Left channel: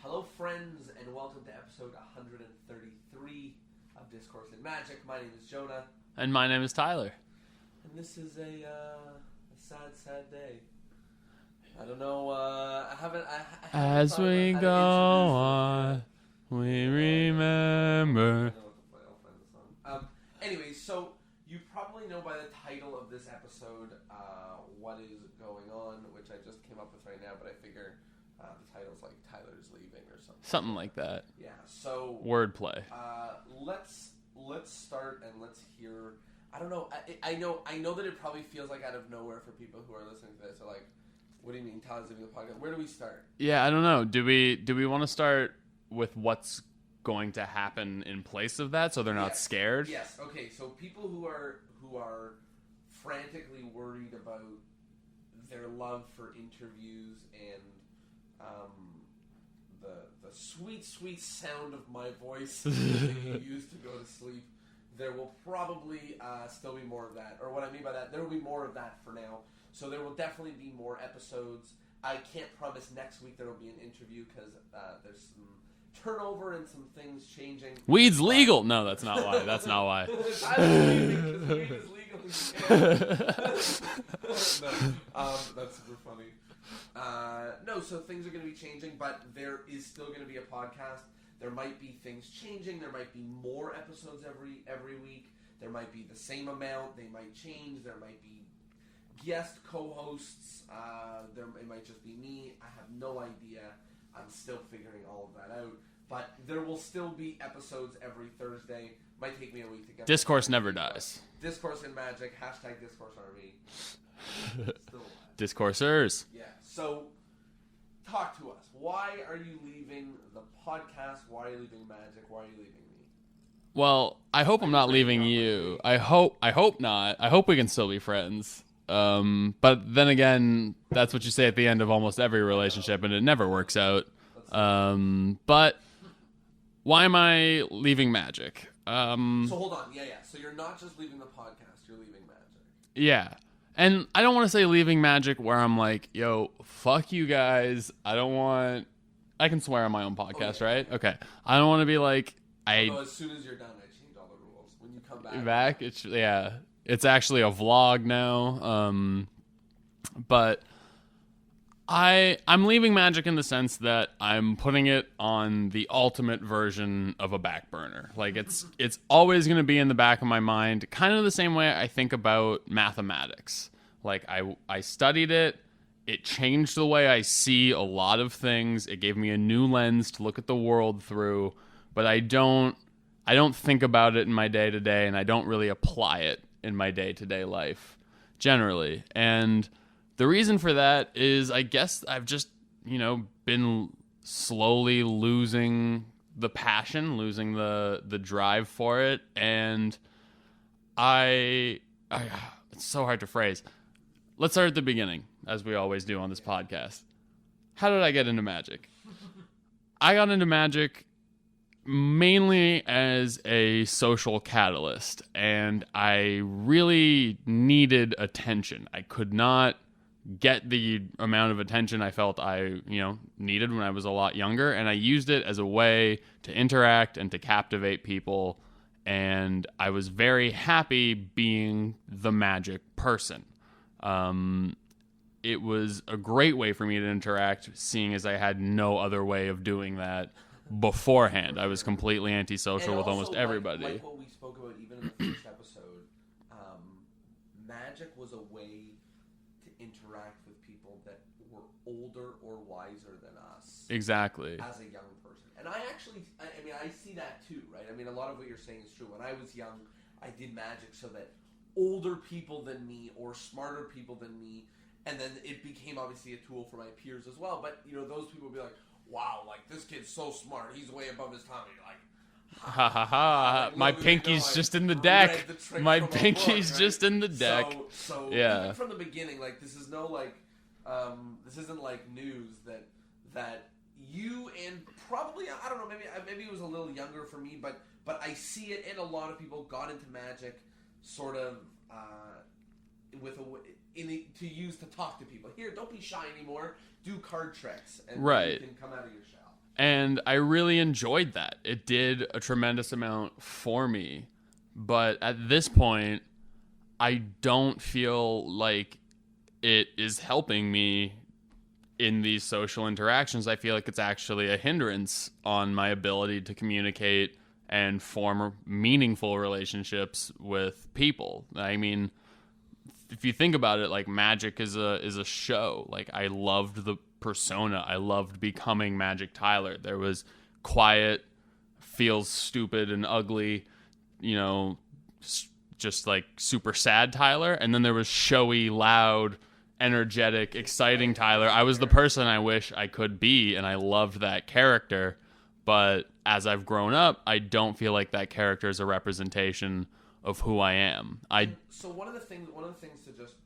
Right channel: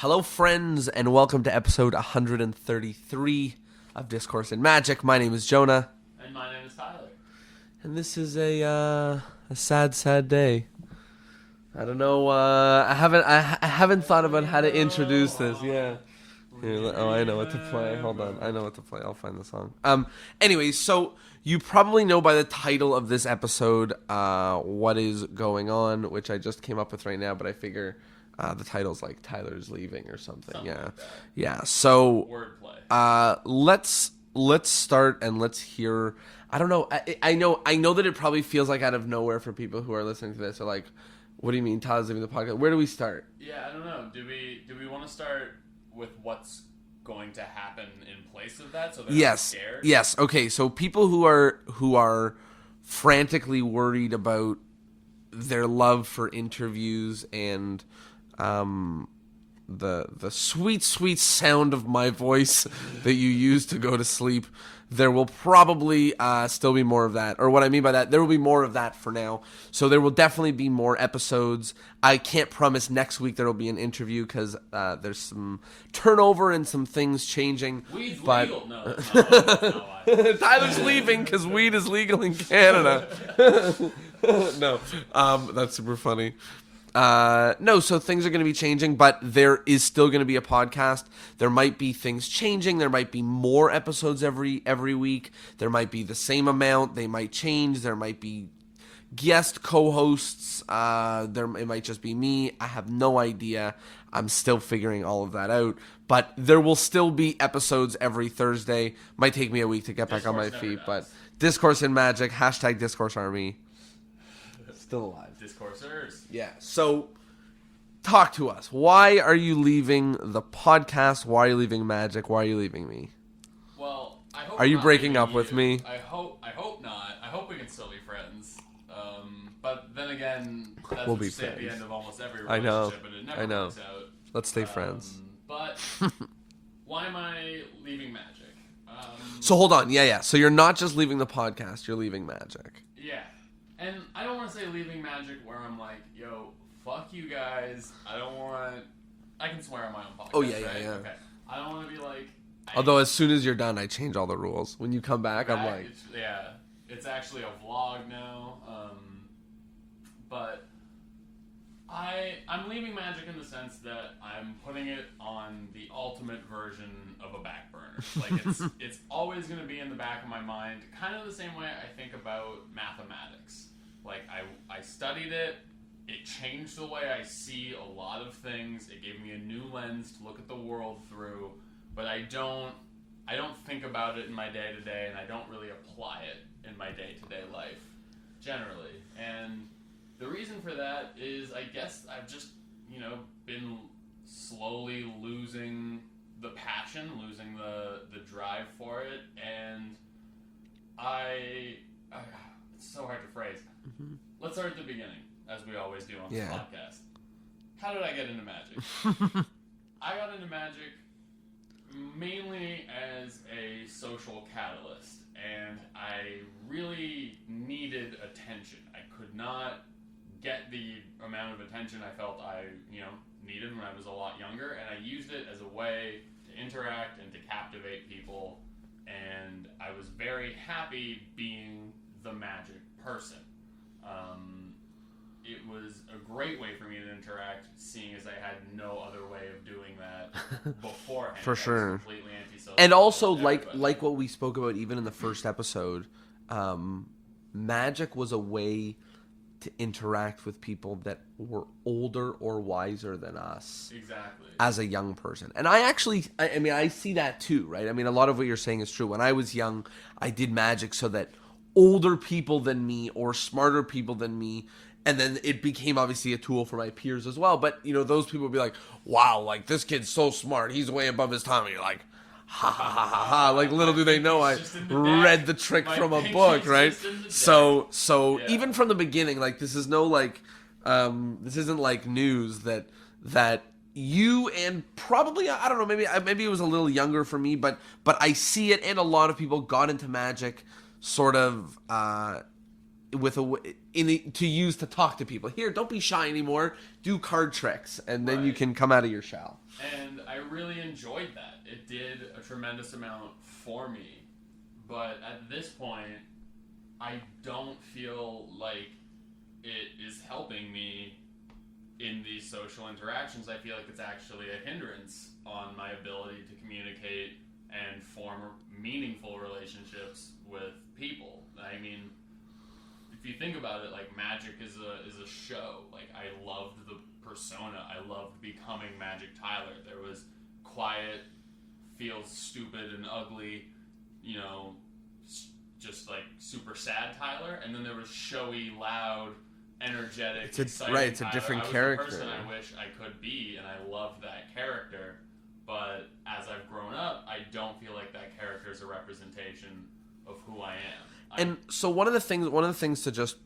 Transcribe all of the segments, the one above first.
Hello, friends, and welcome to episode 133 of Discourse and Magic. My name is Jonah. And my name is Tyler. And this is a sad, sad day. I don't know, I haven't thought about how to introduce this. Yeah. I know what to play. Hold on. I know what to play. I'll find the song. Anyways, so you probably know by the title of this episode what is going on, which I just came up with right now, but I figure the title's like Tyler's Leaving or something. Something like that. Yeah, so wordplay. Let's start and let's hear. I don't know. I know that it probably feels like out of nowhere for people who are listening to this. Are like, what do you mean Tyler's leaving the podcast? Where do we start? Yeah, I don't know. Do we want to start with what's going to happen in place of that, so they're not scared? Yes. Okay. So people who are frantically worried about their love for interviews and the sweet sound of my voice that you use to go to sleep, there will probably still be more of that. Or what I mean by that, there will be more of that for now. So there will definitely be more episodes. I can't promise next week there will be an interview because there's some turnover and some things changing. Weed's legal. No, that's not why. That's not why. Tyler's leaving because weed is legal in Canada. No, that's super funny. No, so things are going to be changing, but there is still going to be a podcast. There might be things changing. There might be more episodes every week. There might be the same amount. They might change. There might be guest co-hosts. It might just be me. I have no idea. I'm still figuring all of that out. But there will still be episodes every Thursday. Might take me a week to get Discourse back on my never feet. does. But Discourse and Magic, # Discourse Army. Still alive. Discoursers. Yeah. So, talk to us. Why are you leaving the podcast? Why are you leaving Magic? Why are you leaving me? Well, I hope. Are I'm you not breaking leaving up you. with me? I hope not. I hope we can still be friends. But then again, that's We'll what be you say at the friends. end of almost every relationship, and it never works out. Let's stay friends. But why am I leaving Magic? So hold on. Yeah. So you're not just leaving the podcast. You're leaving Magic. Yeah. And I don't want to say leaving Magic where I'm like, yo, fuck you guys. I can swear on my own podcast, right? Yeah. Okay. I don't want to be like... Although as soon as you're done, I change all the rules. When you come back, I'm like... It's actually a vlog now. But I'm leaving Magic in the sense that I'm putting it on the ultimate version of a back burner. Like it's always going to be in the back of my mind, kind of the same way I think about mathematics. Like I studied it. It changed the way I see a lot of things. It gave me a new lens to look at the world through, but I don't think about it in my day-to-day, and I don't really apply it in my day-to-day life generally. And the reason for that is I guess I've just, been slowly losing the passion, losing the drive for it. And it's so hard to phrase. Mm-hmm. Let's start at the beginning, as we always do on this podcast. How did I get into Magic? I got into Magic mainly as a social catalyst, and I really needed attention. I could not get the amount of attention I felt I, needed when I was a lot younger, and I used it as a way to interact and to captivate people, and I was very happy being the Magic person. It was a great way for me to interact, seeing as I had no other way of doing that beforehand. For sure. I was completely antisocial. And with also, almost everybody. like what we spoke about even in the first episode, Magic was a way to interact with people that were older or wiser than us. Exactly. As a young person. And I see that too, right? I mean, a lot of what you're saying is true. When I was young, I did Magic so that older people than me or smarter people than me, and then it became obviously a tool for my peers as well. But, those people would be like, wow, like this kid's so smart. He's way above his time. And you're like, ha ha ha ha ha. Like little do they know I just in the deck. Read the trick from a book, right? Just in the deck. So Yeah. Even from the beginning, like this is no like this isn't like news that you and probably I don't know, maybe it was a little younger for me, but I see it, and a lot of people got into Magic sort of to use to talk to people. Here, don't be shy anymore. Do card tricks, and then you can come out of your shell. And I really enjoyed that. It did a tremendous amount for me. But at this point, I don't feel like it is helping me in these social interactions. I feel like it's actually a hindrance on my ability to communicate and form meaningful relationships with people. I mean, if you think about it, like, Magic is a show. Like, I loved the persona. I loved becoming Magic Tyler. There was quiet, feels stupid and ugly, just like super sad Tyler, and then there was showy, loud, energetic, exciting Tyler. I was the person I wish I could be, and I loved that character. But as I've grown up, I don't feel like that character is a representation of who I am. So one of the things to just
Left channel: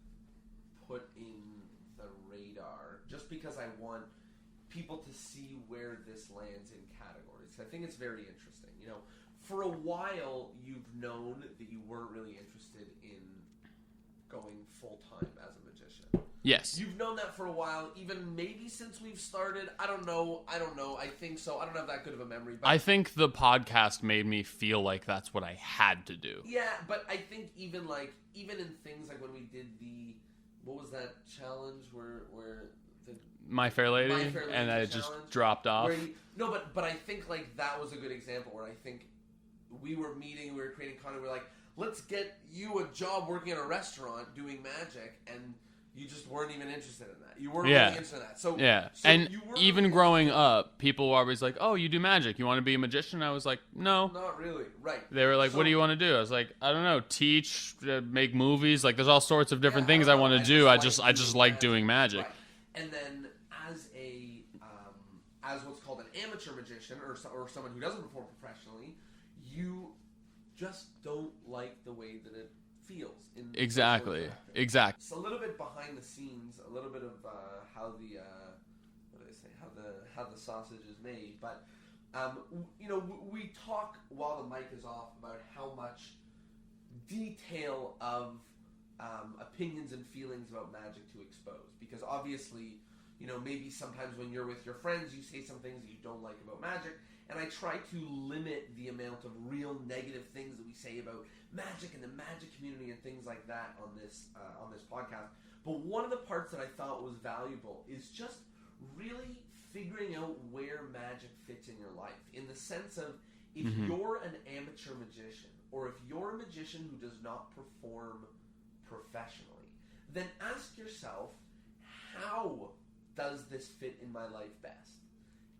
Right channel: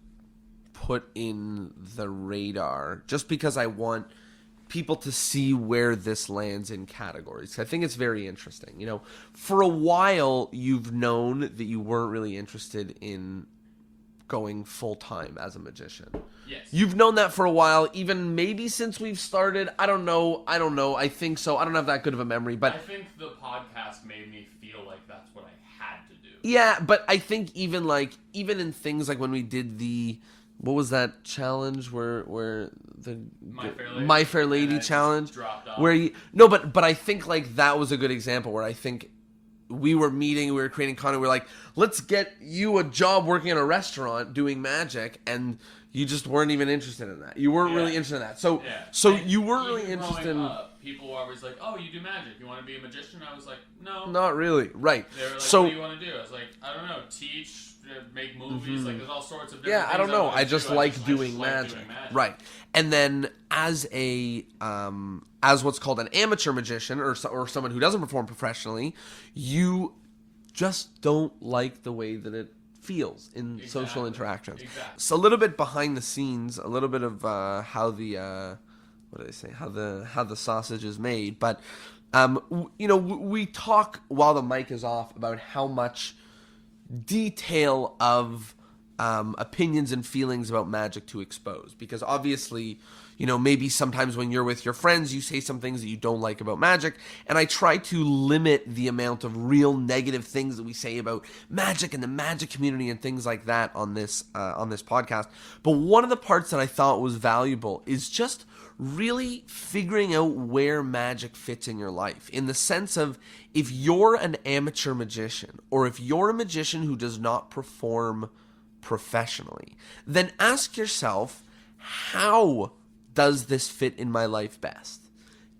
put in the radar, just because I want people to see where this lands in categories. I think it's very interesting. For a while, you've known that you weren't really interested in going full-time as a magician. Yes. You've known that for a while, even maybe since we've started. I don't know. I think so. I don't have that good of a memory, but I think the podcast made me feel like that's what I had to do. Yeah, but I think even in things like when we did what was that challenge where the My Fair Lady challenge dropped off. But I think like that was a good example where I think we were creating content. We're like, let's get you a job working in a restaurant doing magic, and you just weren't even interested in that. You weren't really interested in that. So and you were even really growing up, people were always like, "Oh, you do magic? You want to be a magician?" I was like, "No, not really." Right? They were like, "What do you want to do?" I was like, "I don't know. Teach, make movies. Mm-hmm. Like, there's all sorts of different things I want to do. I just like doing magic." Right. And then as what's called an amateur magician or someone who doesn't perform professionally, you just don't like the way that it feels in social interactions. Exactly. So a little bit behind the scenes, a little bit of how the how the sausage is made. But we talk while the mic is off about how much detail of opinions and feelings about magic to expose, because obviously, maybe sometimes when you're with your friends, you say some things that you don't like about magic, and I try to limit the amount of real negative things that we say about magic and the magic community and things like that on this podcast. But one of the parts that I thought was valuable is just really figuring out where magic fits in your life, in the sense of, if you're an amateur magician, or if you're a magician who does not perform professionally, then ask yourself, how does this fit in my life best?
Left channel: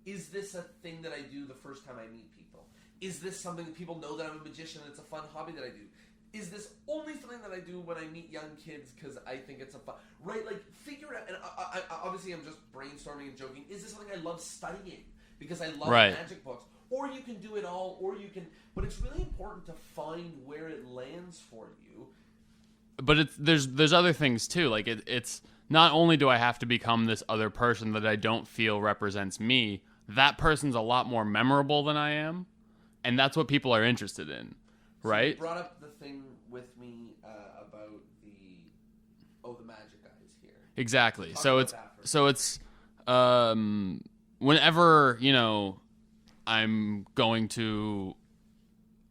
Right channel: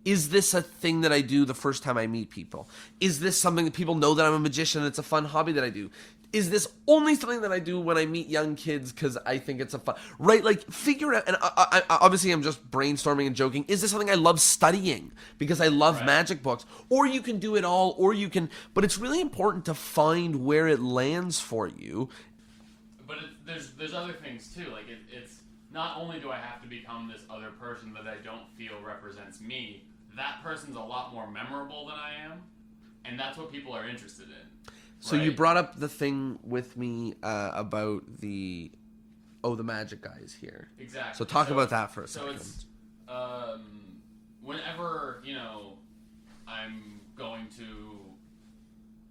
Is this a thing that I do the first time I meet people? Is this something that people know that I'm a magician and it's a fun hobby that I do? Is this only something that I do when I meet young kids because I think it's a fun... Right? Like, figure out... And I obviously, I'm just brainstorming and joking. Is this something I love studying because I love magic books? Or you can do it all, or you can... But it's really important to find where it lands for you. But there's other things, too. Like, it's... Not only do I have to become this other person that I don't feel represents me, that person's a lot more memorable than I am, and that's what people are interested in. So you brought up the thing with me about the magic guy is here. Exactly. So talk about that first. So it's whenever, I'm going to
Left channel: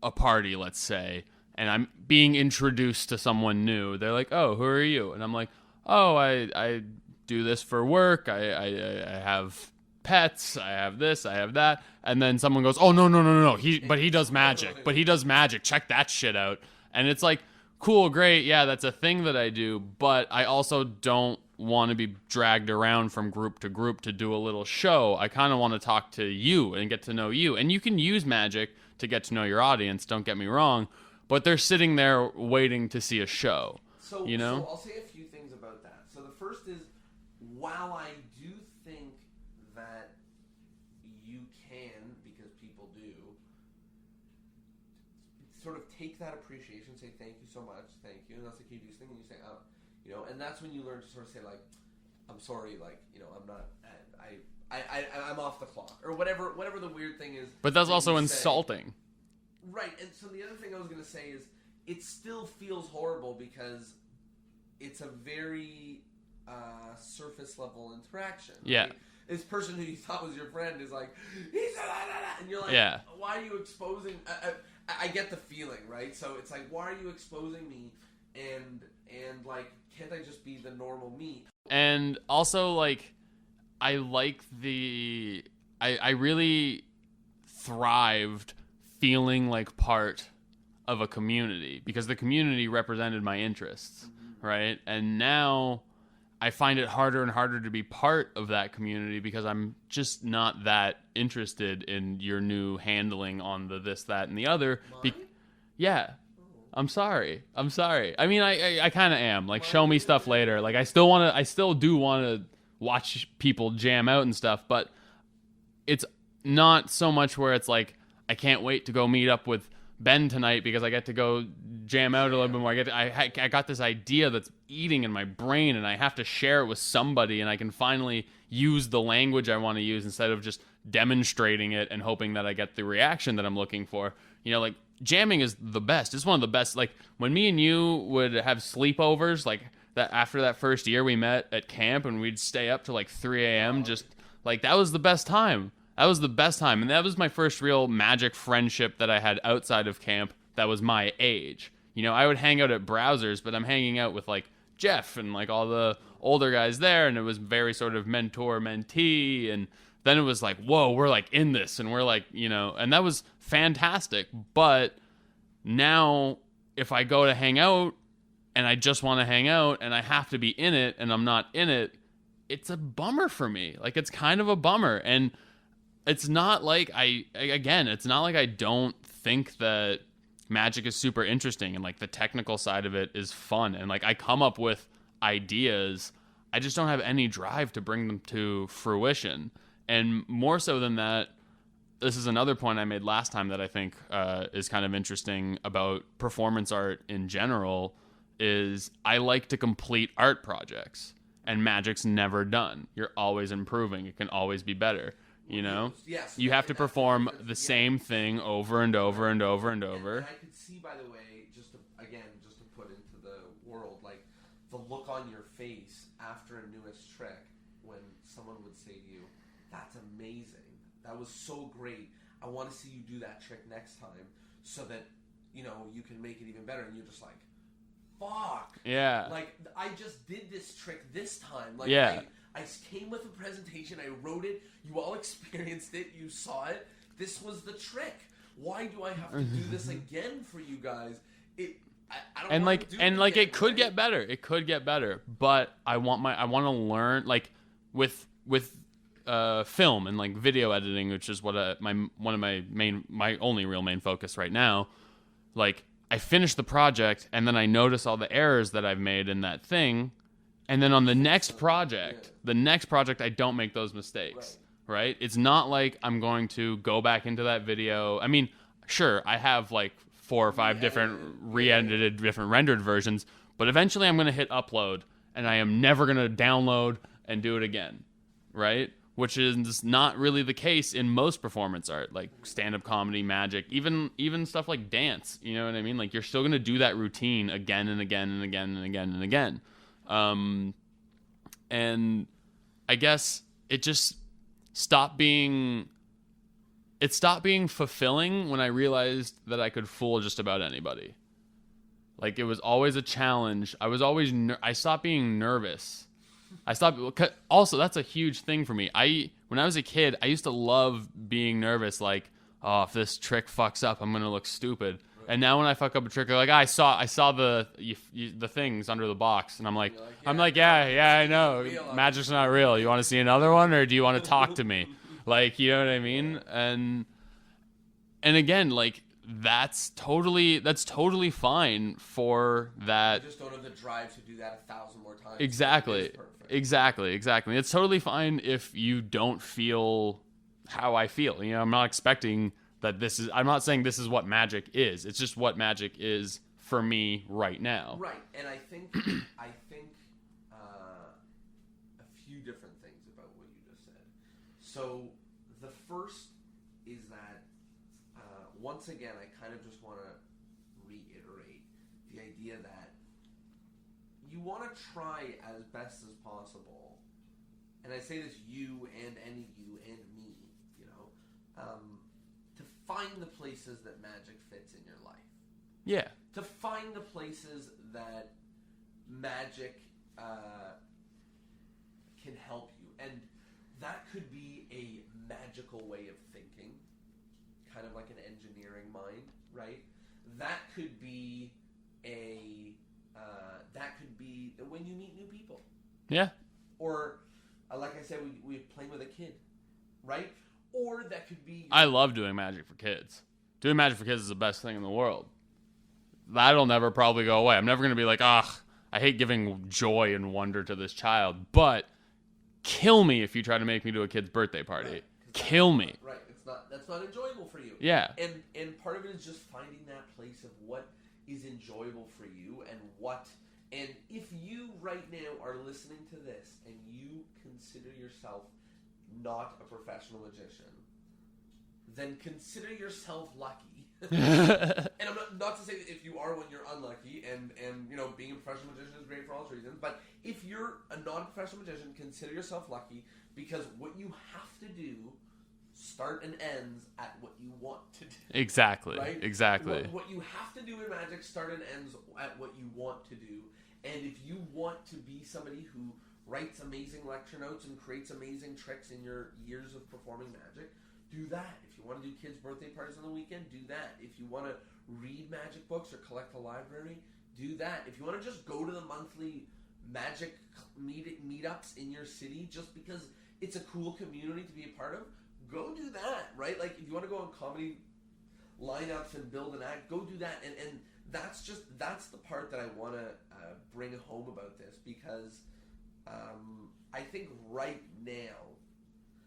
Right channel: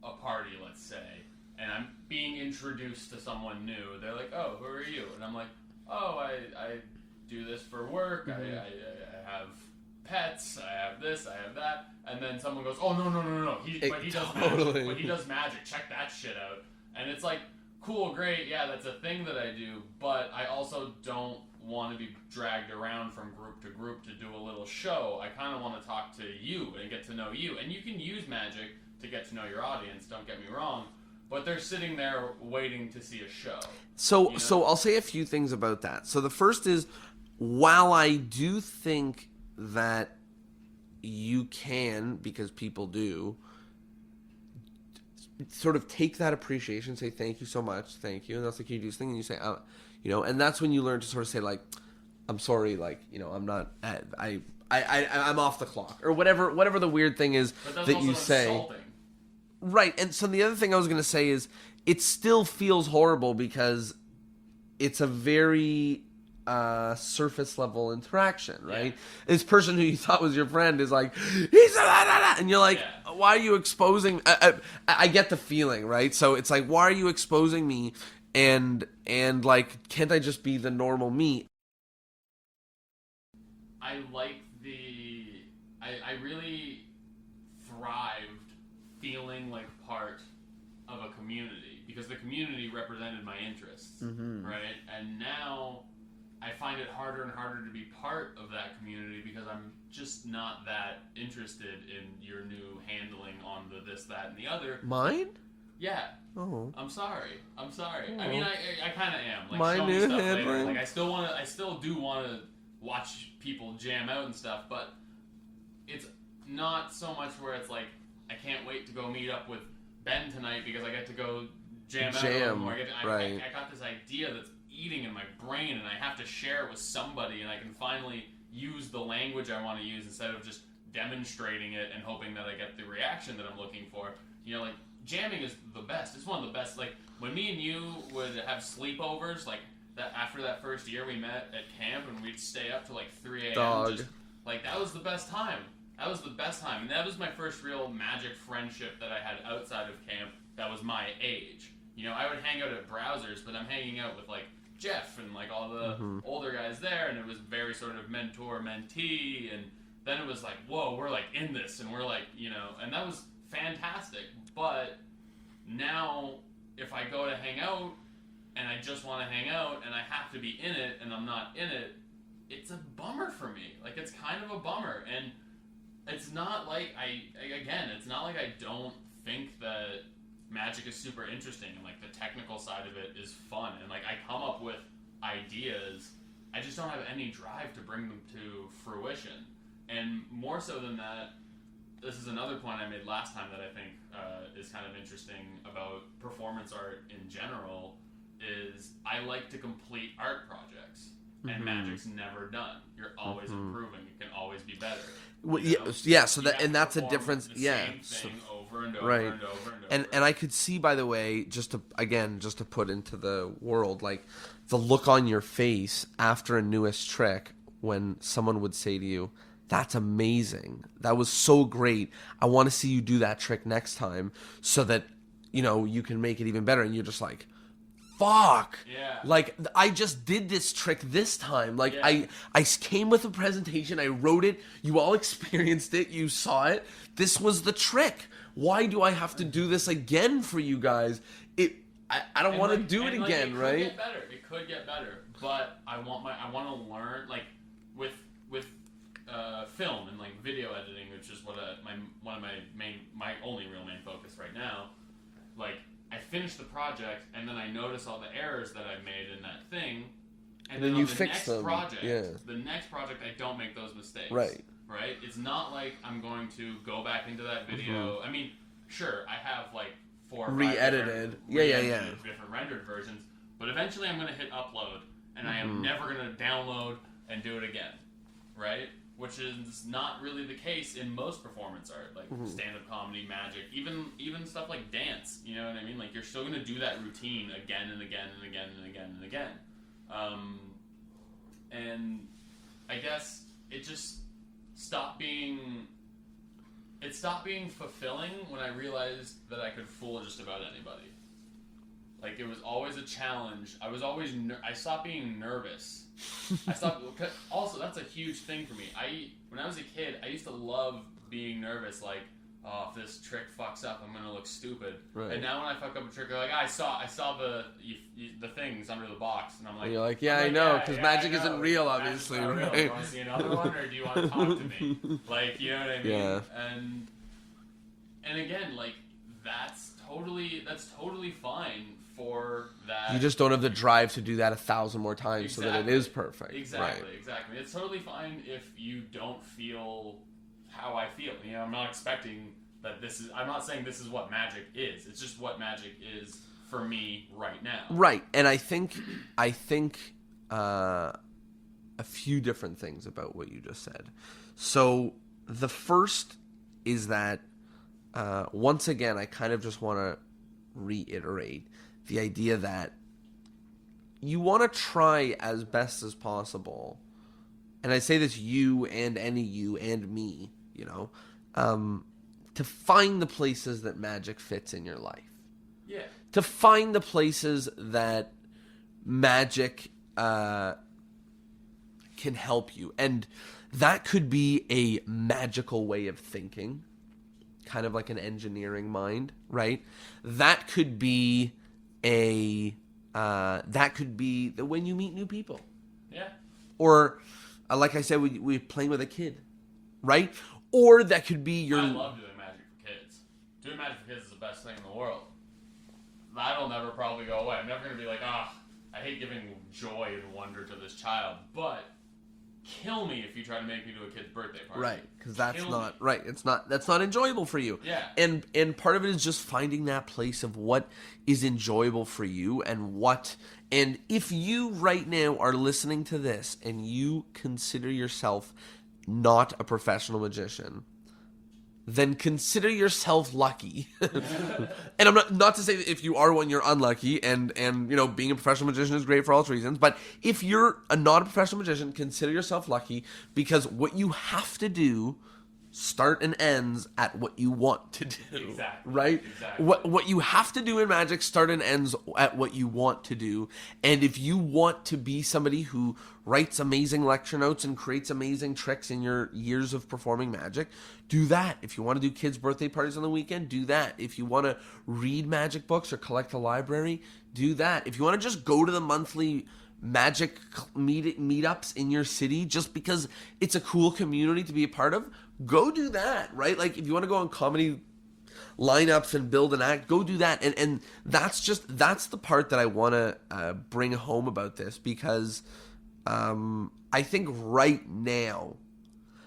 a party, let's say, and I'm being introduced to someone new, they're like, "Oh, who are you?" And I'm like, "Oh, I do this for work. I have pets. I have this. I have that." And then someone goes, "Oh, no. But he does magic. But he does magic. Check that shit out." And it's like, cool, great. Yeah, that's a thing that I do. But I also don't want to be dragged around from group to group to do a little show. I kind of want to talk to you and get to know you. And you can use magic to get to know your audience. Don't get me wrong. But they're sitting there waiting to see a show. So I'll say a few things about that. So the first is, while I do think that you can, because people do, sort of take that appreciation, say thank you so much, thank you, and that's the key to this thing, and you say, and that's when you learn to sort of say, like, I'm sorry, like, I'm not, I'm off the clock, or whatever the weird thing is. But that's also insulting. Right, and so the other thing I was going to say is, it still feels horrible because it's a very surface level interaction, right? Yeah. This person who you thought was your friend is like, he's and you're like, Yeah. why are you exposing? I get the feeling, right? So it's like, why are you exposing me? And like, can't I just be the normal me? And also, like, I like I really thrived feeling like part of a community because the community represented my interests, right? And now I find it harder and harder to be part of that community because I'm just not that interested in your new handling on the this, that, and the other. Mine? Yeah. Oh. I'm sorry. I mean, I kind of am. Like, Mine show me is stuff later. handling. Like, I still do want to watch people jam out and stuff, but it's not so much where it's like, I can't wait to go meet up with Ben tonight because I get to go jam out a little bit more. I got this idea that's eating in my brain and I have to share it with somebody and I can finally use the language I want to use instead of just demonstrating it and hoping that I get the reaction that I'm looking for. You know, like, jamming is the best. It's one of the best. Like, when me and you would have sleepovers, like, that after that first year we met at camp and we'd stay up to like 3 a.m. Dog. just like, that was the best time. That was the best time. And that was my first real magic friendship that I had outside of camp that was my age. You know, I would hang out at Browsers, but I'm hanging out with like Jeff and like all the older guys there, and it was very sort of mentor-mentee, and then it was like, whoa, we're like in this, and we're like, you know, and that was fantastic. But now if I go to hang out and I just want to hang out and I have to be in it and I'm not in it, it's a bummer for me. Like, it's kind of a bummer. And it's not like it's not like I don't think that Magic is super interesting and like the technical side of it is fun and like I come up with ideas. I just don't have any drive to bring them to fruition. And more so than that, this is another point I made last time that I think is kind of interesting about performance art in general, is I like to complete art projects. And Magic's never done. You're always improving. It can always be better. You know? Yeah, so you have and to that's perform the difference. the same thing over and over Right. and over and over. And I could see, by the way, just to put into the world, like the look on your face after a newest trick when someone would say to you, "That's amazing. That was so great. I want to see you do that trick next time so that, you know, you can make it even better." And you're just like, fuck. Yeah. Like, I just did this trick this time. Like, Yeah. I came with a presentation. I wrote it. You all experienced it. You saw it. This was the trick. Why do I have to do this again for you guys? I don't want to do it again, like, it could right? get better. It could get better. But I want to learn, like, with film and like video editing, which is what my only real main focus right now. Like, I finish the project and then I notice all the errors that I've made in that thing, and then on the next project I don't make those mistakes. Right? It's not like I'm going to go back into that video. I mean, sure, I have like 4 or 5 different re-edited different rendered versions, but eventually I'm going to hit upload and I am never going to download and do it again. Right? Which is not really the case in most performance art, like stand-up comedy, magic, even stuff like dance. You know what I mean? Like, you're still going to do that routine again and again and again and again and again. And I guess it just stopped being fulfilling when I realized that I could fool just about anybody. Like, it was always a challenge. I stopped being nervous. Also, that's a huge thing for me. When I was a kid, I used to love being nervous. Like, oh, if this trick fucks up, I'm gonna look stupid. Right. And now when I fuck up a trick, I'm like, I saw the things under the box, and I'm like, I know. Magic's not real. You want to see another one, or do you want to talk to me? Like, you know what I mean? Yeah. And again, like, that's totally fine for that. You just don't have the drive to do that 1,000 more times. Exactly. So that it is perfect. Exactly. It's totally fine if you don't feel how I feel. You know, I'm not expecting that I'm not saying this is what magic is. It's just what magic is for me right now. Right. And I think a few different things about what you just said. So the first is that once again, I kind of just want to reiterate the idea that you want to try as best as possible, and I say this you and any you and me, you know, to find the places that magic fits in your life. Yeah. To find the places that magic can help you. And that could be a magical way of thinking, kind of like an engineering mind, right? That could be when you meet new people. Yeah. Or, like I said, we playing with a kid, right? Or that could be your... I love doing magic for kids. Doing magic for kids is the best thing in the world. That'll never probably go away. I'm never going to be like, I hate giving joy and wonder to this child. But kill me if you try to make me do a kid's birthday party. Right. Kill me. Right. That's not enjoyable for you. Yeah. And part of it is just finding that place of what is enjoyable for you and if you right now are listening to this and you consider yourself not a professional magician, then consider yourself lucky. And I'm not to say that if you are one, you're unlucky, and you know, being a professional magician is great for all its reasons, but if you're not a professional magician, consider yourself lucky, because what you have to do start and ends at what you want to do. Exactly. Right? Exactly. What you have to do in magic start and ends at what you want to do. And if you want to be somebody who writes amazing lecture notes and creates amazing tricks in your years of performing magic, do that. If you want to do kids' birthday parties on the weekend, do that. If you want to read magic books or collect a library, do that. If you want to just go to the monthly magic meetups in your city just because it's a cool community to be a part of, go do that, right? Like, if you want to go on comedy lineups and build an act, go do that. And that's the part that I want to bring home about this, because I think right now,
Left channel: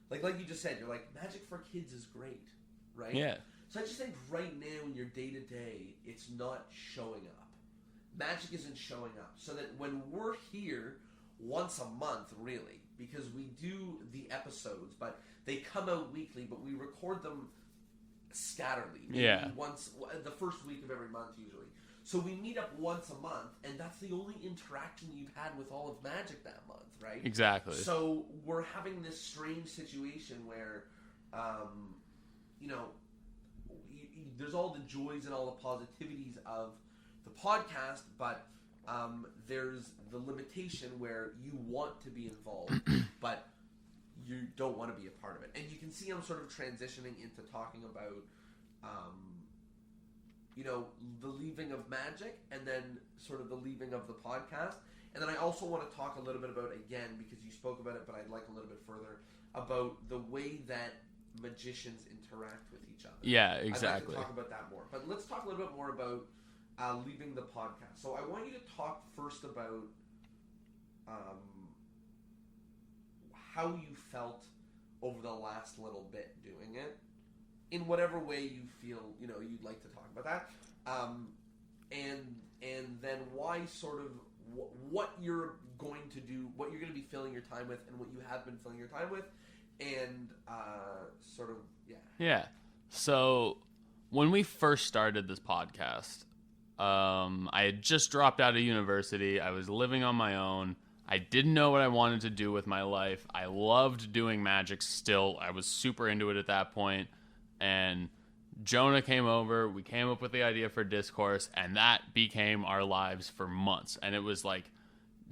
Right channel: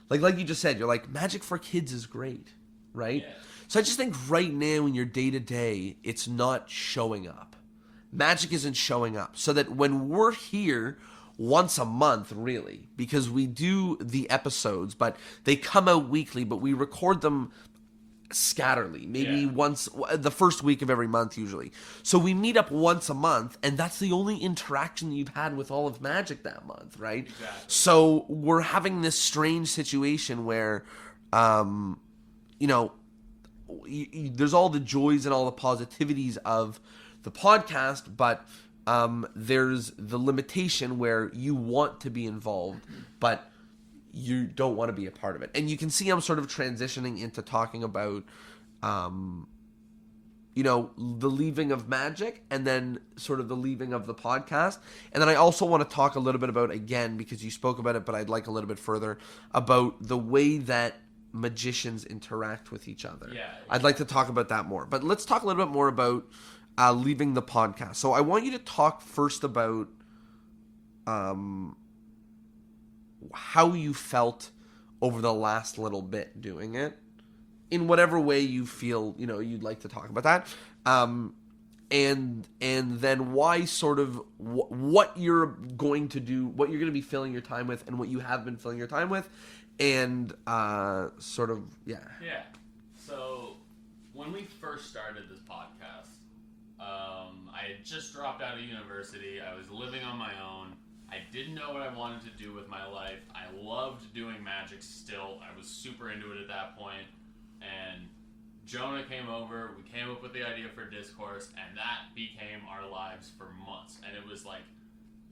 like you just said, you're like, magic for kids is great, right? Yeah. So I just think right now in your day-to-day, it's not showing up. Magic isn't showing up. So that when we're here once a month, really, because we do the episodes, but they come out weekly, but we record them scatterly, maybe once the first week of every month usually. So we meet up once a month, and that's the only interaction that you've had with all of magic that month, right? Exactly. So we're having this strange situation where you know, there's all the joys and all the positivities of the podcast, but there's the limitation where you want to be involved, but you don't want to be a part of it. And you can see I'm sort of transitioning into talking about, you know, the leaving of magic, and then sort of the leaving of the podcast. And then I also want to talk a little bit about, again, because you spoke about it, but I'd like a little bit further, about the way that magicians interact with each other. Yeah, exactly. I'd like to talk about that more. But let's talk a little bit more about leaving the podcast. So I want you to talk first about how you felt over the last little bit doing it, in whatever way you feel, you know, you'd like to talk about that, and then why, sort of what you're going to do, what you're going to be filling your time with, and what you have been filling your time with, and sort of yeah. So when we first started this podcast, I had just dropped out of university. I was living on my own. I didn't know what I wanted to do with my life. I loved doing magic still. I was super into it at that point. And Jonah came over. We came up with the idea for Discourse, and that became our lives for months. And it was like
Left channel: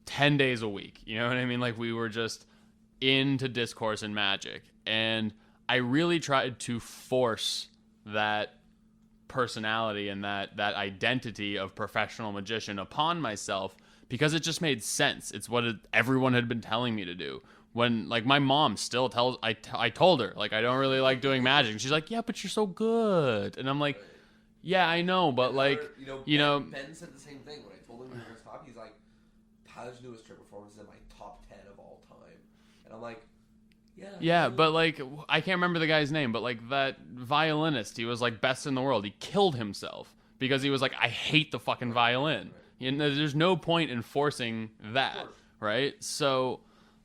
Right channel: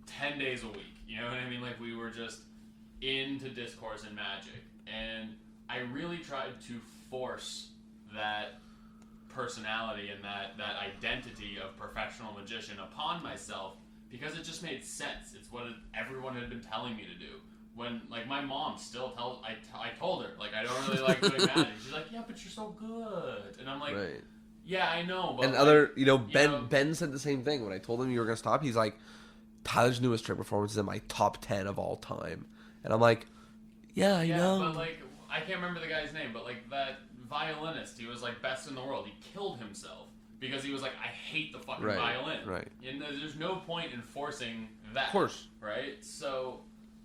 10 days a week. You know what I mean? Like, we were just into Discourse and magic. And I really tried to force that personality and that identity of professional magician upon myself, because it just made sense. It's what everyone had been telling me to do. When, like, my mom still tells, I told her, like, I don't really like doing magic. She's like, yeah, but you're so good. And I'm like, right. Yeah, I know, but and Ben said the same thing. When I told him you were going to stop, he's like, Tyler's newest trick performance is in my top 10 of all time. And I'm like, yeah, but, like, I can't remember the guy's name, but, like, that violinist, he was, like, best in the world. He killed himself because he was like, I hate the fucking violin. Right. You know, there's no point in forcing that. Of course. Right? So,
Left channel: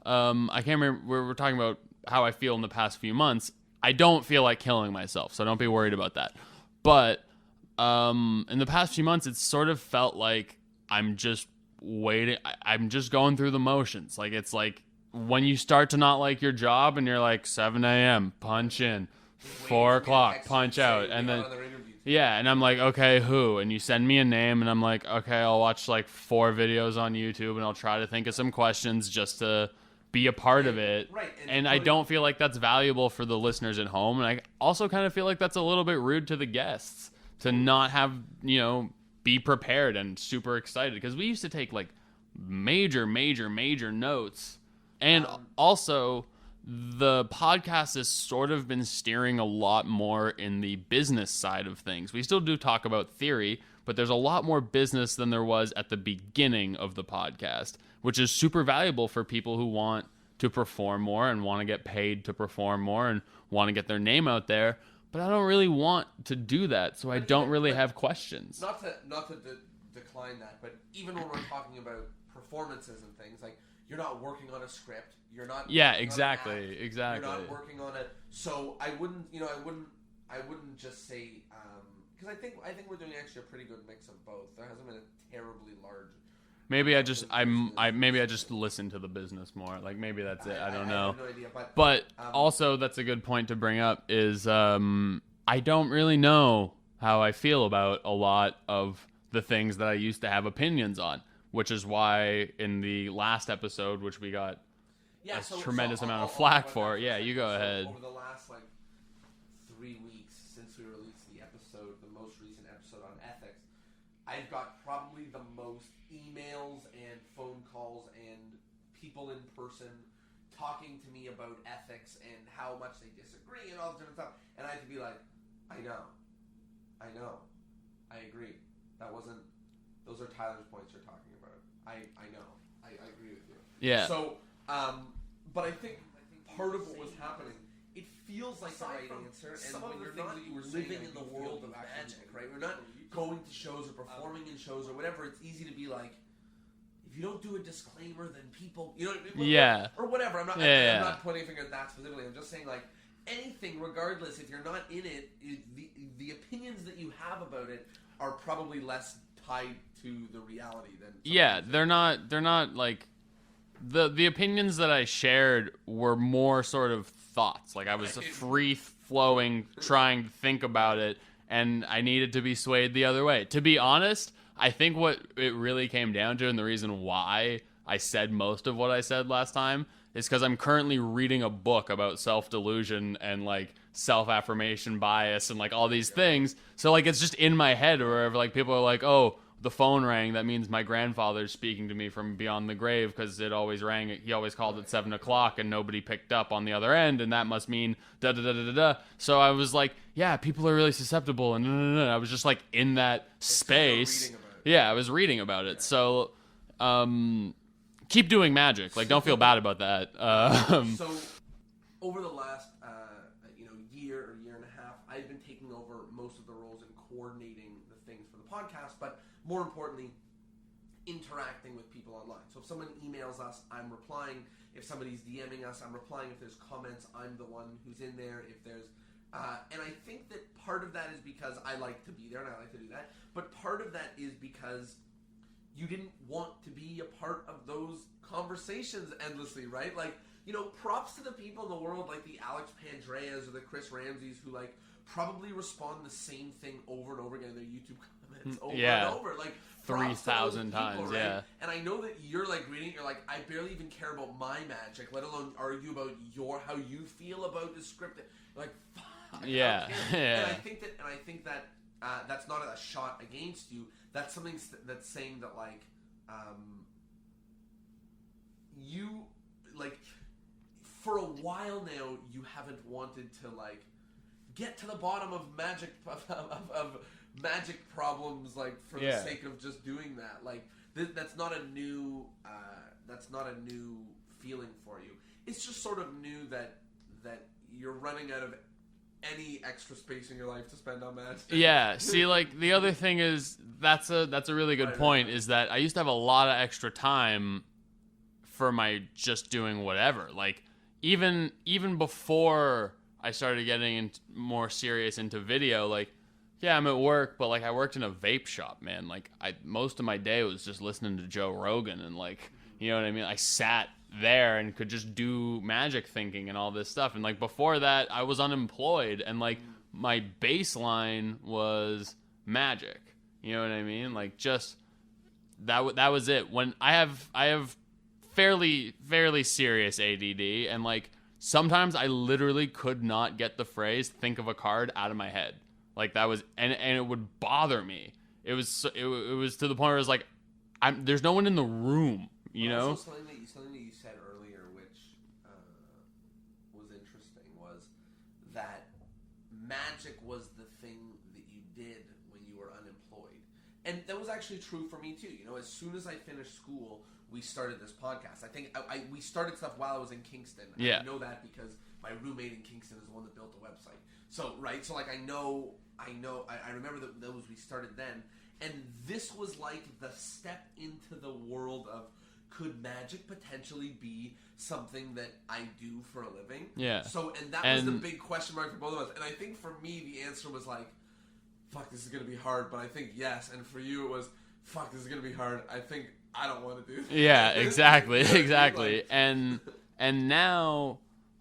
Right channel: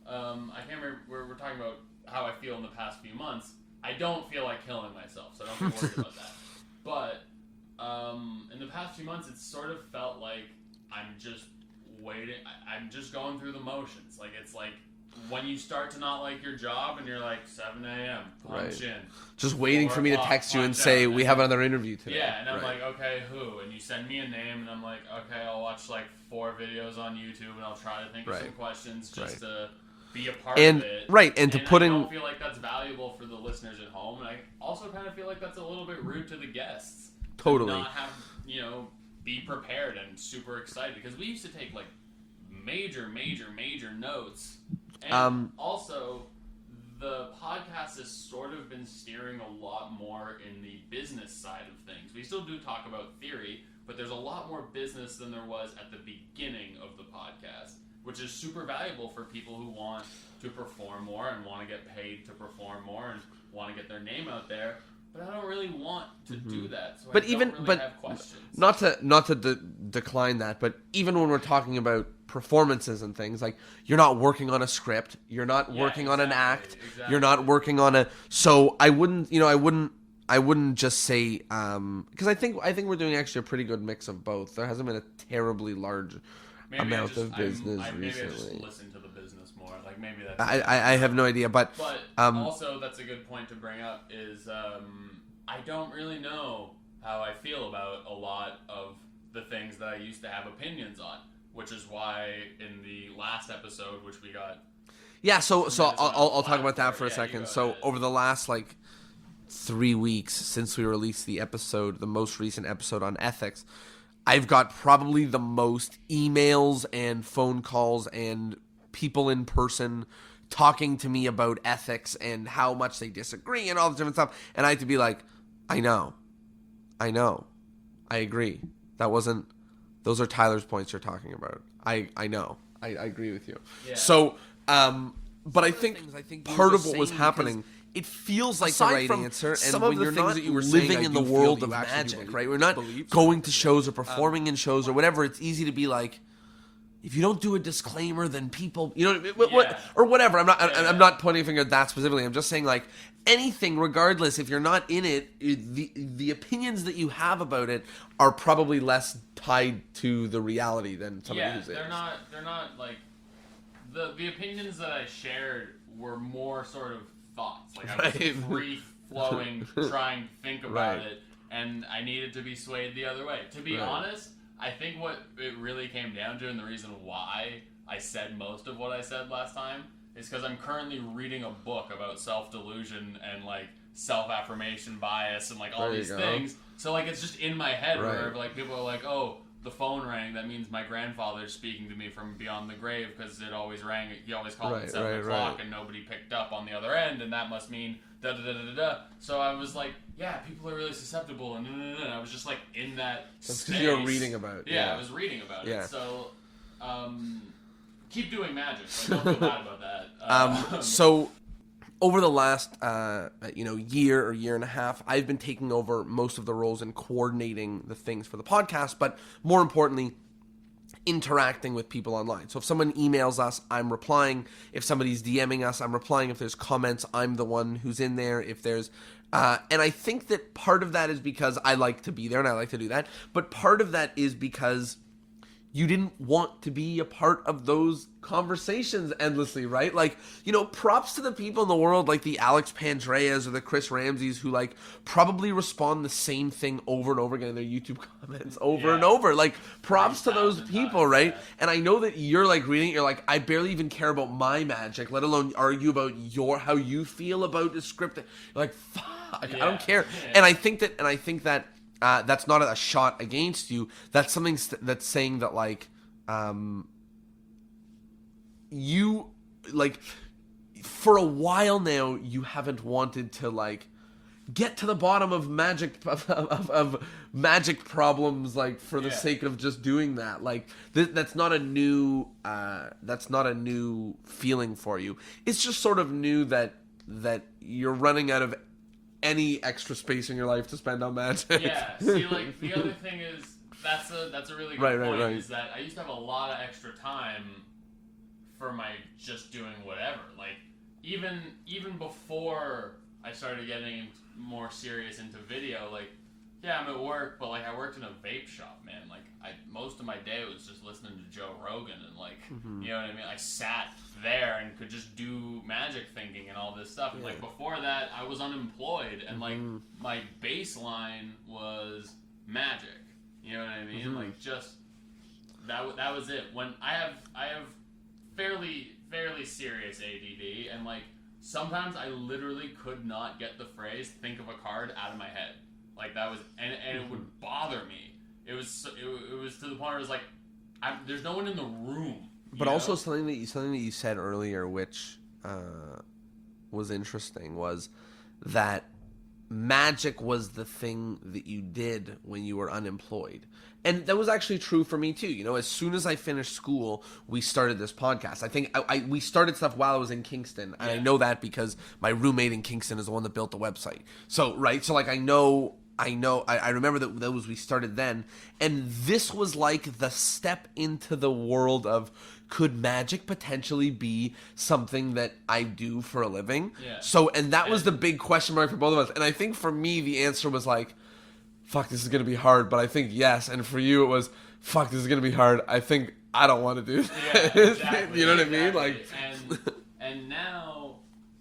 I can't remember, we were talking about how I feel in the past few months. I don't feel like killing myself, so don't be worried about that. But, in the past few months, it's sort of felt like I'm just waiting. I'm just going through the motions. Like, it's like when you start to not like your job and you're like 7 a.m. punch in. Just waiting for me to text you and say, we have another interview today. Yeah, and I'm like, okay, who? And you send me a name, and I'm like, okay, I'll watch like 4 videos on YouTube, and I'll try to think of some questions just to be a part of it. Right, and to put I in... don't feel like that's valuable for the listeners at home, and I also kind of feel like that's a little bit rude to the guests to not have, be prepared and super excited. Because we used to take like major notes. And also... the podcast has sort of been steering a lot more in the business side of things. We still do talk about theory, but there's a lot more business than there was at the beginning of the podcast, which is super valuable for people who want to perform more and want to get paid to perform more and want to get their name out there. But I don't really want to do that, so I don't really have questions. Not to decline that, but even when we're talking about performances and things, like, you're not working on a script, you're not working on an act, you're not working on a... So I wouldn't just say, because I think we're doing actually a pretty good mix of both. There hasn't been a terribly large... Maybe I just listen to the business more. Like, maybe that's... I have no idea, but also that's a good point to bring up is I don't really know how I feel about a lot of the things that I used to have opinions on, which is why in the last episode, which we got... Yeah, so I'll talk about that for a second. So over the last, 3 weeks since we released the most recent episode on ethics, I've got probably the most emails and phone calls and people in person talking to me about ethics and how much they disagree and all the different stuff. And I have to be like, I know. I agree. Those are Tyler's points you're talking about. I know. I agree with you. Yeah. So, but I think part of what was happening... It feels like the right answer, and when you're not living in the world of magic, right? We're not going to shows or performing in shows or whatever. It's easy to be like, if you don't do a disclaimer, then people, or whatever. I'm not pointing a finger at that specifically. I'm just saying, like, anything, regardless, if you're not in it, the opinions that you have about it are probably less tied to the reality than they're not like the opinions that I shared were more sort of thoughts. Like, I was free flowing, trying to think about it, and I needed to be swayed the other way. To be honest, I think what it really came down to, and the reason why I said most of what I said last time, is because I'm currently reading a book about self-delusion and like self-affirmation bias and like all these things. So like it's just in my head wherever like people are like, oh, the phone rang, that means my grandfather's speaking to me from beyond the grave because it always rang. He always called at 7 o'clock and nobody picked up on the other end, and that must mean da da da da da. So I was like, yeah, people are really susceptible, and I was just like in that space. You were reading about it. Yeah, I was reading about it. So, keep doing magic. Like, don't feel bad about that. So, over the last year or year and a half, I've been taking over most of the roles in coordinating the things for the podcast, but more importantly, interacting with people online. So if someone emails us, I'm replying. If somebody's DMing us, I'm replying. If there's comments, I'm the one who's in there. If there's and I think that part of that is because I like to be there and I like to do that, but part of that is because you didn't want to be a part of those conversations endlessly, right? Like, props to the people in the world like the Alex Pandreas or the Chris Ramseys who like probably respond the same thing over and over again in their YouTube comments over and over. Like, props to those people, right? Yeah. And I know that you're like reading it, you're like, I barely even care about my magic, let alone argue about how you feel about the script. You're like, fuck, I don't care. Yeah. And I think that that's not a shot against you. That's something that's saying that like, you like for a while now you haven't wanted to like get to the bottom of magic of magic problems like for the sake of just doing that. Like that's not a new feeling for you. It's just sort of new that you're running out of any extra space in your life to spend on magic. Yeah. See, like the other thing is that's a really good point. Right. Is that I used to have a lot of extra time for my just doing whatever. Like even before I started getting more serious into video, like Yeah, I'm at work, but like I worked in a vape shop, man. Like most of my day was just listening to Joe Rogan and like, you know what I mean? I sat there and could just do magic thinking and all this stuff. And like before that, I was unemployed and like my baseline was magic. You know what I mean? Like just that was it. When I have fairly serious ADD, and like sometimes I literally could not get the phrase "think of a card" out of my head. Like that was, and it would bother me. It was to the point where it was like, there's no one in the room. But also something that you said earlier, which was interesting, was that magic was the thing that you did when you were unemployed. And that was actually true for me too. You know, as soon as I finished school, we started this podcast. I think we started stuff while I was in Kingston. And I know that because my roommate in Kingston is the one that built the website. So, right. So like, I remember that those we started then. And this was like the step into the world of, could magic potentially be something that I do for a living? Yeah. So, and that was the big question mark for both of us. And I think for me, the answer was like, fuck, this is going to be hard, but I think yes. And for you, it was, fuck, this is going to be hard. I think I don't want to do this. Yeah, exactly. You know what exactly. I mean? Like... And now,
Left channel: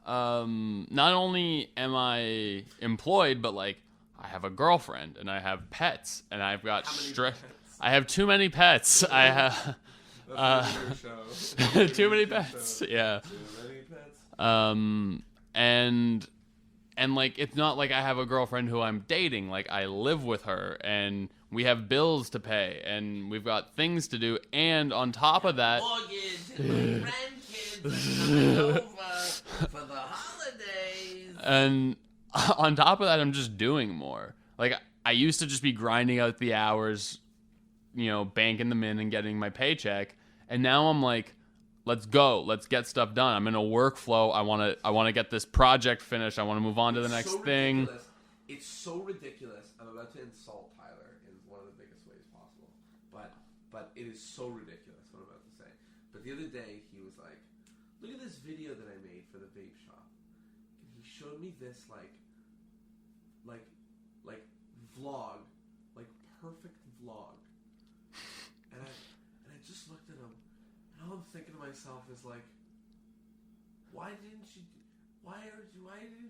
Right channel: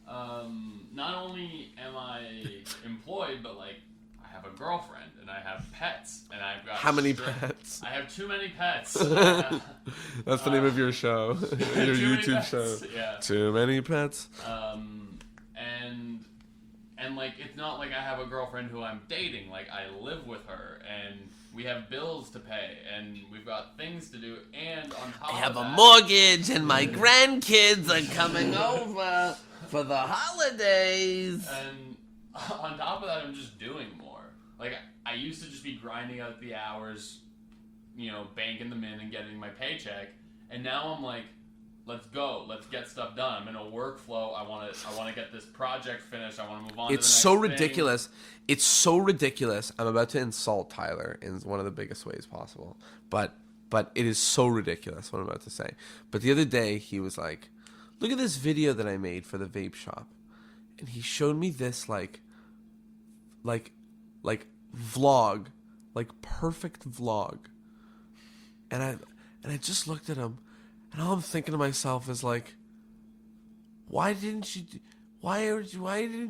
not only am I employed, but like, I have a girlfriend and I have pets and I've got how many pets? I have too many pets. That's the name of your show. Your too many YouTube pets. show. Yeah. Too many pets. And like, it's not like I have a girlfriend who I'm dating. Like, I live with her and we have bills to pay and we've got things to do. And on top of that, a mortgage, and my grandkids are coming over for the holidays. And on top of that, I'm just doing more. Like, I used to just be grinding out the hours, you know, banking them in and getting my paycheck. And now I'm like, let's go. Let's get stuff done. I'm in a workflow. I want to get this project finished. I want to move on to the next thing. It's so ridiculous. It's so ridiculous. I'm about to insult Tyler in one of the biggest ways possible. But it is so ridiculous what I'm about to say. But the other day, he was like, look at this video that I made for the vape shop. And he showed me this like vlog, like perfect vlog. And I just looked at him, and all I'm thinking to myself is like, why didn't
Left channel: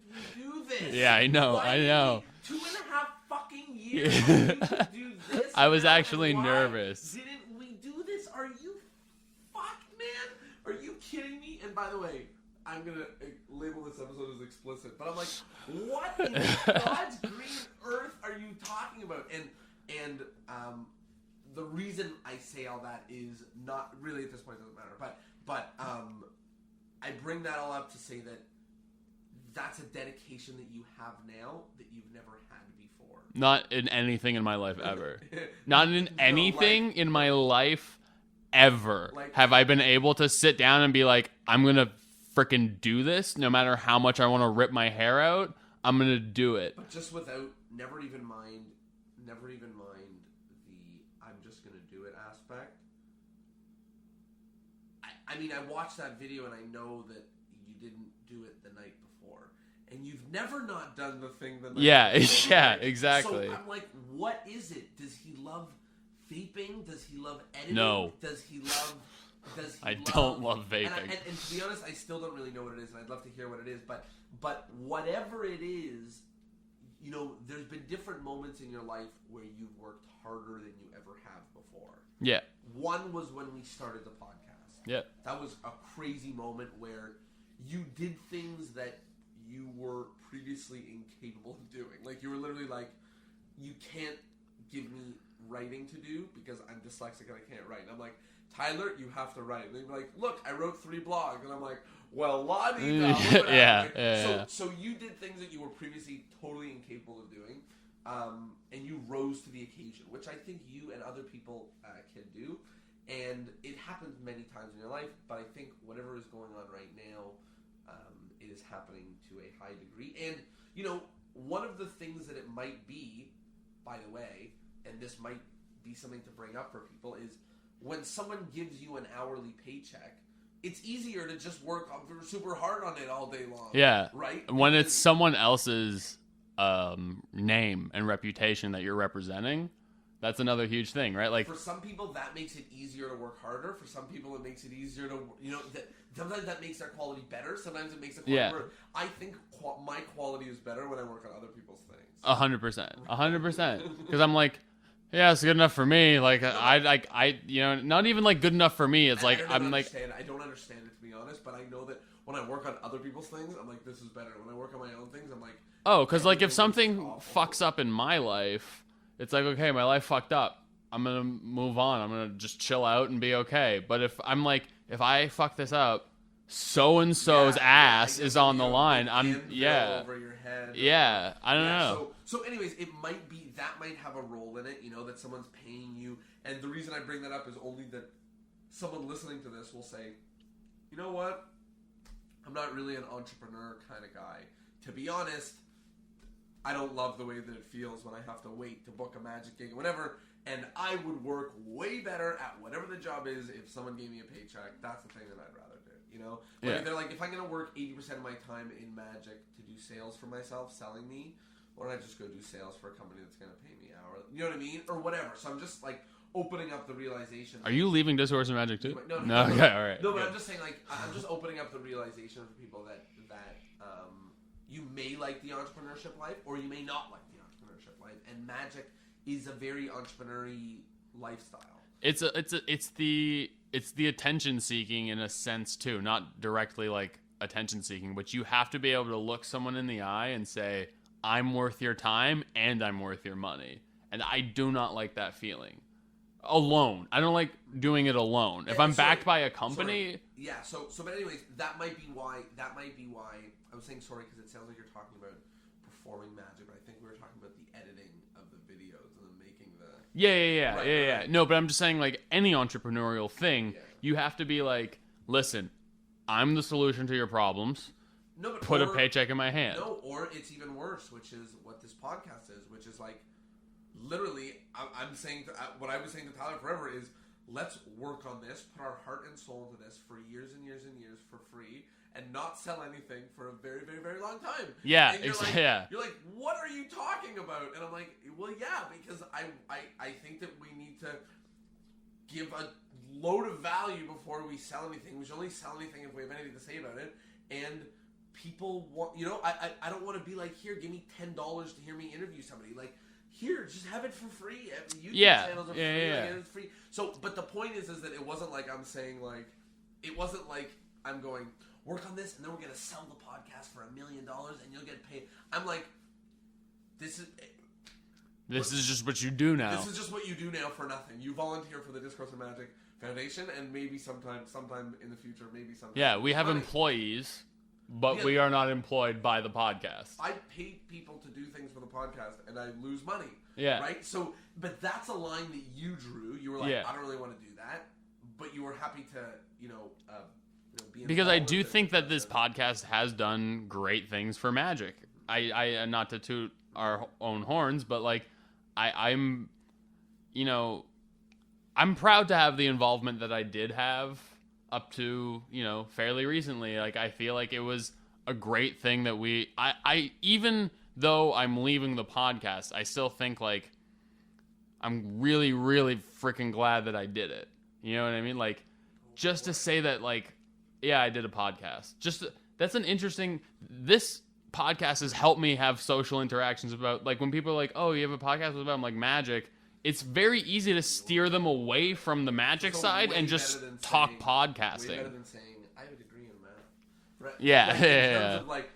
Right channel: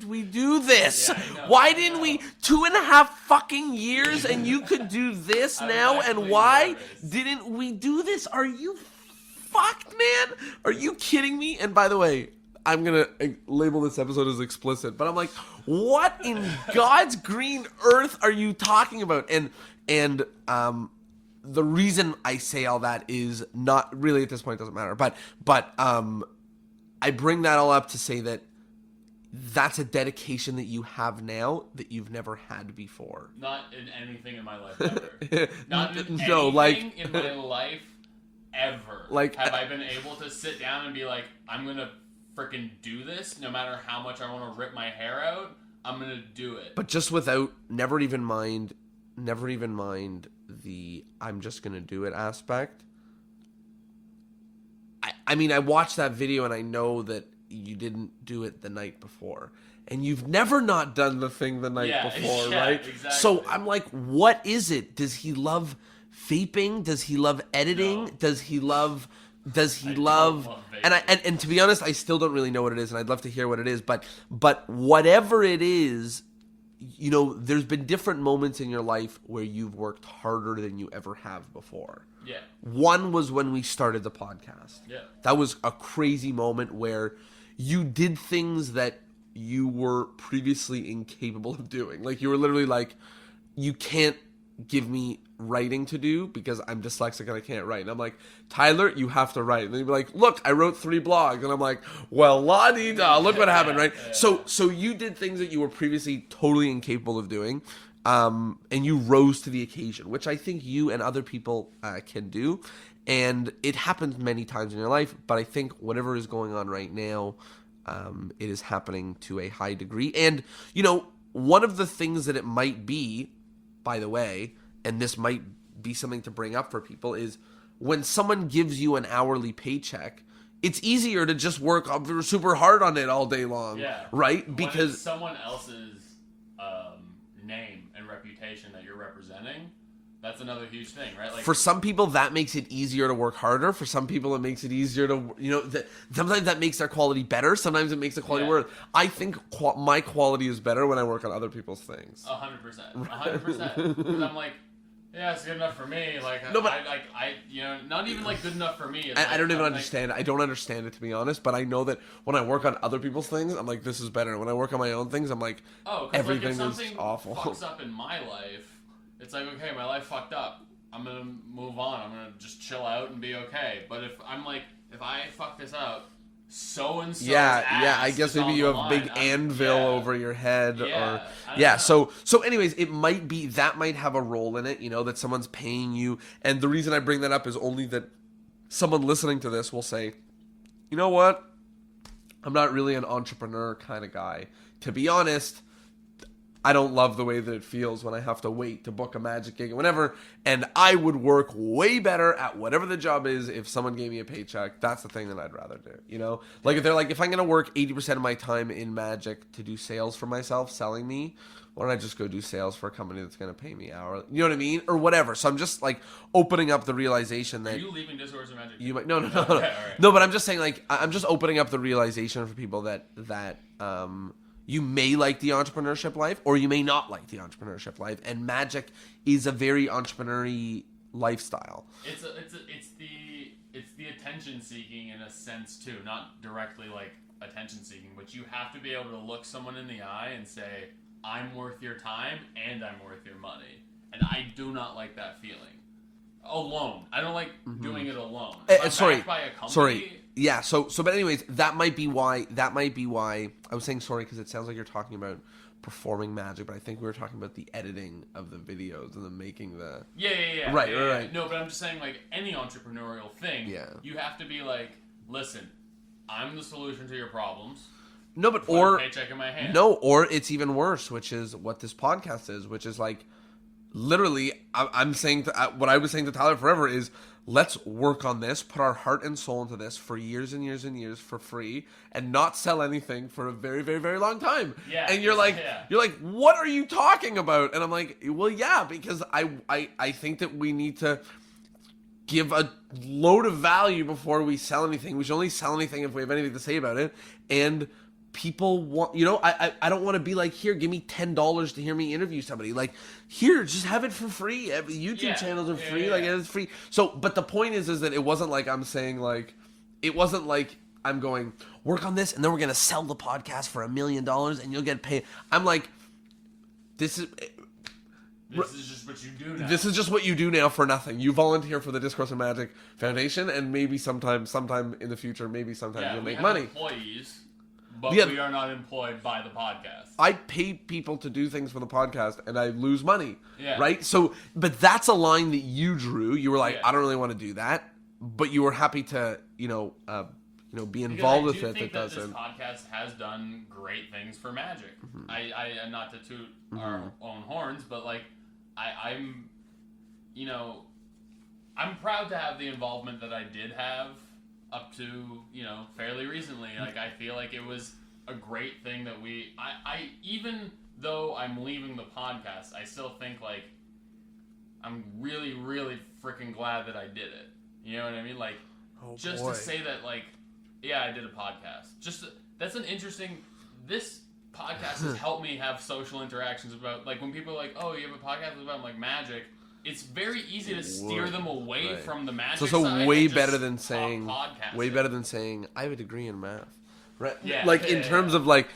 we do this? Yeah, I know. Why didn't we 2.5 fucking years and you could do this I was now? actually And why nervous. didn't we do this? Are you fucked, man? Are you kidding me? And by the way, I'm gonna label this episode as explicit, but I'm like, what in God's green earth are you talking about? And the reason I say all that is not really, at this point, doesn't matter. But I bring that all up to say that that's a dedication that you have now that you've never had before. Not in anything in my life ever. Not in No, anything in my life ever. Like, have I been able to sit down and be like, I'm gonna freaking do this, no matter how much I want to rip my hair out. I'm gonna do it. But just without, never even mind the I'm just gonna do it aspect. I mean, I watched that video and I know that you didn't do it the night before, and you've never not done the thing the night before. Yeah, right? exactly. So I'm like, what is it? Does he love vaping? Does he love editing? No. Does he love I don't love vaping. And to be honest, I still don't really know what it is, and I'd love to hear what it is. But whatever it is, you know, there's been different moments in your life where you've worked harder than you ever have before. Yeah. One was when we started the podcast. Yeah. That was a crazy moment where you did things that you were previously incapable of doing. Like, you were literally like, you can't give me writing to do because I'm dyslexic and I can't write. And I'm like, Tyler, you have to write. And then you'd be like, look, I wrote 3 blogs. And I'm like, well, la-dee-da, look what happened, right? Yeah. So you did things that you were previously totally incapable of doing. And you rose to the occasion, which I think you and other people can do. And it happens many times in your life, but I think whatever is going on right now, it is happening to a high degree. And, you know, one of the things that it might be, by the way, and this might be something to bring up for people, is when someone gives you an hourly paycheck, it's easier to just work super hard on it all day long. Yeah. Right? When it's someone else's name and reputation that you're representing, that's another huge thing, right? Like for some people that makes it easier to work harder. For some people it makes it easier to, sometimes that makes their quality better. Sometimes it makes the quality worse. I think my quality is better when I work on other people's things. 100%. Because I'm like, yeah, it's good enough for me. Like, no, not even like good enough for me. It's like I don't even understand. I don't understand it, to be honest. But I know that when I work on other people's things, I'm like, this is better. When I work on my own things, I'm like, oh, because like if something fucks up in my life, it's like, okay, my life fucked up. I'm gonna move on. I'm gonna just chill out and be okay. But if I'm like, if I fuck this up, so and so's ass is on the line. Big anvil over your head. Yeah, I don't know. So anyways, it might be that might have a role in it. That someone's paying you, and the reason I bring that up is only that someone listening to this will say, you know what, I'm not really an entrepreneur kind of guy. To be honest, I don't love the way that it feels when I have to wait to book a magic gig or whatever, and I would work way better at whatever the job is if someone gave me a paycheck. That's the thing that I'd rather do, Like if they're like, if I'm going to work 80% of my time in magic to do sales for myself, selling me, why don't I just go do sales for a company that's going to pay me hourly? You know what I mean? Or whatever. So I'm just like opening up the realization that... Are you leaving Discourse and Magic too? No. Okay, all right. No, but I'm just saying, like, I'm just opening up the realization for people that you may like the entrepreneurship life, or you may not like the entrepreneurship life, and magic is a very entrepreneurial lifestyle. It's the attention seeking in a sense too, not directly like attention seeking, but you have to be able to look someone in the eye and say, I'm worth your time and I'm worth your money. And I do not like that feeling. Alone. I don't like doing it alone. If I'm backed by a company... Yeah, but anyways, that might be why I was saying sorry because it sounds like you're talking about performing magic, but I think we were talking about the editing of the videos and the making the... Yeah. Right. No, but I'm just saying, like, any entrepreneurial thing, you have to be like, listen, I'm the solution to your problems. No, but put a paycheck in my hand. No, or it's even worse, which is what this podcast is, which is like, literally, I'm saying what I was saying to Tyler forever is, let's work on this, put our heart and soul into this for years and years and years for free, and not sell anything for a very, very, very long time. Yeah, and you're like, what are you talking about? And I'm like, well, yeah, because I think that we need to give a load of value before we sell anything. We should only sell anything if we have anything to say about it. And people want, I don't want to be like, here, give me $10 to hear me interview somebody. Like, here, just have it for free. YouTube channels are free. Like, it's free. So, but the point is that it wasn't like I'm saying, like, it wasn't like I'm going, work on this, and then we're going to sell the podcast for $1 million, and you'll get paid. I'm like, this is just what you do now. This is just what you do now for nothing. You volunteer for the Discourse and Magic Foundation, and maybe sometime in the future, we have money. Employees. But we are not employed by the podcast. I pay people to do things for the podcast, and I lose money. Yeah. Right? So, but that's a line that you drew. You were like, I don't really want to do that. But you were happy to, be involved with it. Because I do think that this podcast has done great things for Magic. Mm-hmm. I not to toot our own horns, but, like, I'm proud to have the involvement that I did have up to, fairly recently. Like, I feel like it was a great thing that I even though I'm leaving the podcast, I still think, like, I'm really, really freaking glad that I did it. You know what I mean? Like, to say that, like, yeah, I did a podcast. That's an interesting... This podcast has helped me have social interactions about, like, when people are like, oh, you have a podcast about, like, magic... It's very easy to steer them away from the magic side and just better than talk podcasting. Way better than saying, I have a degree in math. Right? Yeah. Like, in terms of, like,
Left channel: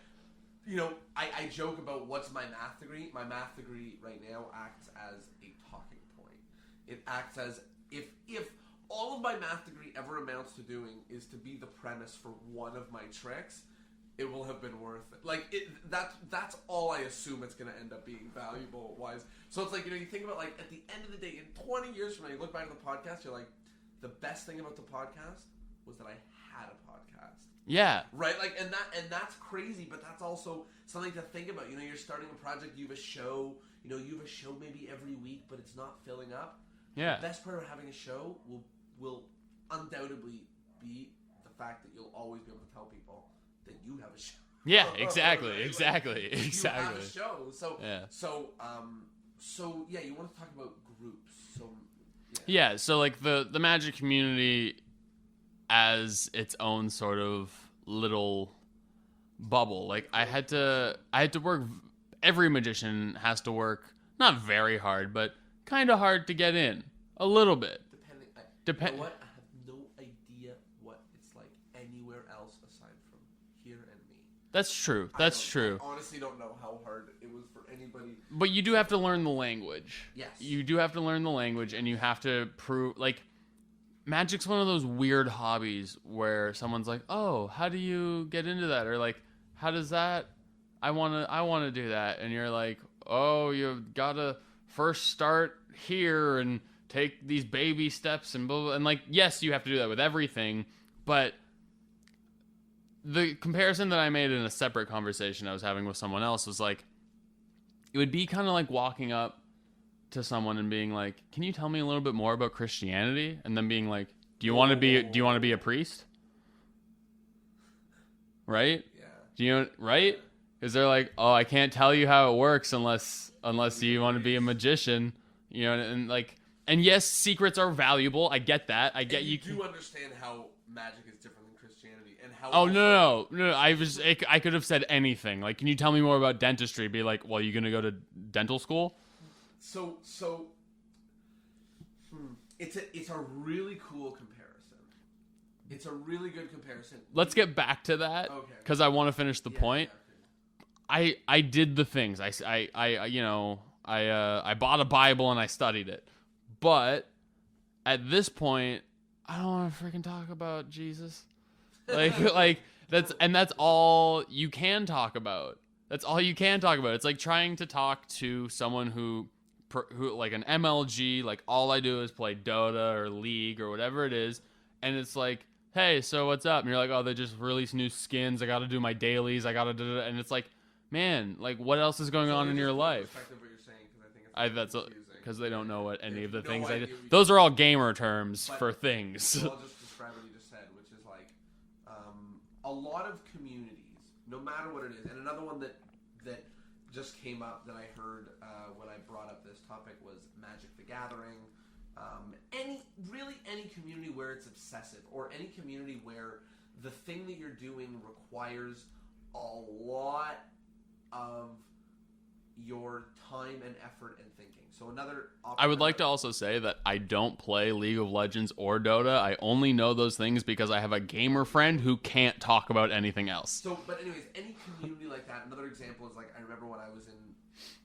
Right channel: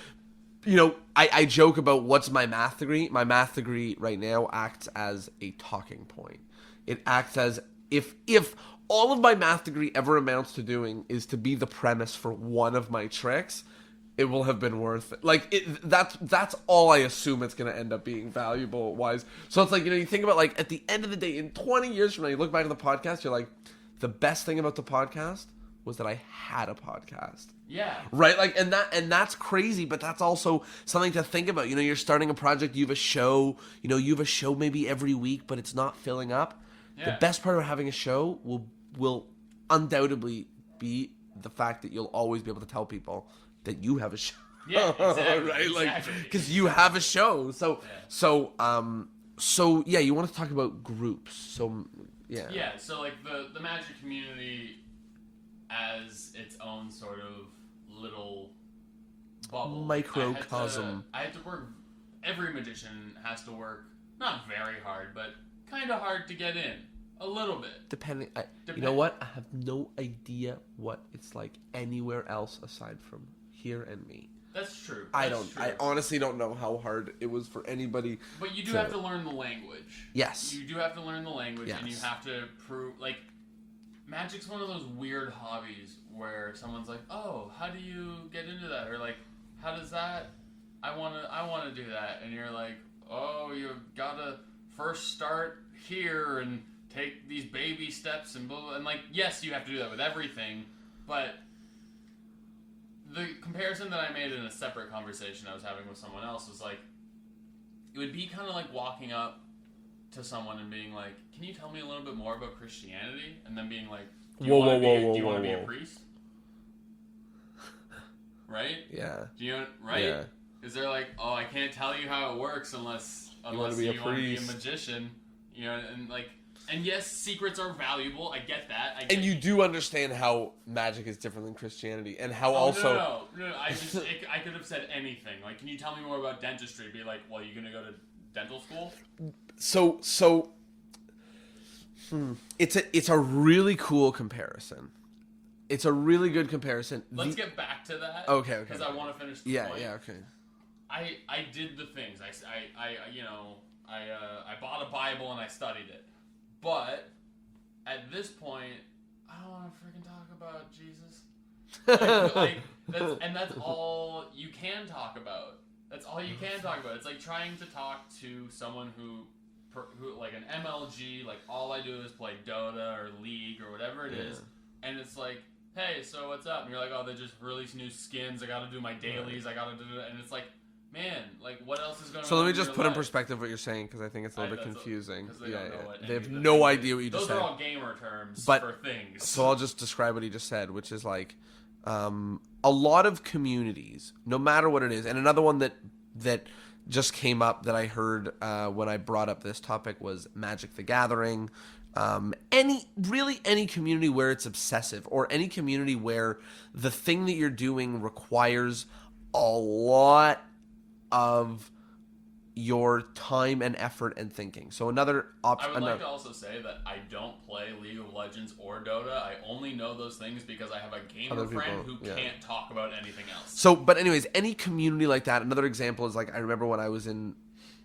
I joke about what's my math degree. My math degree right now acts as a talking point. It acts as if all of my math degree ever amounts to doing is to be the premise for one of my tricks, it will have been worth it. Like, that's all I assume it's going to end up being valuable-wise. So it's like, you think about, like, at the end of the day, in 20 years from now, you look back at the podcast, you're like, the best thing about the podcast was that I had a podcast. Yeah. Right? Like, and that's crazy, but that's also something to think about. You're starting a project, you have a show, you have a show maybe every week, but it's not filling up. Yeah. The best part of having a show will undoubtedly be the fact that you'll always be able to tell people that you have a show. Yeah, exactly. Right? Exactly. Because you have a show. Yeah. So yeah, you want to talk about groups. So yeah. Yeah, so like the magic community as its own sort of little bubble. Like Microcosm. I had to work. Every magician has to work not very hard, but kind of hard to get in. A little bit. You know what? I have no idea what it's like anywhere else aside from here and me. That's true. I honestly don't know how hard it was for anybody. But you do have to learn the language. Yes. You do have to learn the language, Yes. and you have to prove, like, magic's one of those weird hobbies where someone's like, "Oh, how do you get into that?" Or like, "How does that? I wanna do that," and you're like, "Oh, you've gotta first start here and take these baby steps and blah, blah." And like, yes, you have to do that with everything, but the comparison that I made in a separate conversation I was having with someone else was like, it would be kind of like walking up to someone and being like, "Can you tell me a little bit more about Christianity?" And then being like, "Do you want to be a priest?" Right? Yeah. Do you right? Yeah. Is there like, "Oh, I can't tell you how it works unless you want to be a priest." magician," you know, and like, and yes, secrets are valuable. I get that. I get And you do understand how magic is different than Christianity, and how Oh, also no! I could have said anything. Like, can you tell me more about dentistry? Be like, well, you gonna go to dental school? It's a really cool comparison. It's a really good comparison. Let's get back to that. Okay. Because I want to finish the point. Yeah. Okay. I did the things. I bought a Bible and I studied it. But at this point, I don't want to freaking talk about Jesus. Like that's all you can talk about. That's all you can talk about. It's like trying to talk to someone who like an MLG, like all I do is play Dota or League or whatever it is, and it's like, "Hey, so what's up?" And you're like, "Oh, they just released new skins. I got to do my dailies. I got to do it." And it's like, man, like what else is going on in your life? So let me just put in perspective what you're saying, because I think it's a little bit confusing. Because they don't know what any they of the have no things idea what you Those just are said. all gamer terms for things. So I'll just describe what he just said, which is like a lot of communities, no matter what it is, and another one that just came up that I heard when I brought up this topic was Magic the Gathering. Any community where it's obsessive, or any community where the thing that you're doing requires a lot of your time and effort and thinking. So another option. I would like to also say that I don't play League of Legends or Dota. I only know those things because I have a gamer friend who can't talk about anything else. So, but anyways, any community like that. Another example is like, I remember when I was in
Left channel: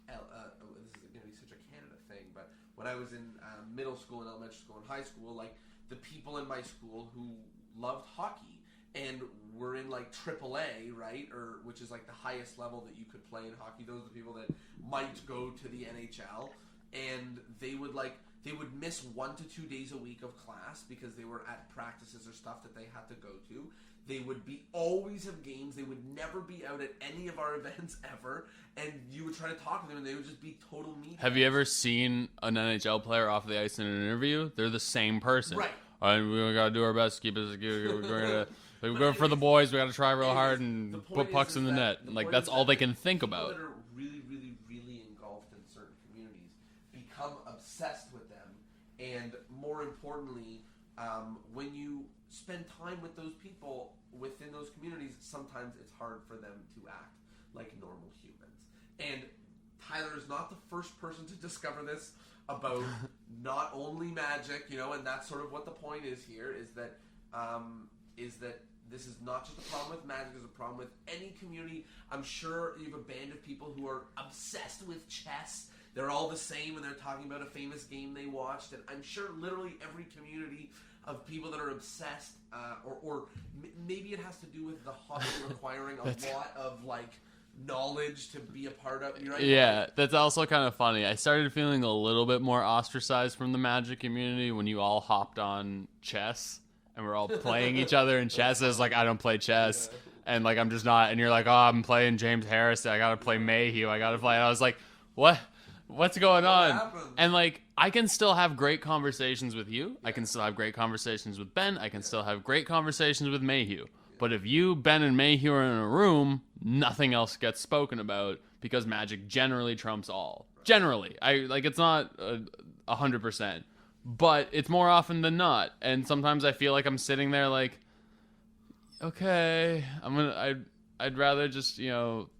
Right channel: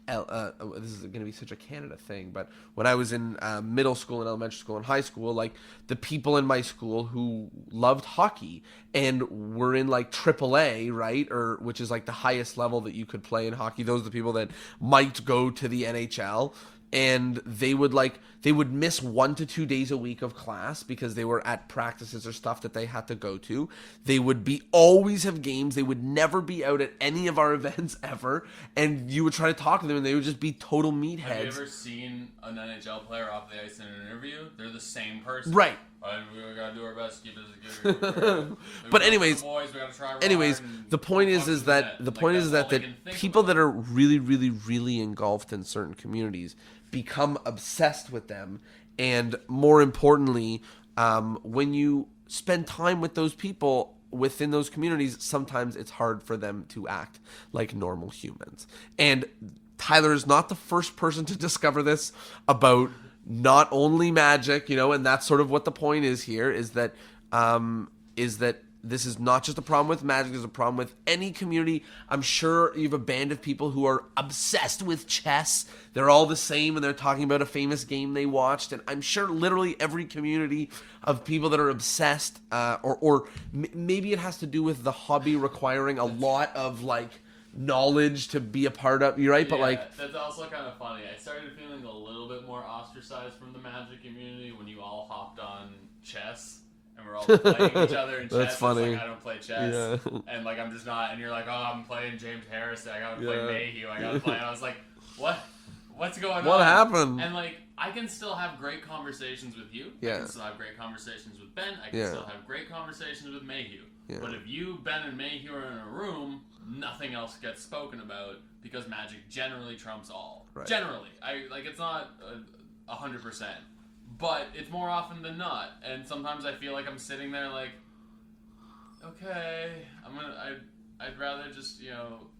this is going to be such a Canada thing, but when I was in middle school and elementary school and high school, like the people in my school who loved hockey and were in like AAA, right, or which is like the highest level that you could play in hockey. Those are the people that might go to the NHL, and they would miss 1 to 2 days a week of class because they were at practices or stuff that they had to go to. They would always have games. They would never be out at any of our events ever. And you would try to talk to them and they would just be total meatheads. Have you ever seen an NHL player off the ice in an interview? They're the same person. Right. And we gotta do our best to keep it. But anyways, for the boys, we gotta try real hard. And the point is that people that are really, really, really engulfed in certain communities become obsessed with them, and more importantly, when you spend time with those people within those communities, sometimes it's hard for them to act like normal humans. And Tyler is not the first person to discover this about not only magic, and that's sort of what the point is here, is that this is not just a problem with magic, there's a problem with any community. I'm sure you have a band of people who are obsessed with chess. They're all the same, and they're talking about a famous game they watched. And I'm sure literally every community of people that are obsessed, or maybe it has to do with the hobby requiring a lot of, like, knowledge to be a part of. You're right, yeah, but like that's also kind of funny. I started feeling a little bit more ostracized from the magic community when you all hopped on chess. And we're all playing each other in chess. It's like, I don't play chess. Yeah. And like, I'm just not. And you're like, oh, I'm playing James Harris. I got to play Mayhew. I got to play. And I was like, what's going on? What happened? And like, I can still have great conversations with you. Yeah. I can still have great conversations with Ben. I can still have great conversations with Mayhew. Yeah. But if you, Ben, and Mayhew are in a room, nothing else gets spoken about because magic generally trumps all. Right. Generally, it's not 100%, but it's more often than not. And sometimes I feel like I'm sitting there like, okay, I'd rather just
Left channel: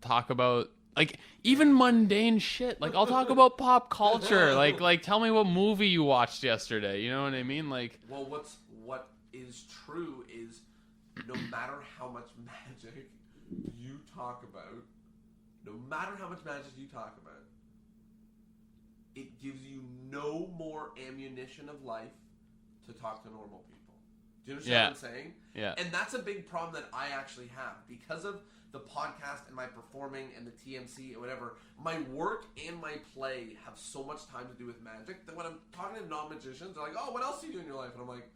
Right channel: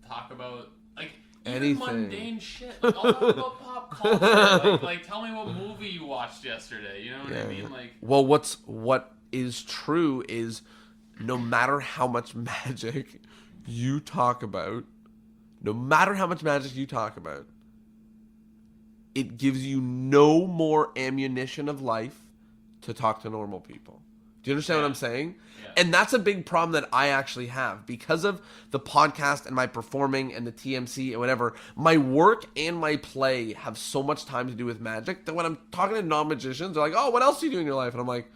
talk about like even anything. mundane shit. Like I'll talk about pop culture. Like tell me what movie you watched yesterday. You know what I mean? Like, well, what is true is no matter how much magic you talk about, it gives you no more ammunition of life to talk to normal people. Do you understand what I'm saying? Yeah. And that's a big problem that I actually have because of the podcast and my performing and the TMC and whatever. My work and my play have so much time to do with magic that when I'm talking to non-magicians, they're like, "Oh, what else do you do in your life?" And I'm like,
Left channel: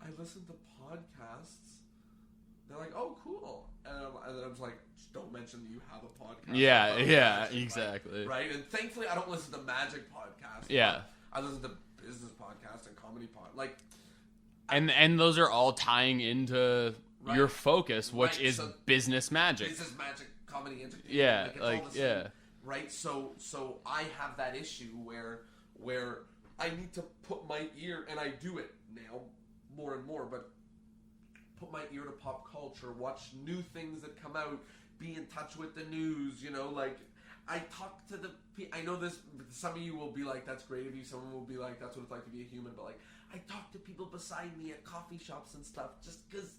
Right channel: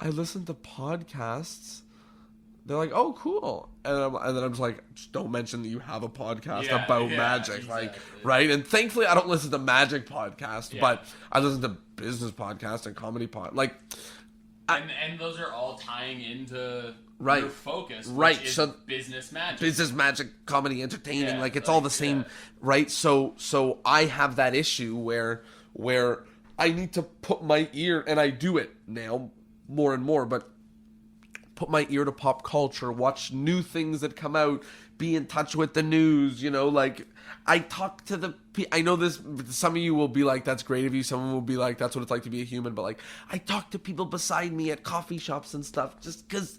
I listen to podcasts. They're like, "Oh, cool," and then I'm just like, "Just don't mention that you have a podcast about magic, exactly. right?" And thankfully, I don't listen to magic podcasts, Yeah. but I listen to business podcasts and comedy and those are all tying into your focus, which is business magic. Business magic, comedy, entertaining, it's all the same, right? So I have that issue where I need to put my ear, and I do it now more and more, but put my ear to pop culture, watch new things that come out, be in touch with the news, I talk to I know this, some of you will be like, that's great of you. Someone will be like, that's what it's like to be a human. But I talk to people beside me at coffee shops and stuff just because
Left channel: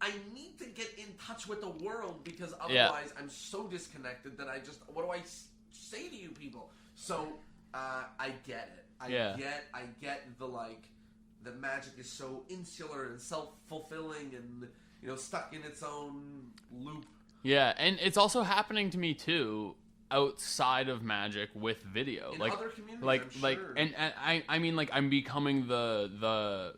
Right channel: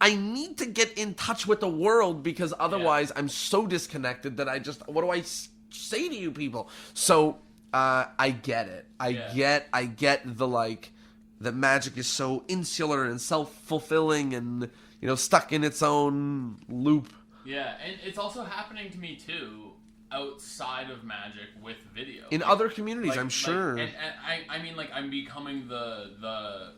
I need to get in touch with the world because otherwise I'm so disconnected that what do I say to you people? So I get it. I get the magic is so insular and self-fulfilling and, stuck in its own loop. Yeah, and it's also happening to me too outside of magic with video. In other communities, I'm sure. And I mean, I'm becoming the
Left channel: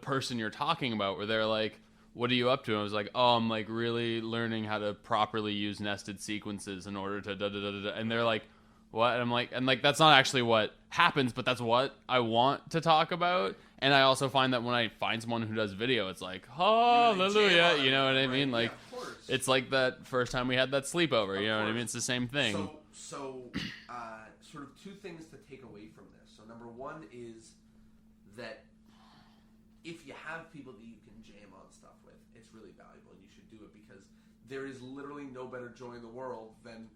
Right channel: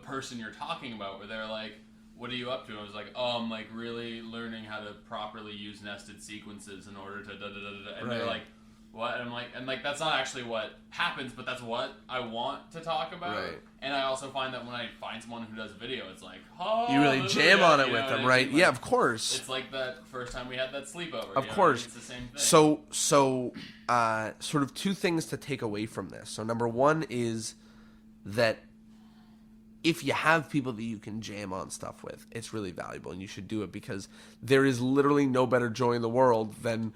person you're talking about where they're like, what are you up to? And I was like, oh, I'm really learning how to properly use nested sequences in order to da-da-da-da-da. And they're like, what? And I'm like, that's not actually what happens, but that's what I want to talk about. Right. And I also find that when I find someone who does video, it's like, oh, you really jam on it with them, right? Yeah, of course. It's like that first time we had that sleepover. Of course. It's the same thing. So, sort of two things to take away from this. So, number one is that if you have people that you can jam on stuff with, it's really valuable, and you should do it because there is literally no better joy in the world than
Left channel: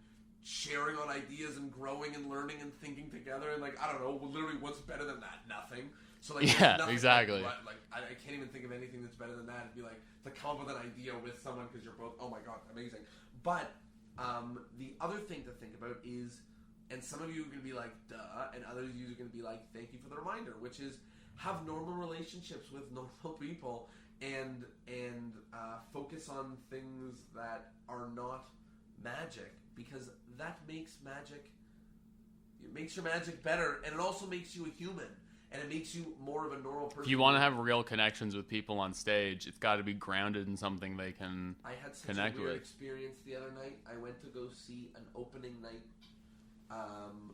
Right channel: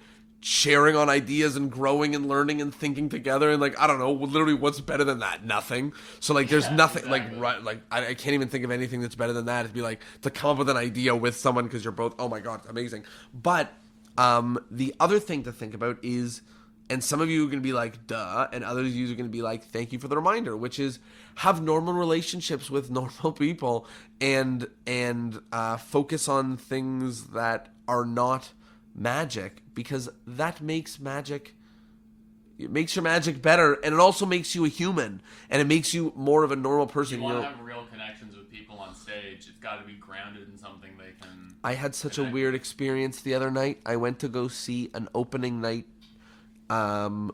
sharing on ideas and growing and learning and thinking together and I don't know, literally what's better than that? Nothing. So there's nothing exactly. I can't even think of anything that's better than that. It'd be to come up with an idea with someone because you're both, oh my god, amazing. But the other thing to think about is, and some of you are going to be like, duh, and others of you are going to be like, thank you for the reminder, which is have normal relationships with normal people and focus on things that are not magic, because that makes your magic better, and it also makes you a human, and it makes you more of a normal person. You want to have real connections with people on stage. It's got to be grounded in something they can. I had such a weird experience the other night. I went to go see an opening night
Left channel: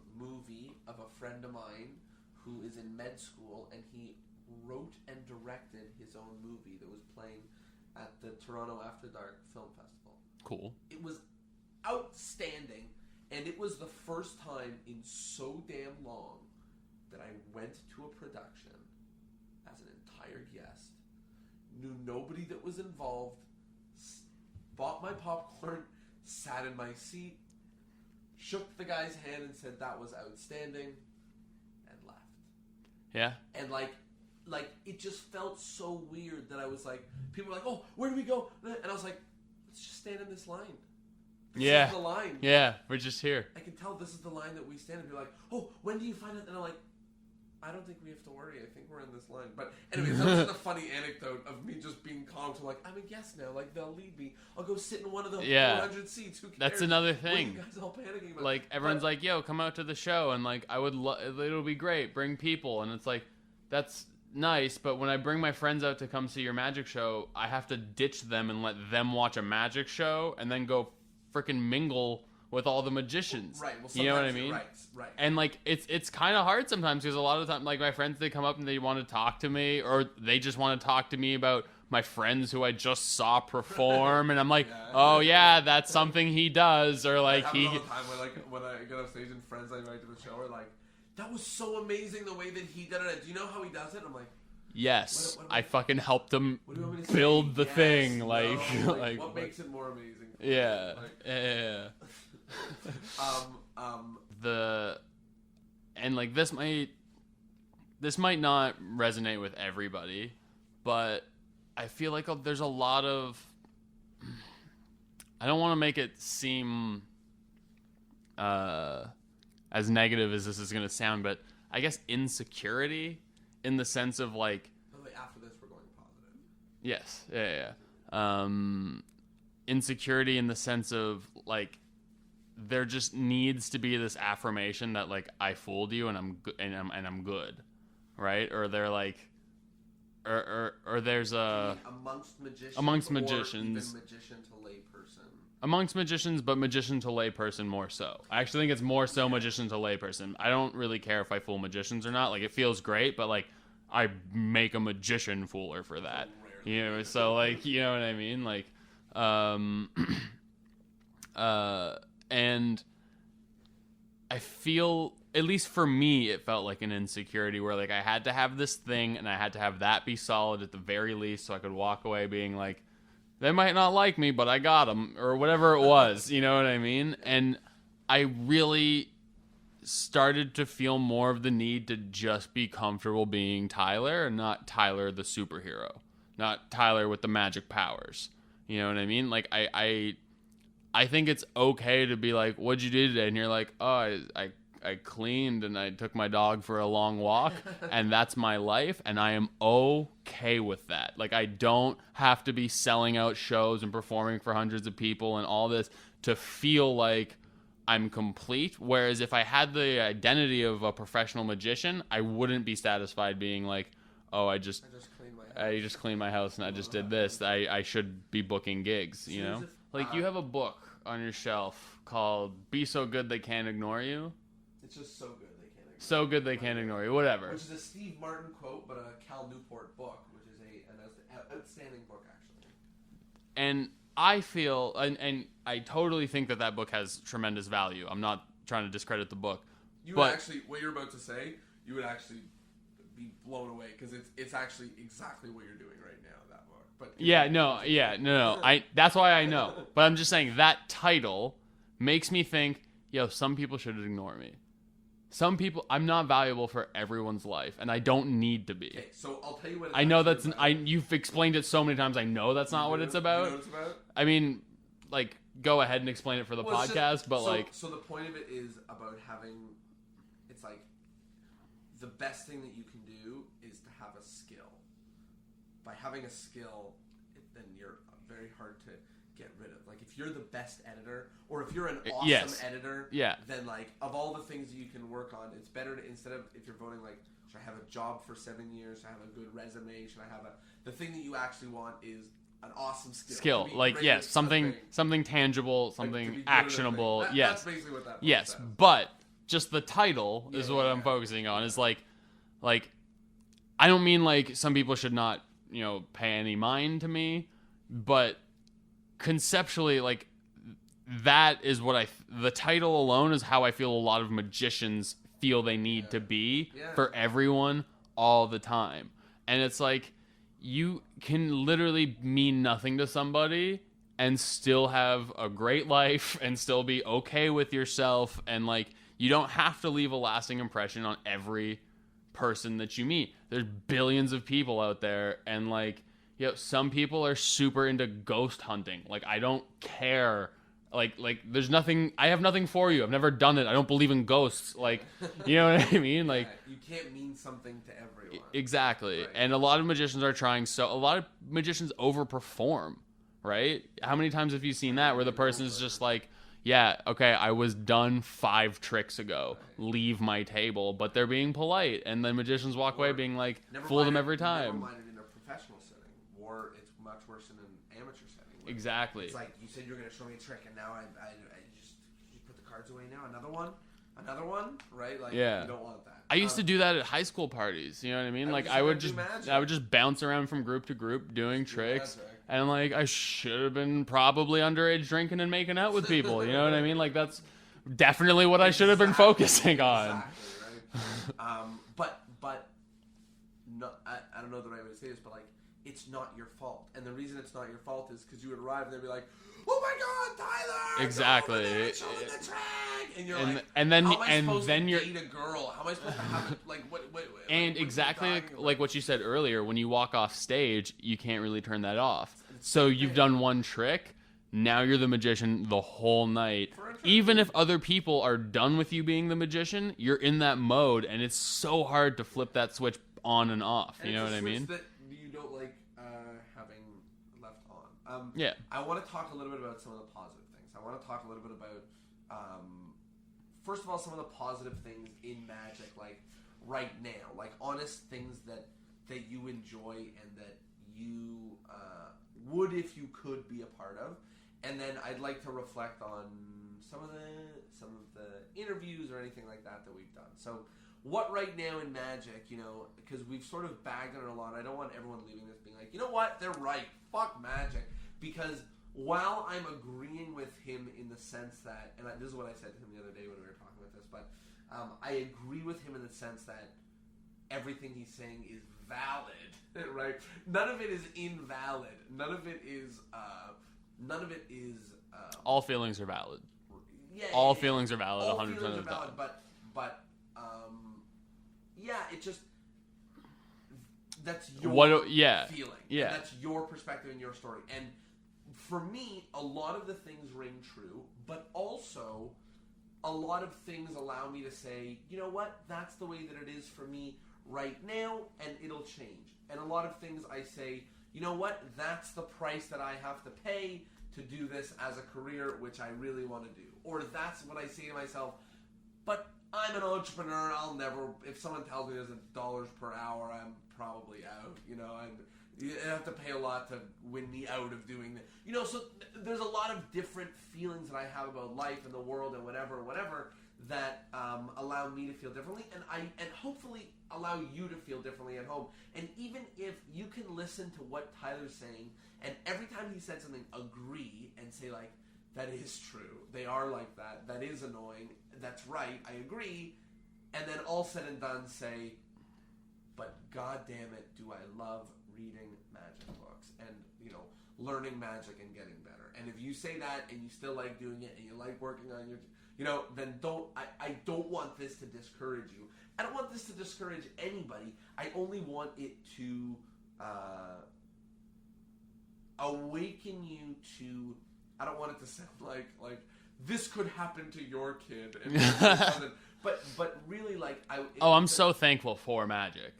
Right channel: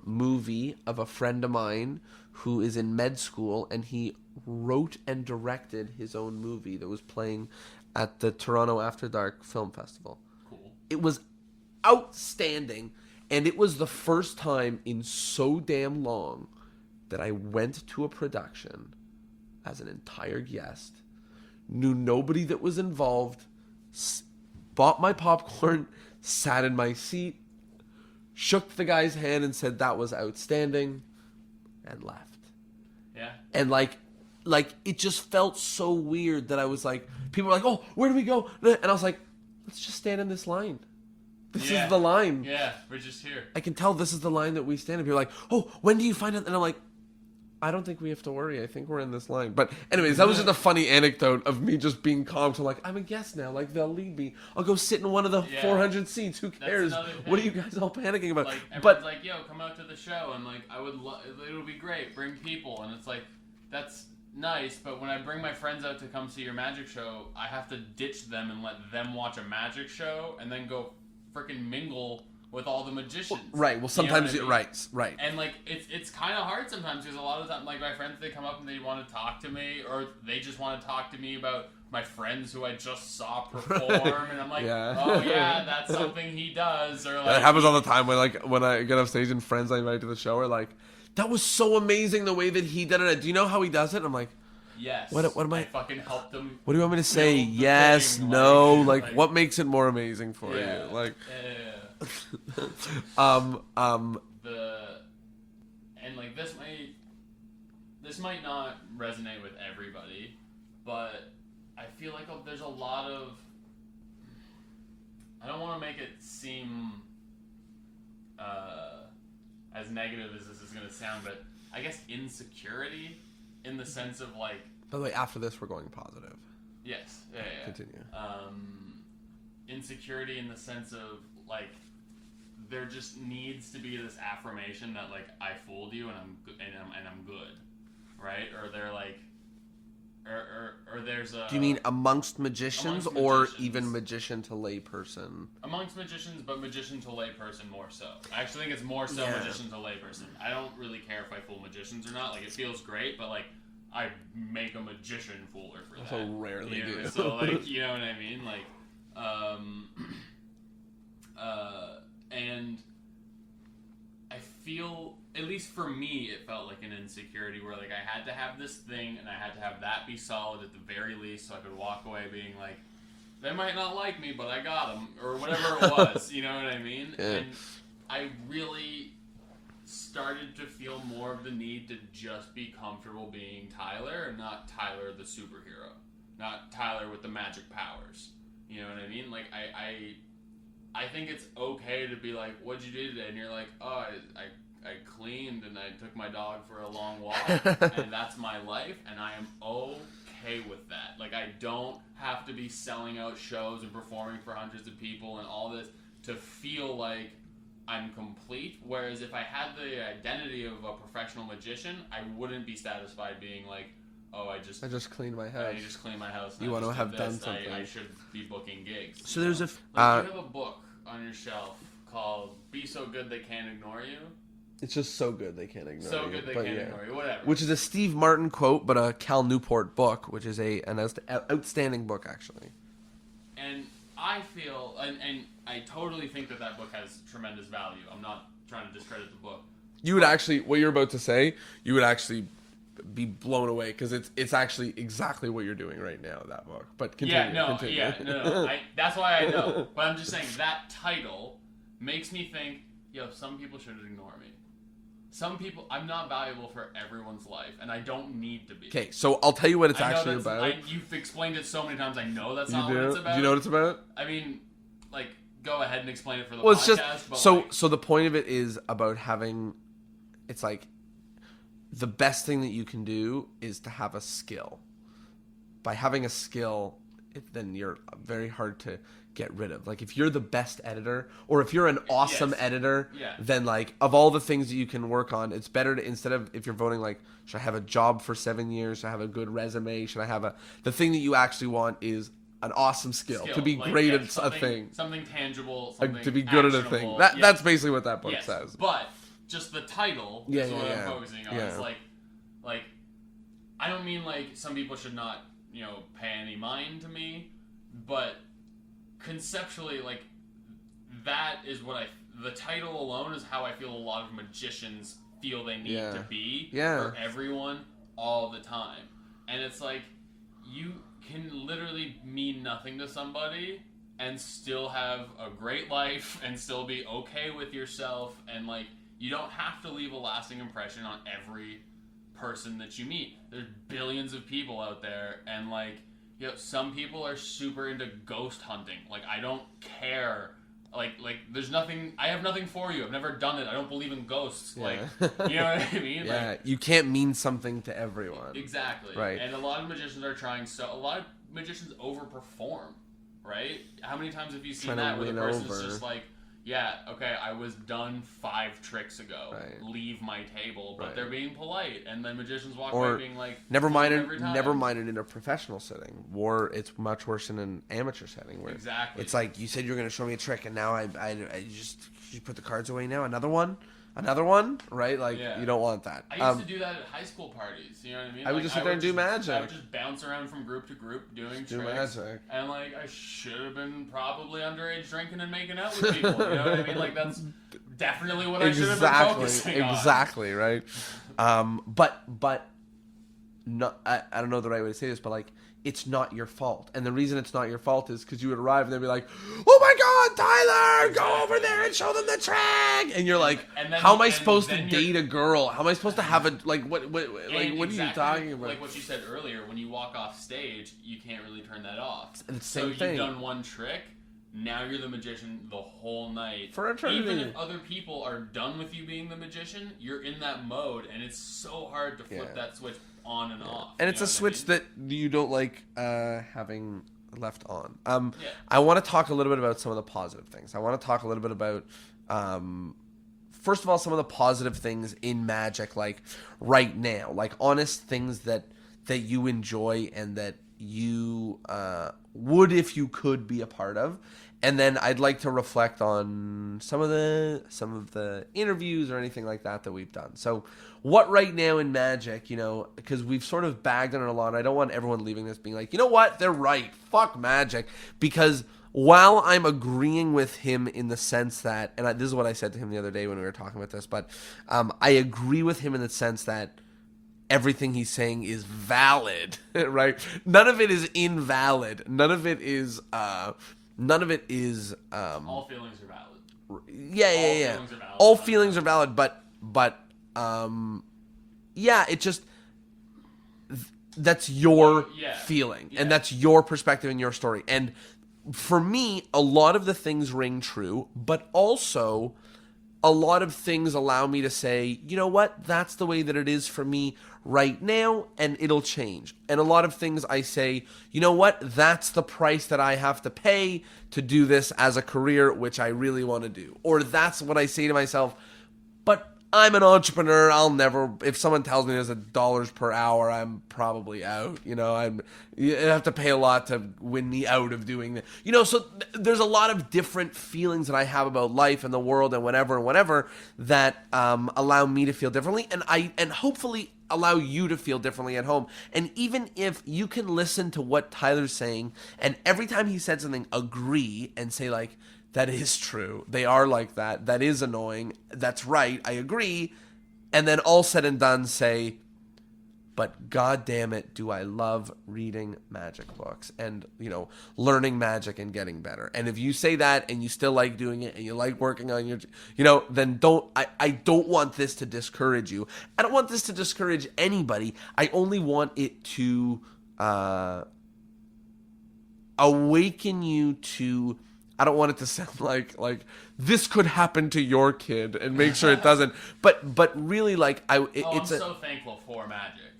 movie of a friend of mine who is in med school, and he wrote and directed his own movie that was playing at the Toronto After Dark Film Festival. Cool. It was outstanding, and it was the first time in so damn long that I went to a production as an entire guest, knew nobody that was involved, bought my popcorn, sat in my seat, shook the guy's hand and said that was outstanding, and left. Yeah. And it just felt so weird that I was like, people were like, oh, where do we go? And I was like, let's just stand in this line. This is the line. Yeah, we're just here. I can tell this is the line that we stand up. You're like, oh, when do you find it? And I'm like, I don't think we have to worry. I think we're in this line. But anyways, that was just a funny anecdote of me just being calm to I'm a guest now. They'll lead me. I'll go sit in one of the 400 seats. Who cares? That's another thing. What are you guys all panicking about? Everyone's like, yo, come out to the show. And I would it'll be great. Bring people. And it's that's nice. But when I bring my friends out to come see your magic show, I have to ditch them and let them watch a magic show and then go freaking mingle with all the magicians. Right. Well, sometimes you know what I mean? Right. And it's kind of hard sometimes because a lot of times my friends, they come up and they want to talk to me, or they just want to talk to me about my friends who I just saw perform, and I'm like, Yeah. oh yeah, that's something he does, or like It happens all the time when I get off stage and friends I invite to the show are like, that was so amazing the way that he did it. Do you know how he does it? I'm like, yes, what am I fucking helped him. what do you want me to say? build the Yes, thing, no, like what makes it more amazing for yeah, you? Like, yeah. And like this might not resonate with everybody, but I feel like there's a lot of, I don't want to make it seem as negative as this is going to sound, but I guess insecurity in the sense of like, by the way, after this we're going positive. yes, yeah. Continue. Insecurity in the sense of like, there just needs to be this affirmation that like I fooled you and I'm good, right? Or they're like, or there's a. Do you mean amongst magicians, or even magician to layperson? Amongst magicians, but magician to layperson more so. I actually think it's more so magician to layperson. I don't really care if I fool magicians or not. Like it feels great, but like I make a magician fooler for that. So rarely, you know. So like, you know what I mean? Like, and I feel, at least for me, it felt like an insecurity where like I had to have this thing and I had to have that be solid at the very least so I could walk away being like, they might not like me, but I got them, or whatever it was, you know what I mean? Yeah. And I really started to feel more of the need to just be comfortable being Tyler and not Tyler the superhero, not Tyler with the magic powers. You know what I mean? Like I think it's okay to be like, what'd you do today? And you're like, oh, I cleaned and I took my dog for a long walk and that's my life and I am okay with that. Like I don't have to be selling out shows and performing for hundreds of people and all this to feel like I'm complete. Whereas if I had the identity of a professional magician, I wouldn't be satisfied being like, oh, I just cleaned my house. I just cleaned my house and I just did this. I should be booking gigs. So there's you have a book on your shelf called "Be So Good They Can't Ignore You." It's just so good they can't ignore you. So good they can't ignore you. Whatever. Which is a Steve Martin quote, but a Cal Newport book, which is an outstanding book actually. And I feel, and I totally think that book has tremendous value. I'm not trying to discredit the book. You would actually, what you're about to say, you would actually be blown away because it's actually exactly what you're doing right now, that book. But continue, no. That's why I know. But I'm just saying that title makes me think, yo, some people should ignore me. Some people, I'm not valuable for everyone's life, and I don't need to be. Okay, so I'll tell you what it's actually about. You've explained it so many times. I know that's not what it's about. Do you know what it's about? I mean, like, go ahead and explain it for the podcast. So the point of it is about having, it's like, the best thing that you can do is to have a skill. By having a skill, then you're very hard to get rid of. Like if you're the best editor, or if you're an awesome editor, then like of all the things that you can work on, it's better to, instead of, if you're voting like, should I have a job for 7 years, should I have a good resume, should I have the thing that you actually want is an awesome skill to be like, great at something tangible, something to be good actionable. At a thing. That's basically what that book says. But just the title is what I'm focusing on. It's like I don't mean like some people should not, pay any mind to me, but conceptually, like, that is what the title alone is how I feel a lot of magicians feel they need to be for everyone all the time. And it's like, you can literally mean nothing to somebody and still have a great life and still be okay with yourself, and like, you don't have to leave a lasting impression on every person that you meet. There's billions of people out there, and like, some people are super into ghost hunting. Like, I don't care. Like there's nothing, I have nothing for you. I've never done it. I don't believe in ghosts. Like, you know what I mean? Like, you can't mean something to everyone. Exactly. Right. And a lot of magicians are trying, a lot of magicians overperform, right? How many times have you seen that where the person's just like, yeah, okay, I was done 5 tricks ago. Right. Leave my table, but they're being polite, and then magicians walk away being like, never mind it. Every time. Never mind it in a professional setting. It's much worse in an amateur setting. Where it's like, you said you were going to show me a trick, and now I just, you put the cards away now. Another one. another one, right? Like, Yeah. you don't want that. I used to do that at high school parties. You know what I mean? I would just sit there and do magic. I would just bounce around from group to group doing tricks. magic. And like I should have been probably underage drinking and making out with people. You know what I mean? Like that's definitely what I should have been focusing on. Exactly, right? But no, I don't know the right way to say this, but like, it's not your fault. And the reason it's not your fault is because you would arrive and they'd be like, oh my God, Tyler, Exactly. go over there and show them the track. And you're like, and then how am I supposed to date a girl? How am I supposed to have a, like, what and what exactly are you talking about? like what you said earlier, when you walk off stage, you can't really turn that off. It's the So same you've thing. done one trick. Now you're the magician the whole night. For eternity. Even if other people are done with you being the magician, you're in that mode, and it's so hard to flip that switch on and off. And you it's know a what I switch mean? that you don't like having left on. Yeah. I want to talk a little bit about some of the positive things. I want to talk a little bit about, first of all, some of the positive things in magic, like right now, like honest things that you enjoy and that you would, if you could, be a part of. And then I'd like to reflect on some of the interviews or anything like that we've done. So what right now in magic, you know, because we've sort of bagged on it a lot. I don't want everyone leaving this being like, you know what, they're right. Fuck magic. Because while I'm agreeing with him in the sense that, and this is what I said to him the other day when we were talking about this, but I agree with him in the sense that everything he's saying is valid, right? None of it is invalid. None of it is all feelings are valid. Yeah. All feelings are valid. All 100%. feelings are valid, but yeah, it just that's your feeling, and that's your perspective and your story. And for me, a lot of the things ring true, but also a lot of things allow me to say, you know what, that's the way that it is for me right now, and it'll change. And a lot of things I say, you know what, that's the price that I have to pay to do this as a career, which I really want to do. Or that's what I say to myself, but I'm an entrepreneur. I'll never, if someone tells me there's $1 per hour, I'm probably out. You know, you have to pay a lot to win me out of doing that. You know, so there's a lot of different feelings that I have about life and the world and whatever that allow me to feel differently, and hopefully allow you to feel differently at home. And even if you can listen to what Tyler's saying, and every time he said something, agree and say like, that is true. They are like that. That is annoying. That's right. I agree. And then all said and done say, but God damn it, do I love reading magic books and, you know, learning magic and getting better. And if you say that and you still like doing it and you like working on your, you know, then I don't want this to discourage you. I don't want this to discourage anybody. I only want it to awaken you to, I don't want it to sound like this could happen to your kid and make sure it doesn't. But really, like I'm so thankful for magic.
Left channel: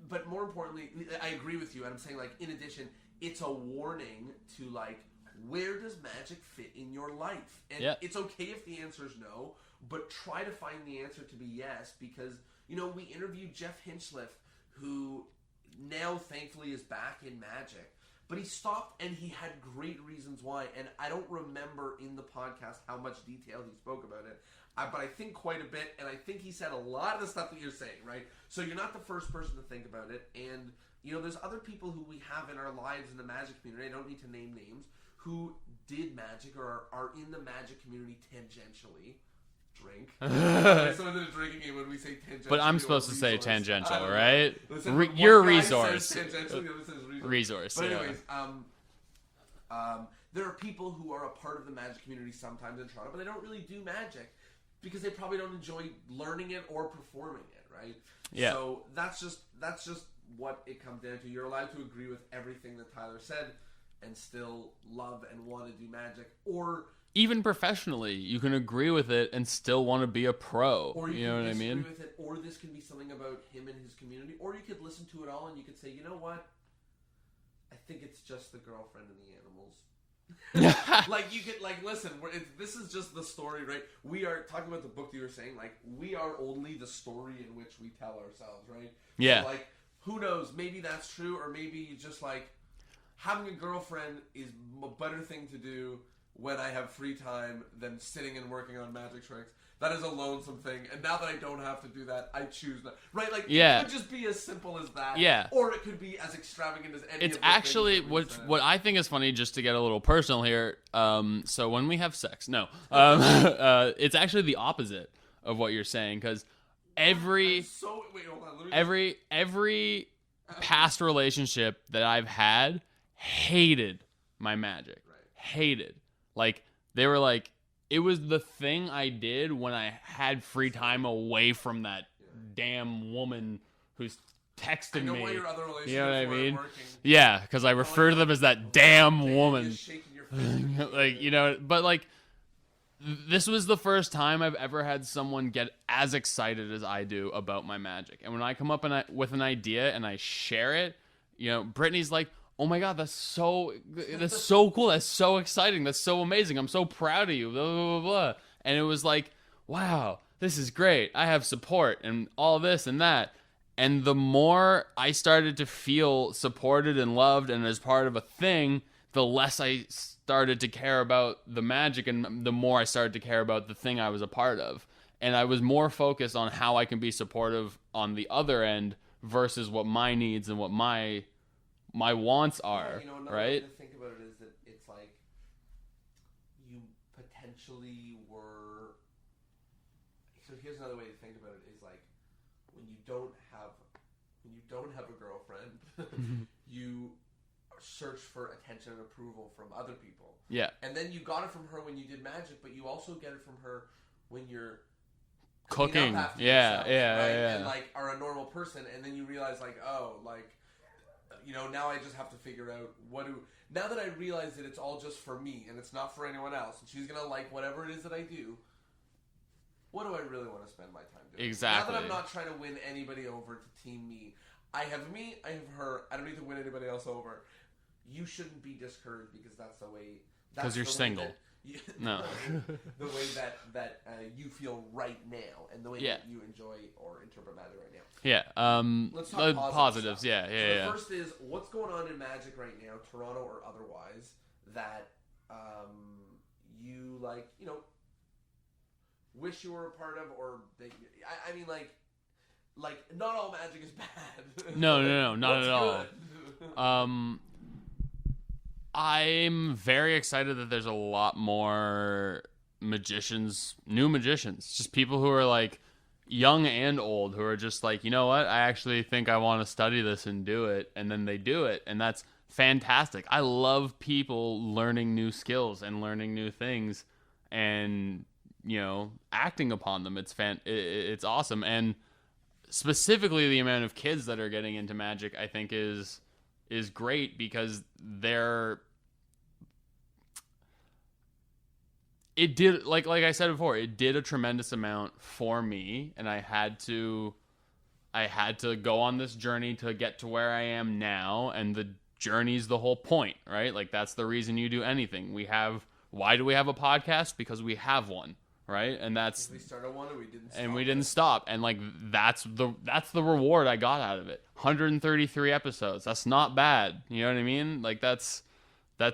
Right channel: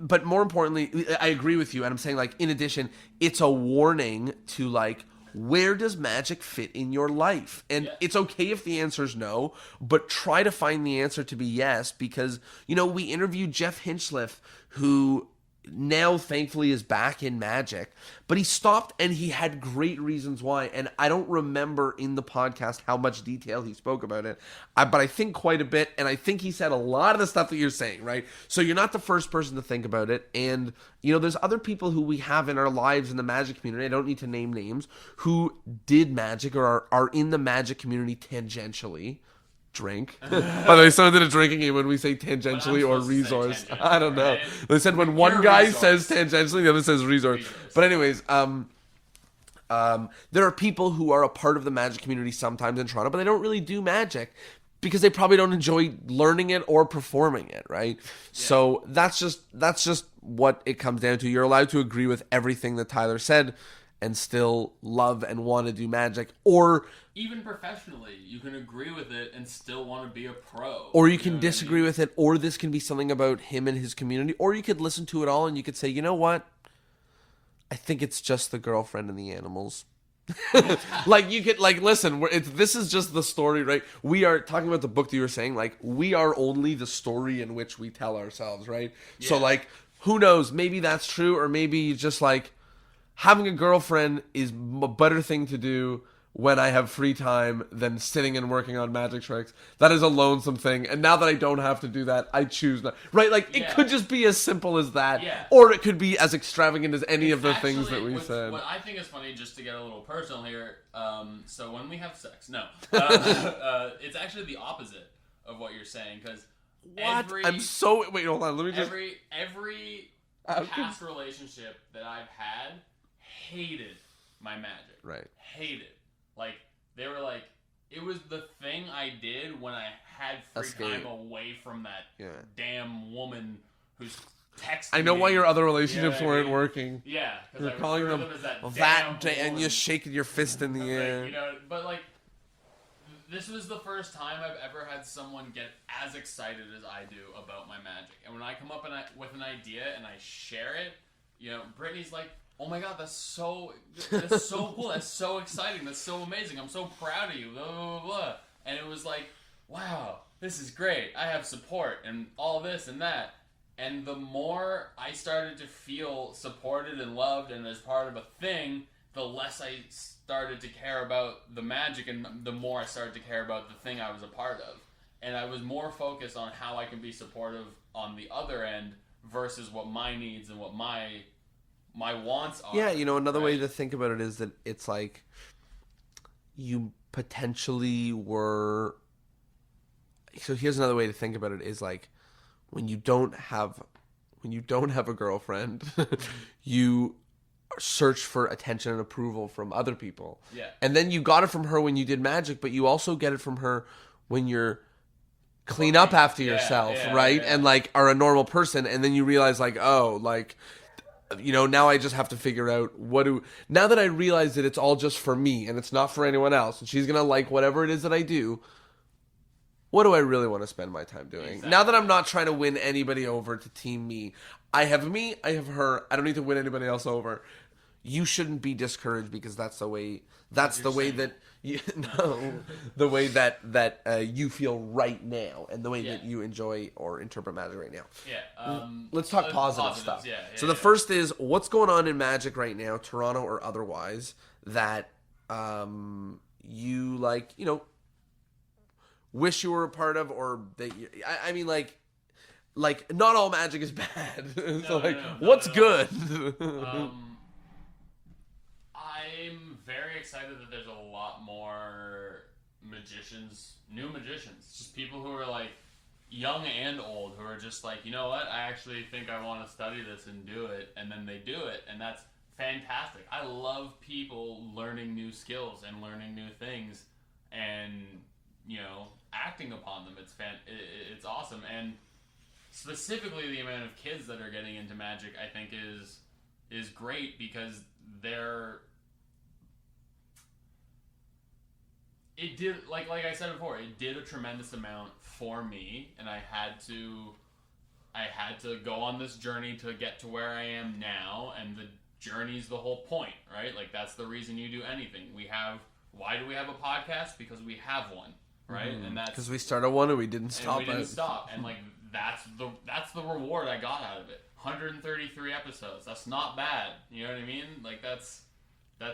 But more importantly, I agree with you, and I'm saying like in addition, it's a warning to like, where does magic fit in your life? And it's okay if the answer is no, but try to find the answer to be yes, because, you know, we interviewed Jeff Hinchliffe, who now thankfully is back in magic, but he stopped and he had great reasons why. And I don't remember in the podcast how much detail he spoke about it, but I think quite a bit. And I think he said a lot of the stuff that you're saying, right? So you're not the first person to think about it. And, you know, there's other people who we have in our lives in the magic community, I don't need to name names, who did magic or are in the magic community tangentially. Drink. By the way, someone did a drinking game when we say tangentially or resource. I don't know. They said when one guy says tangentially, the other says resource. But anyways, there are people who are a part of the magic community sometimes in Toronto, but they don't really do magic because they probably don't enjoy learning it or performing it, right? Yeah. So that's just what it comes down to. You're allowed to agree with everything that Tyler said and still love and want to do magic, or even professionally, you can agree with it and still want to be a pro. Or you can disagree with it, or this can be something about him and his community, or you could listen to it all and you could say, you know what? I think it's just the girlfriend and the animals. Like you could listen. This is just the story, right? We are talking about the book that you were saying. Like we are only the story in which we tell ourselves, right? Yeah. So like, who knows? Maybe that's true, or maybe just like having a girlfriend is a better thing to do. when I have free time than sitting and working on magic tricks. That is a lonesome thing. And now that I don't have to do that, I choose not. Right? Like, it could just be as simple as that. Yeah. Or it could be as extravagant as any of the things Actually, that we said. what I think is funny, just to get a little personal here, so when we have sex, it's actually the opposite of what you're saying, because Wait, hold on. Let me just... every past relationship that I've had hated my magic. Right. Hated. Like, they were like, it was the thing I did when I had free time away from that damn woman who's texting me. I know why your other relationships weren't working. Yeah, because I refer to them as that damn woman. You're shaking your fist in the air. Like, you know, but like, this was the first time I've ever had someone get as excited as I do about my magic. And when I come up with an idea and I share it, you know, Brittany's like, oh my God, that's so cool. That's so exciting. That's so amazing. I'm so proud of you. Blah, blah, blah, blah. And it was like, wow, this is great. I have support and all this and that. And the more I started to feel supported and loved and as part of a thing, the less I started to care about the magic, and the more I started to care about the thing I was a part of. And I was more focused on how I can be supportive on the other end versus what my needs and what my wants are. Yeah, you know, another way to think about it is that it's like you potentially were... So here's another way to think about it is like when you don't have a girlfriend, you search for attention and approval from other people. Yeah. And then you got it from her when you did magic, but you also get it from her when you're clean up after yourself, right? And like are a normal person, and then you realize like, oh, like, you know, now I just have to figure out now that I realize that it's all just for me and it's not for anyone else, and she's gonna like whatever it is that I do, what do I really want to spend my time doing? Exactly. Now that I'm not trying to win anybody over to team me, I have her, I don't need to win anybody else over. You shouldn't be discouraged because that's the way that the way that you feel right now, and the way that you enjoy or interpret magic right now. Yeah. Let's talk positive stuff. Yeah. So the first is, what's going on in magic right now, Toronto or otherwise, that you like, you know, wish you were a part of, or that I mean, like not all magic is bad. No, so, like, no, not what's at good? all. I'm very excited that there's a lot more new magicians, just people who are like young and old, who are just like, you know what, I actually think I want to study this and do it, and then they do it, and that's fantastic. I love people learning new skills and learning new things and, you know, acting upon them. It's awesome. And specifically the amount of kids that are getting into magic, I think is great, because it did, like I said before, it did a tremendous amount for me, and I had to go on this journey to get to where I am now, and the journey's the whole point, right? Like, that's the reason you do anything. Why do we have a podcast? Because we have one, right? And that's because we started one and we didn't stop. And like, that's the reward I got out of it. 133 episodes. That's not bad. You know what I mean? Like, that's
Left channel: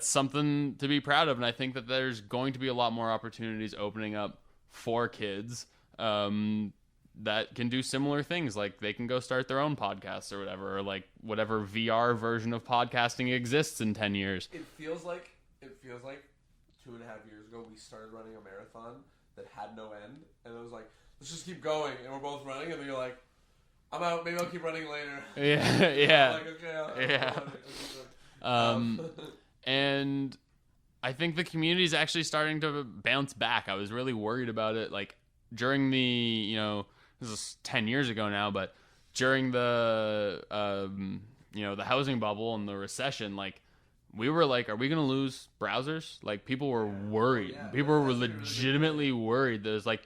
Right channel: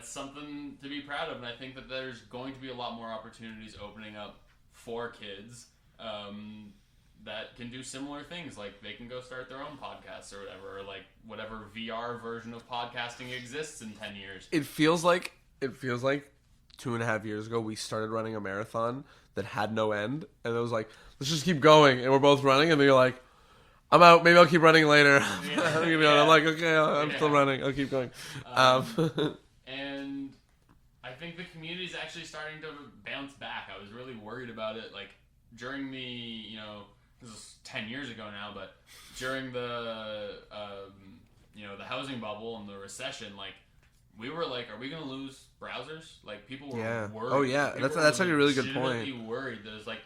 something to be proud of. And I think that there's going to be a lot more opportunities opening up for kids that can do similar things. Like, they can go start their own podcasts or whatever, or like whatever VR version of podcasting exists in 10 years. It feels like 2.5 years ago we started running a marathon that had no end, and it was like, let's just keep going, and we're both running, and then you're like, I'm out, maybe I'll keep running later. I'm like, okay, I'm still running, I'll keep going. And I think the community is actually starting to bounce back. I was really worried about it, like, during the, you know, this is 10 years ago now, but during the, you know, the housing bubble and the recession, like, we were like, are we going to lose browsers? Like, people were worried. Oh, yeah. People that's were like a really good legitimately point. worried. There's like,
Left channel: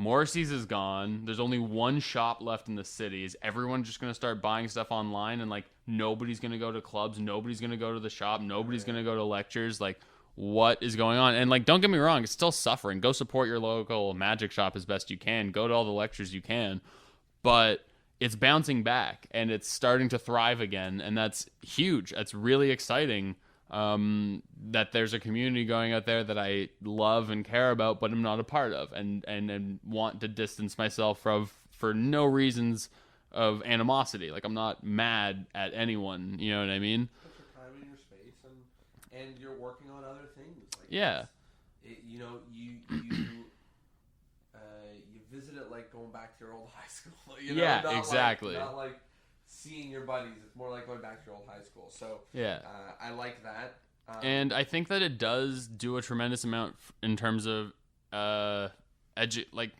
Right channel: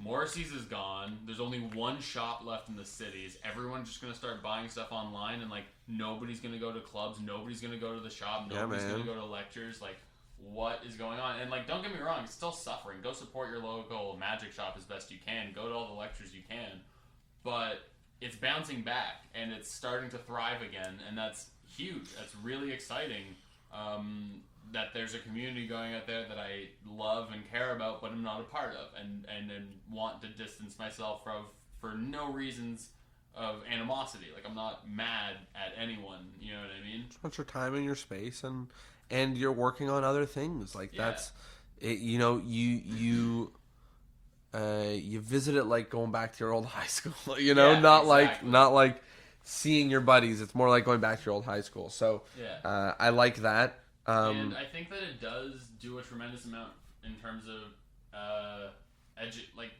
Morrissey's is gone. There's only one shop left in the cities. Everyone's just going to start buying stuff online, and like, nobody's going to go to clubs. Nobody's going to go to the shop. Nobody's going to go to lectures. Like, what is going on? And like, don't get me wrong, it's still suffering. Go support your local magic shop as best you can. Go to all the lectures you can. But it's bouncing back, and it's starting to thrive again, and that's huge. That's really exciting. that there's a community going out there that I love and care about, but I'm not a part of, and want to distance myself from for no reasons of animosity. Like, I'm not mad at anyone, you know what I mean? Spend your time in your space, and you're working on other things. Like, Yeah. that's it, you know, you visit it like going back to your old high school, you know, Yeah, not exactly. like seeing your buddies. It's more like going back to your old high school. So Yeah. I like that. And I think that it does do a tremendous amount in terms of like,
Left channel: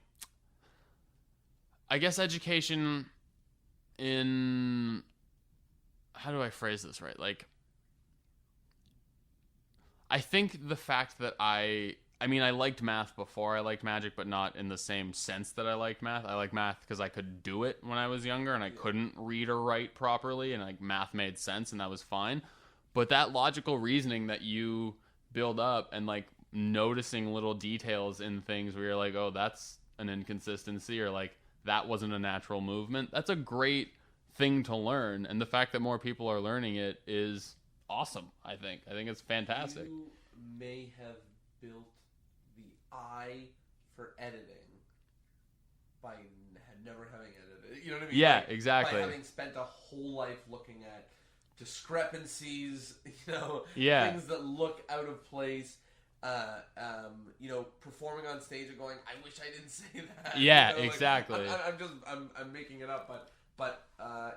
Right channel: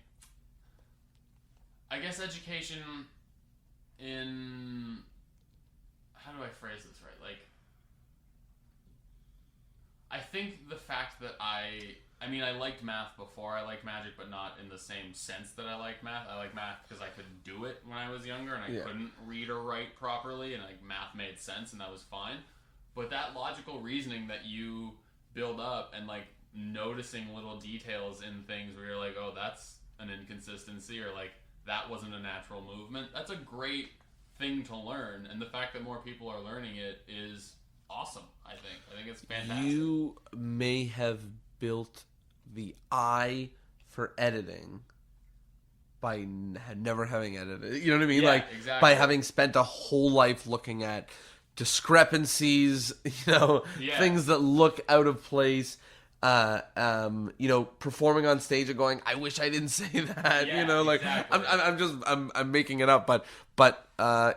I guess education in, how do I phrase this right? Like, I think the fact that I mean, I liked math before I liked magic, but not in the same sense that I liked math. I like math because I could do it when I was younger, and I couldn't read or write properly, and like math made sense, and that was fine. But that logical reasoning that you build up, and like noticing little details in things where you're like, oh, that's an inconsistency, or like that wasn't a natural movement, that's a great thing to learn. And the fact that more people are learning it is awesome. I think it's fantastic. You may have built the eye for editing by never having edited. You know what I mean? Yeah, like, exactly. By having spent a whole life looking at discrepancies, you know, things that look out of place. You know, performing on stage and going, I wish I didn't say that. Yeah, you know, like, exactly. I'm making it up, but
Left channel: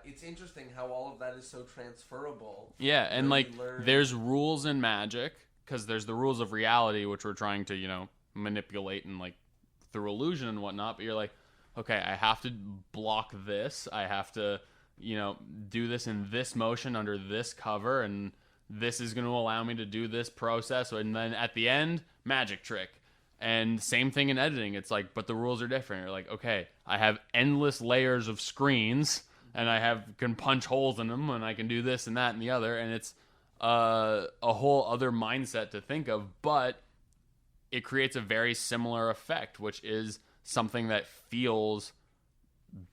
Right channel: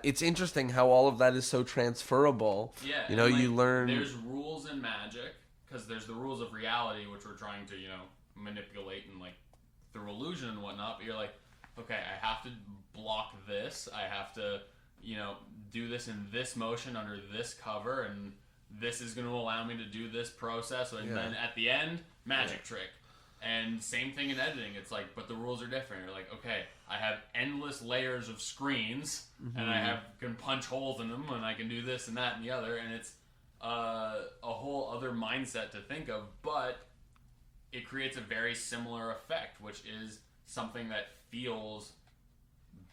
it's interesting how all of that is so transferable. Yeah, you know, and like, you learn. there's rules in magic because there's the rules of reality, which we're trying to, you know, manipulate and like through illusion and whatnot. But you're like, okay, I have to block this. I have to, you know, do this in this motion under this cover, and this is going to allow me to do this process. And then at the end, magic trick. And same thing in editing. It's like, but the rules are different. You're like, okay, I have endless layers of screens, and I can punch holes in them, and I can do this and that and the other, and it's a whole other mindset to think of, but it creates a very similar effect, which is something that feels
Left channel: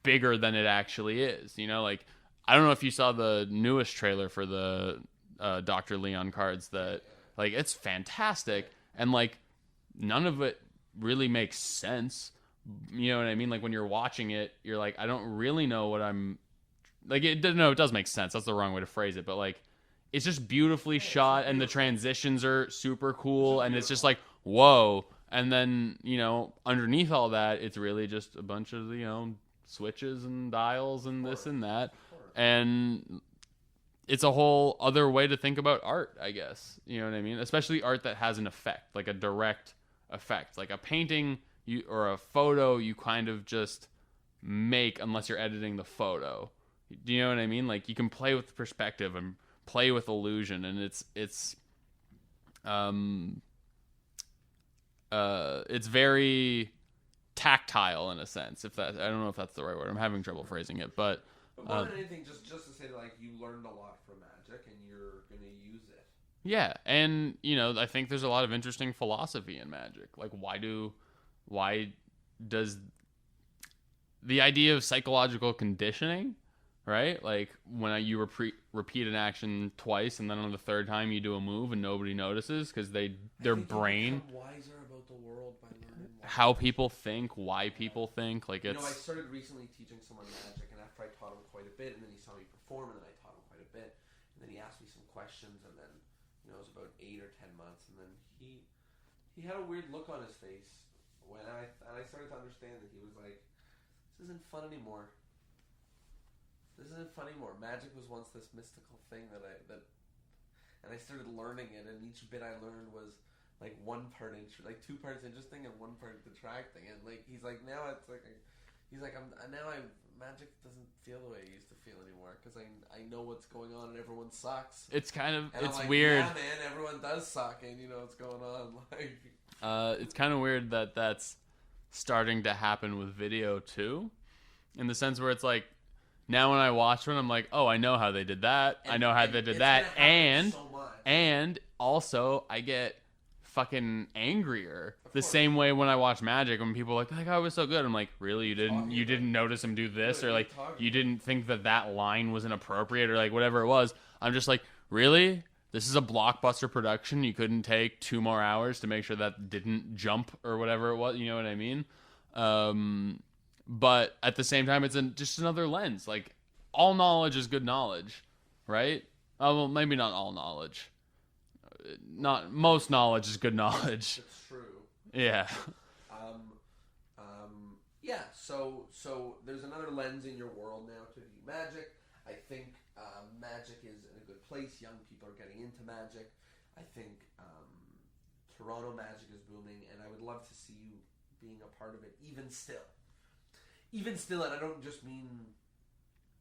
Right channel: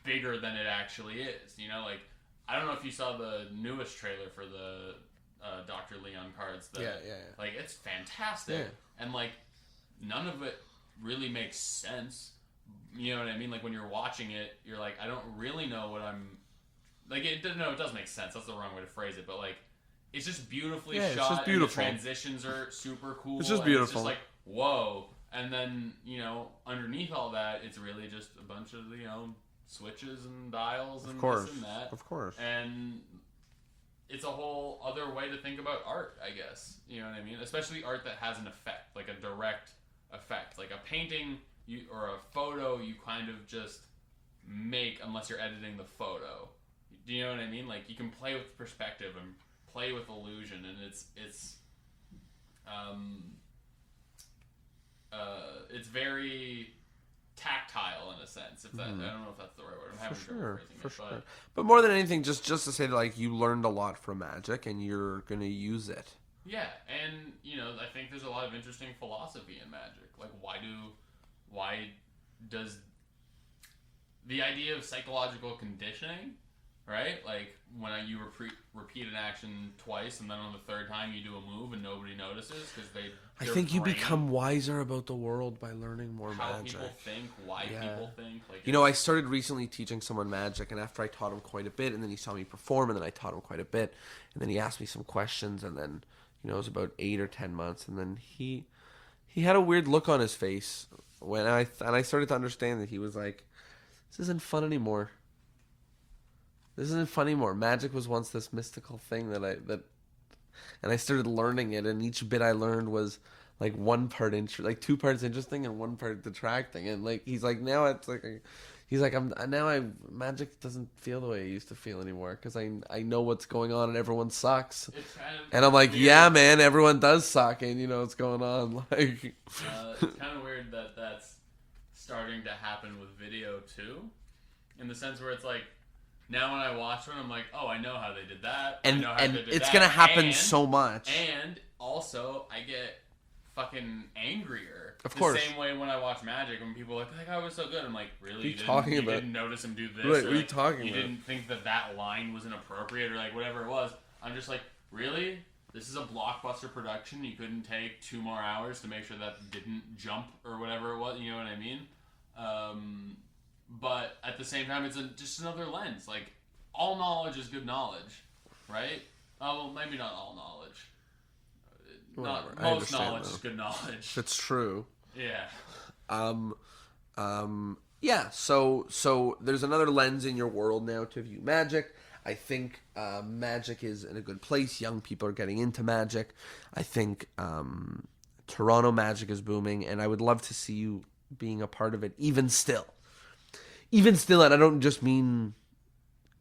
bigger than it actually is. You know, like, I don't know if you saw the newest trailer for the Dr. Leon cards. Like, it's fantastic, and like, none of it really makes sense. You know what I mean? Like, when you're watching it, you're like, I don't really know what I'm like. It does make sense. That's the wrong way to phrase it, but like, it's just beautifully shot, and the transitions are super cool, and it's just like, whoa. And then, you know, underneath all that, it's really just a bunch of, you know, switches and dials and this and that. Of course. And it's a whole other way to think about art, I guess. You know what I mean? Especially art that has an effect, like a direct effect. Like a painting or a photo, you kind of just make unless you're editing the photo. Do you know what I mean? Like, you can play with perspective and play with illusion, and it's very tactile in a sense. If that, I don't know if that's the right word. I'm having trouble phrasing it, but more than anything, just to say that, like, you learned a lot from magic, and you're gonna use it. Yeah, and you know, I think there's a lot of interesting philosophy in magic. Like, why does the idea of psychological conditioning, right? Like, when you repeat an action twice, and then on the third time you do a move and nobody notices because I think you become wiser about the world by learning more. How magic. people think, why people think. Like, you know, I started recently teaching someone magic, and after I taught him quite a bit, and then he saw me perform, and then I taught him quite a bit, and then he asked me some questions, and then, you know, it was about 8 or 10 months, and then he had a weird look on his face when I started to understand that he was like, this isn't fun anymore. This isn't fun anymore. Magic was once this mystical thing and I started learning it, and each bit I learned was like 2 parts interesting and 1 part detracting, and like he's like, now it's like magic doesn't feel the way it used to feel anymore because I know what's going on and everyone sucks. It's kind of, and I'm like, weird. Yeah, man, everyone does suck, and you know what's going on. Like, it's kind of weird that that's starting to happen with video too, in the sense where it's like, now when I watch one, I'm like, oh, I know how they did that. I know how they did that. It's gonna happen so much. And also, I get fucking angrier. Of course. The same way when I watch Magic, when people are like, I was so good. I'm like, really? You didn't notice him do this? Or like, you didn't think that line was inappropriate, or like whatever it was. I'm just like, really? this is a blockbuster production. You couldn't take 2 more hours to make sure that didn't jump or whatever it was. You know what I mean? But at the same time, it's just another lens. Like, all knowledge is good knowledge, right? Well, maybe not all knowledge. Not most knowledge is good knowledge. That's true. Yeah. Yeah. So there's another lens in your world now to view magic. I think magic is in a good place. Young people are getting into magic. I think Toronto magic is booming, and I would love to see you being a part of it. Even still, and I don't just mean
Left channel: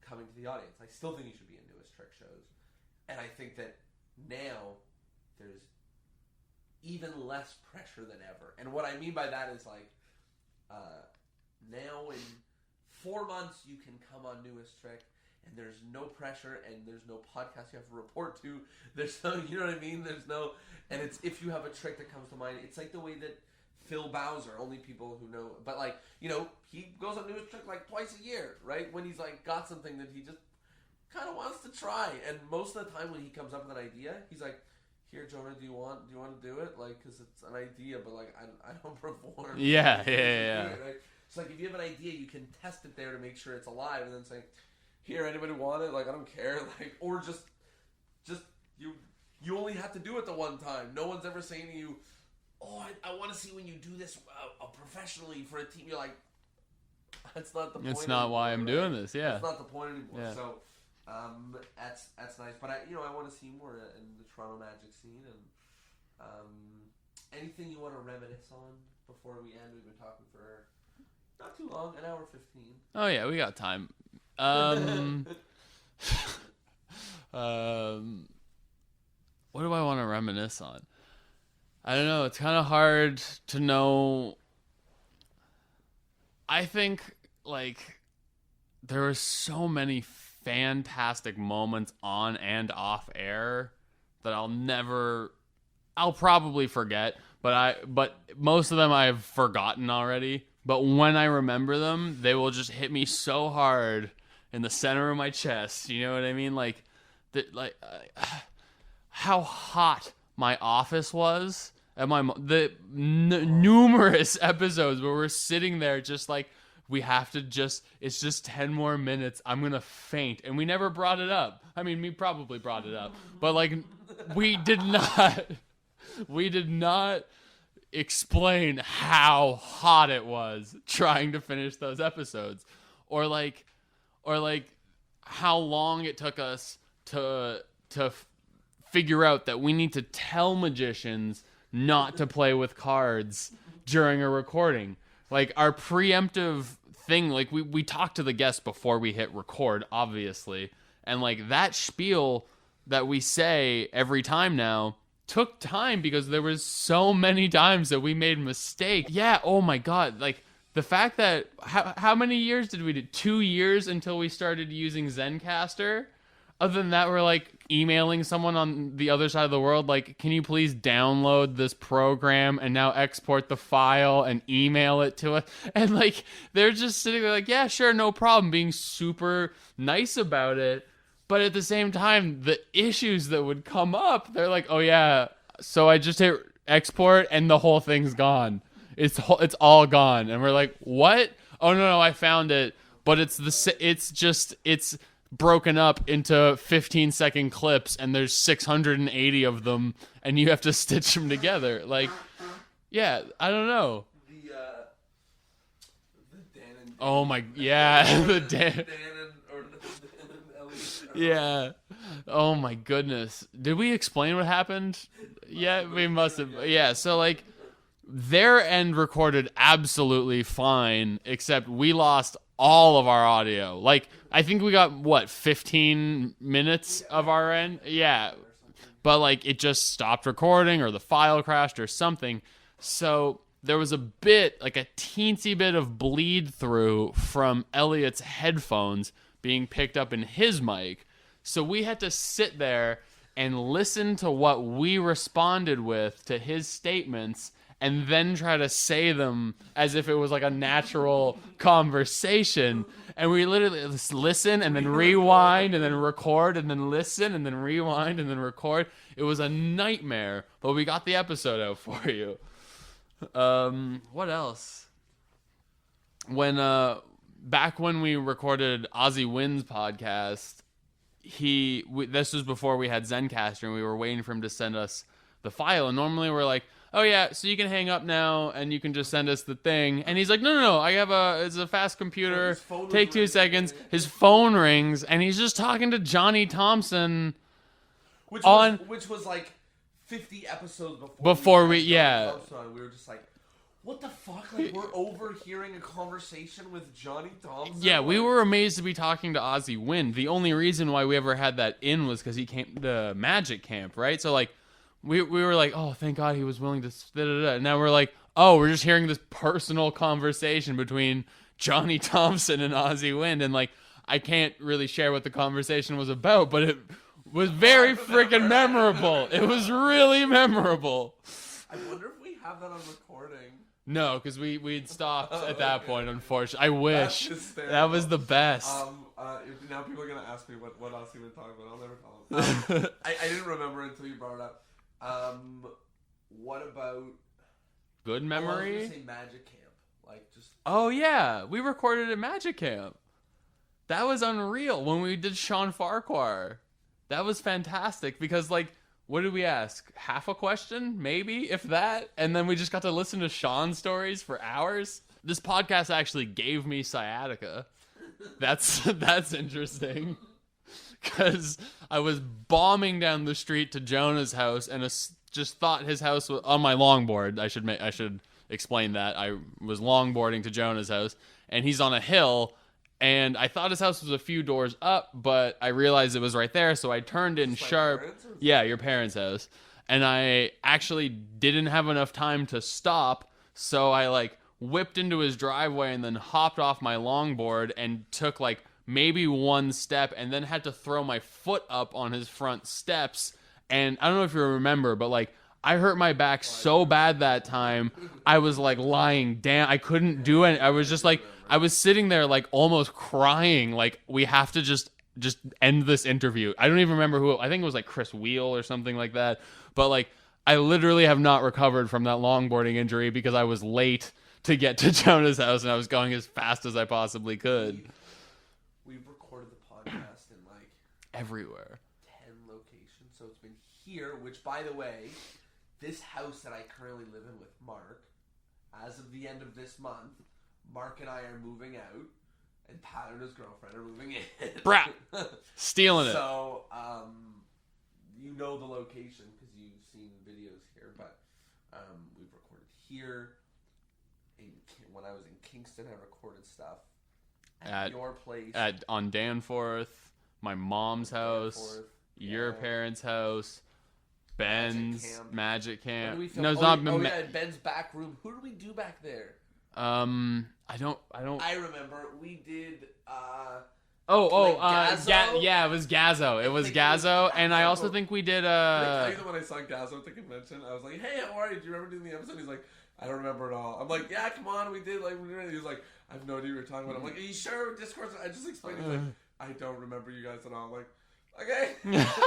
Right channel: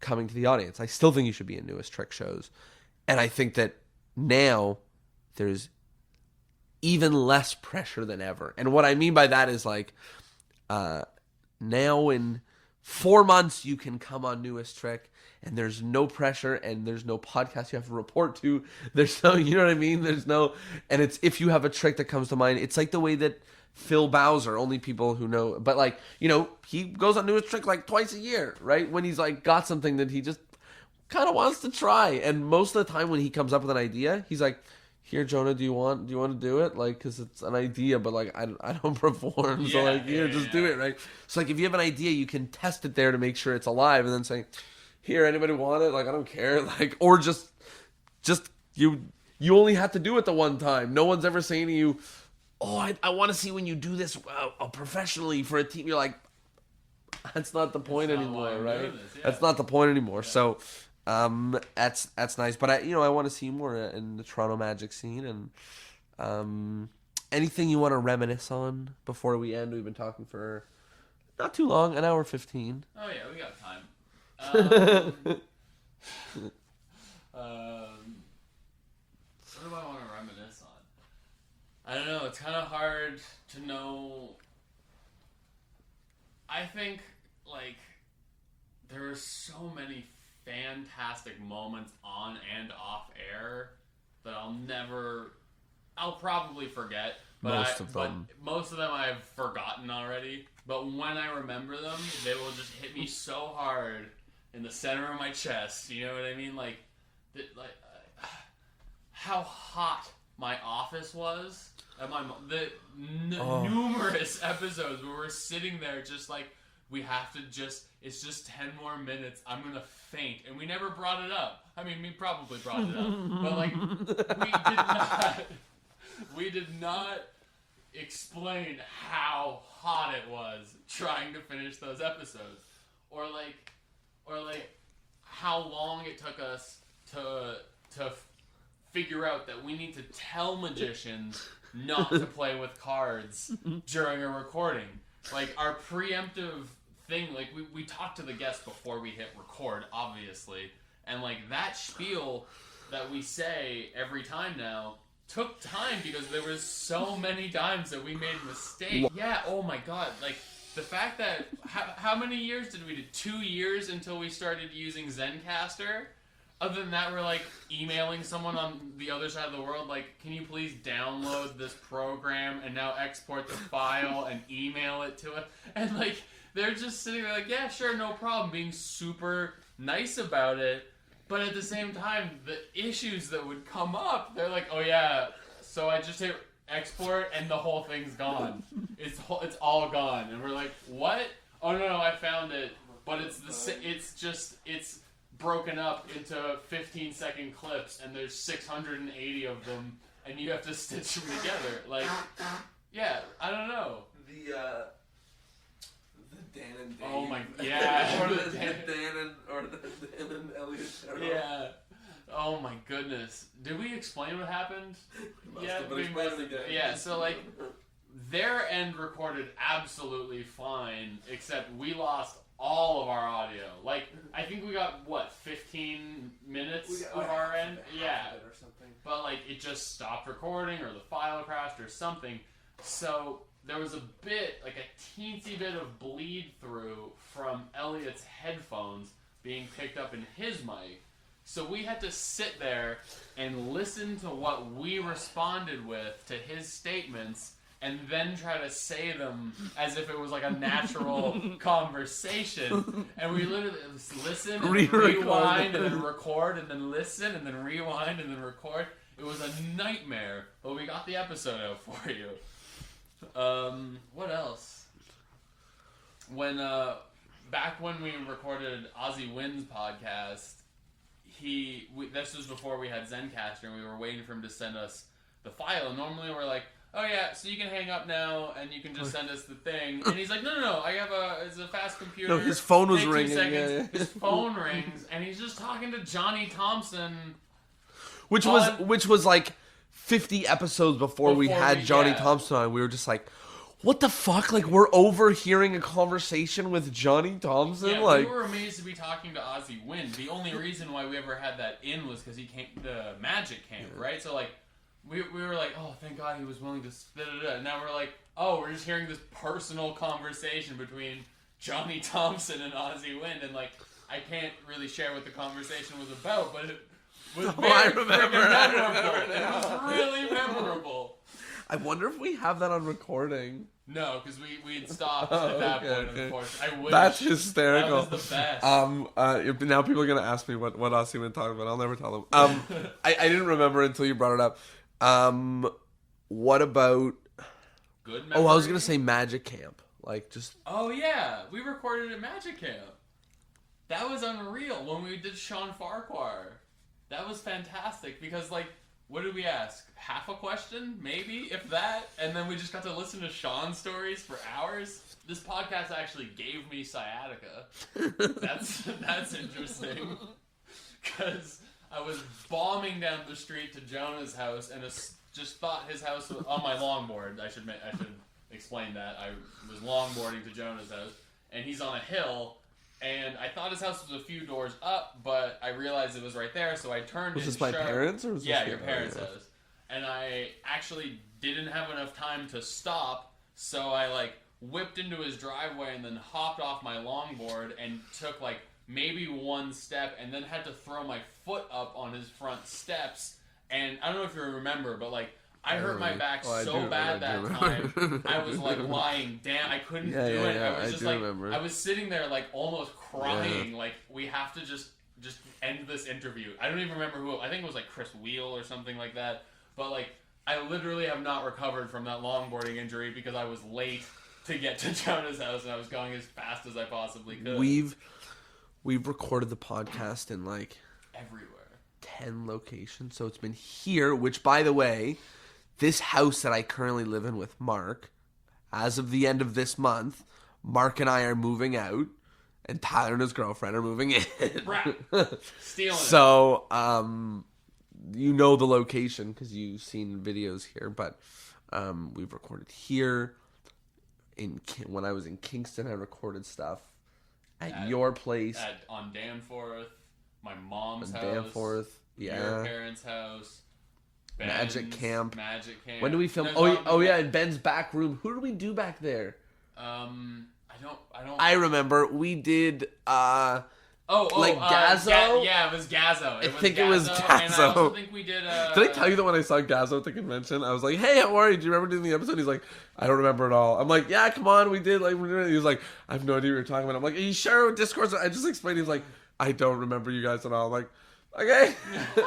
coming to the audience. I still think you should be in Newest Trick shows, and I think that now there's even less pressure than ever. And what I mean by that is like, now in 4 months you can come on Newest Trick, and there's no pressure, and there's no podcast you have to report to. There's no, you know what I mean? There's no, and it's, if you have a trick that comes to mind, it's like the way that Phil Bowser, only people who know, but like, you know, he goes on Newest Trick like twice a year, right? When he's like got something that he just kind of wants to try. And most of the time when he comes up with an idea, he's like, here, Jonah, do you want to do it? Like, because it's an idea, but like, I don't perform. So Yeah, like, here, just do it, right? So like, if you have an idea, you can test it there to make sure it's alive, and then say, here, anybody want it? Like, I don't care. Like, or just you only have to do it the one time. No one's ever saying to you, oh, I want to see when you do this professionally for a team. You're like, that's not the point anymore. That's not why I'm doing this. Yeah, that's not the point anymore. Yeah. So, that's nice. But I want to see more in the Toronto Magic scene. And anything you want to reminisce on before we end? We've been talking for not too long, an hour 15. Oh yeah, we got time. What do I want to reminisce on? I don't know. It's kind of hard to know. I think, like, there were so many fantastic moments on and off air that I'll probably forget. But most of them I've forgotten already. But when I remember them, they will just hit me so hard in the center of my chest. You know what I mean? Like, how hot my office was at numerous episodes where we're sitting there just like, we have to it's just 10 more minutes, I'm gonna faint. And we never brought it up. I mean, we probably brought it up, but like, we did not explain how hot it was trying to finish those episodes, or like how long it took us to figure out that we need to tell magicians not to play with cards during a recording. Like, our preemptive thing, like, we talk to the guests before we hit record, obviously, and like, that spiel that we say every time now took time because there was so many times that we made mistakes. Yeah, oh my god, like, the fact that how many years did we do? 2 years until we started using Zencaster. Other than that, we're like emailing someone on the other side of the world, like, can you please download this program and now export the file and email it to us? And like, they're just sitting there like, yeah, sure, no problem, being super nice about it. But at the same time, the issues that would come up, they're like, oh yeah, so I just hit export and the whole thing's gone. It's all gone. And we're like, what? Oh no, I found it. But it's broken up into 15-second clips, and there's 680 of them, and you have to stitch them together. Like, yeah, I don't know. The Dan and oh my, yeah, or the Dan and Elliot show. Yeah. Oh my goodness. Did we explain what happened? Yeah, we must have. Yeah, so like, their end recorded absolutely fine, except we lost all of our audio. Like, I think we got, 15 minutes of our end? Yeah. But like, it just stopped recording, or the file crashed or something. So there was a bit, like a teensy bit of bleed through from Elliot's headphones being picked up in his mic. So we had to sit there and listen to what we responded with to his statements, and then try to say them as if it was like a natural conversation. And we literally just listen and then rewind and then record and then listen and then rewind and then record. It was a nightmare, but we got the episode out for you. What else? Back when we recorded Ozzy Wynn's podcast, this was before we had Zencaster, and we were waiting for him to send us the file. And normally we're like, oh yeah, so you can hang up now and you can just send us the thing. And he's like, no, it's a fast computer. No, his phone was Take 2 ringing. seconds. Yeah. His phone rings and he's just talking to Johnny Thompson. Which was like 50 episodes before we had Johnny Thompson on. We were just like, what the fuck? Like, we're overhearing a conversation with Johnny Thompson? Yeah, like, we were amazed to be talking to Ozzy Wynn. The only reason why we ever had that in was because he came to the Magic Camp, right? So, like, we were like, oh, thank God he was willing to... Da-da-da. Now we're like, oh, we're just hearing this personal conversation between Johnny Thompson and Ozzy Wynn. And, like, I can't really share what the conversation was about, but it was very freaking memorable. It was really memorable. I wonder if we have that on recording. No, because we'd stopped at that point, unfortunately. I wish. That's hysterical. That was the best. Now people are going to ask me what Ozzy been talking about. I'll never tell them. I didn't remember until you brought it up. What about... Good memory? Oh, I was going to say Magic Camp. Like, just... Oh, yeah. We recorded at Magic Camp. That was unreal when we did Sean Farquhar. That was fantastic because, like, what did we ask? Half a question? Maybe, if that? And then we just got to listen to Sean's stories for hours. This podcast actually gave me sciatica. That's interesting. Because I was bombing down the street to Jonah's house and just thought his house was on my longboard. I should explain that. I was longboarding to Jonah's house, and he's on a hill. And I thought his house was a few doors up, but I realized it was right there, so I turned in sharp. Parents, or was yeah, your parents' house. And I actually didn't have enough time to stop, so I like whipped into his driveway and then hopped off my longboard and took like maybe one step and then had to throw my foot up on his front steps. And I don't know if you remember, but like I hurt my back so bad that time. I was like lying down. I couldn't do it. I was just like, I was sitting there like almost crying. Like, we have to just end this interview. I don't even remember who. I think it was like Chris Wheel or something like that. But like, I literally have not recovered from that longboarding injury because I was late to get to Jonah's house and I was going as fast as I possibly could. We've recorded the podcast in like everywhere. 10 locations. So it's been here, which by the way, this house that I currently live in with Mark, as of the end of this month, Mark and I are moving out, and Tyler and his girlfriend are moving in. Brat. Stealing it. So, you know the location because you've seen videos here, but we've recorded here. When I was in Kingston, I recorded stuff at your place. On Danforth, my mom's house, Danforth, your parents' house. Ben's, Magic Camp. When do we film? Yeah, in Ben's back room. Who did we do back there? I don't. I remember we did. Gazzo. Yeah, it was Gazzo. It was Gazzo, and I also think we did. Did I tell you that when I saw Gazzo at the convention, I was like, "Hey, how are you? Do you remember doing the episode?" He's like, "I don't remember at all." I'm like, "Yeah, come on, we did." Like, he was like, "I have no idea what you're talking about." I'm like, "Are you sure?" Discourse. I just explained. He's like, "I don't remember you guys at all." I'm like, okay.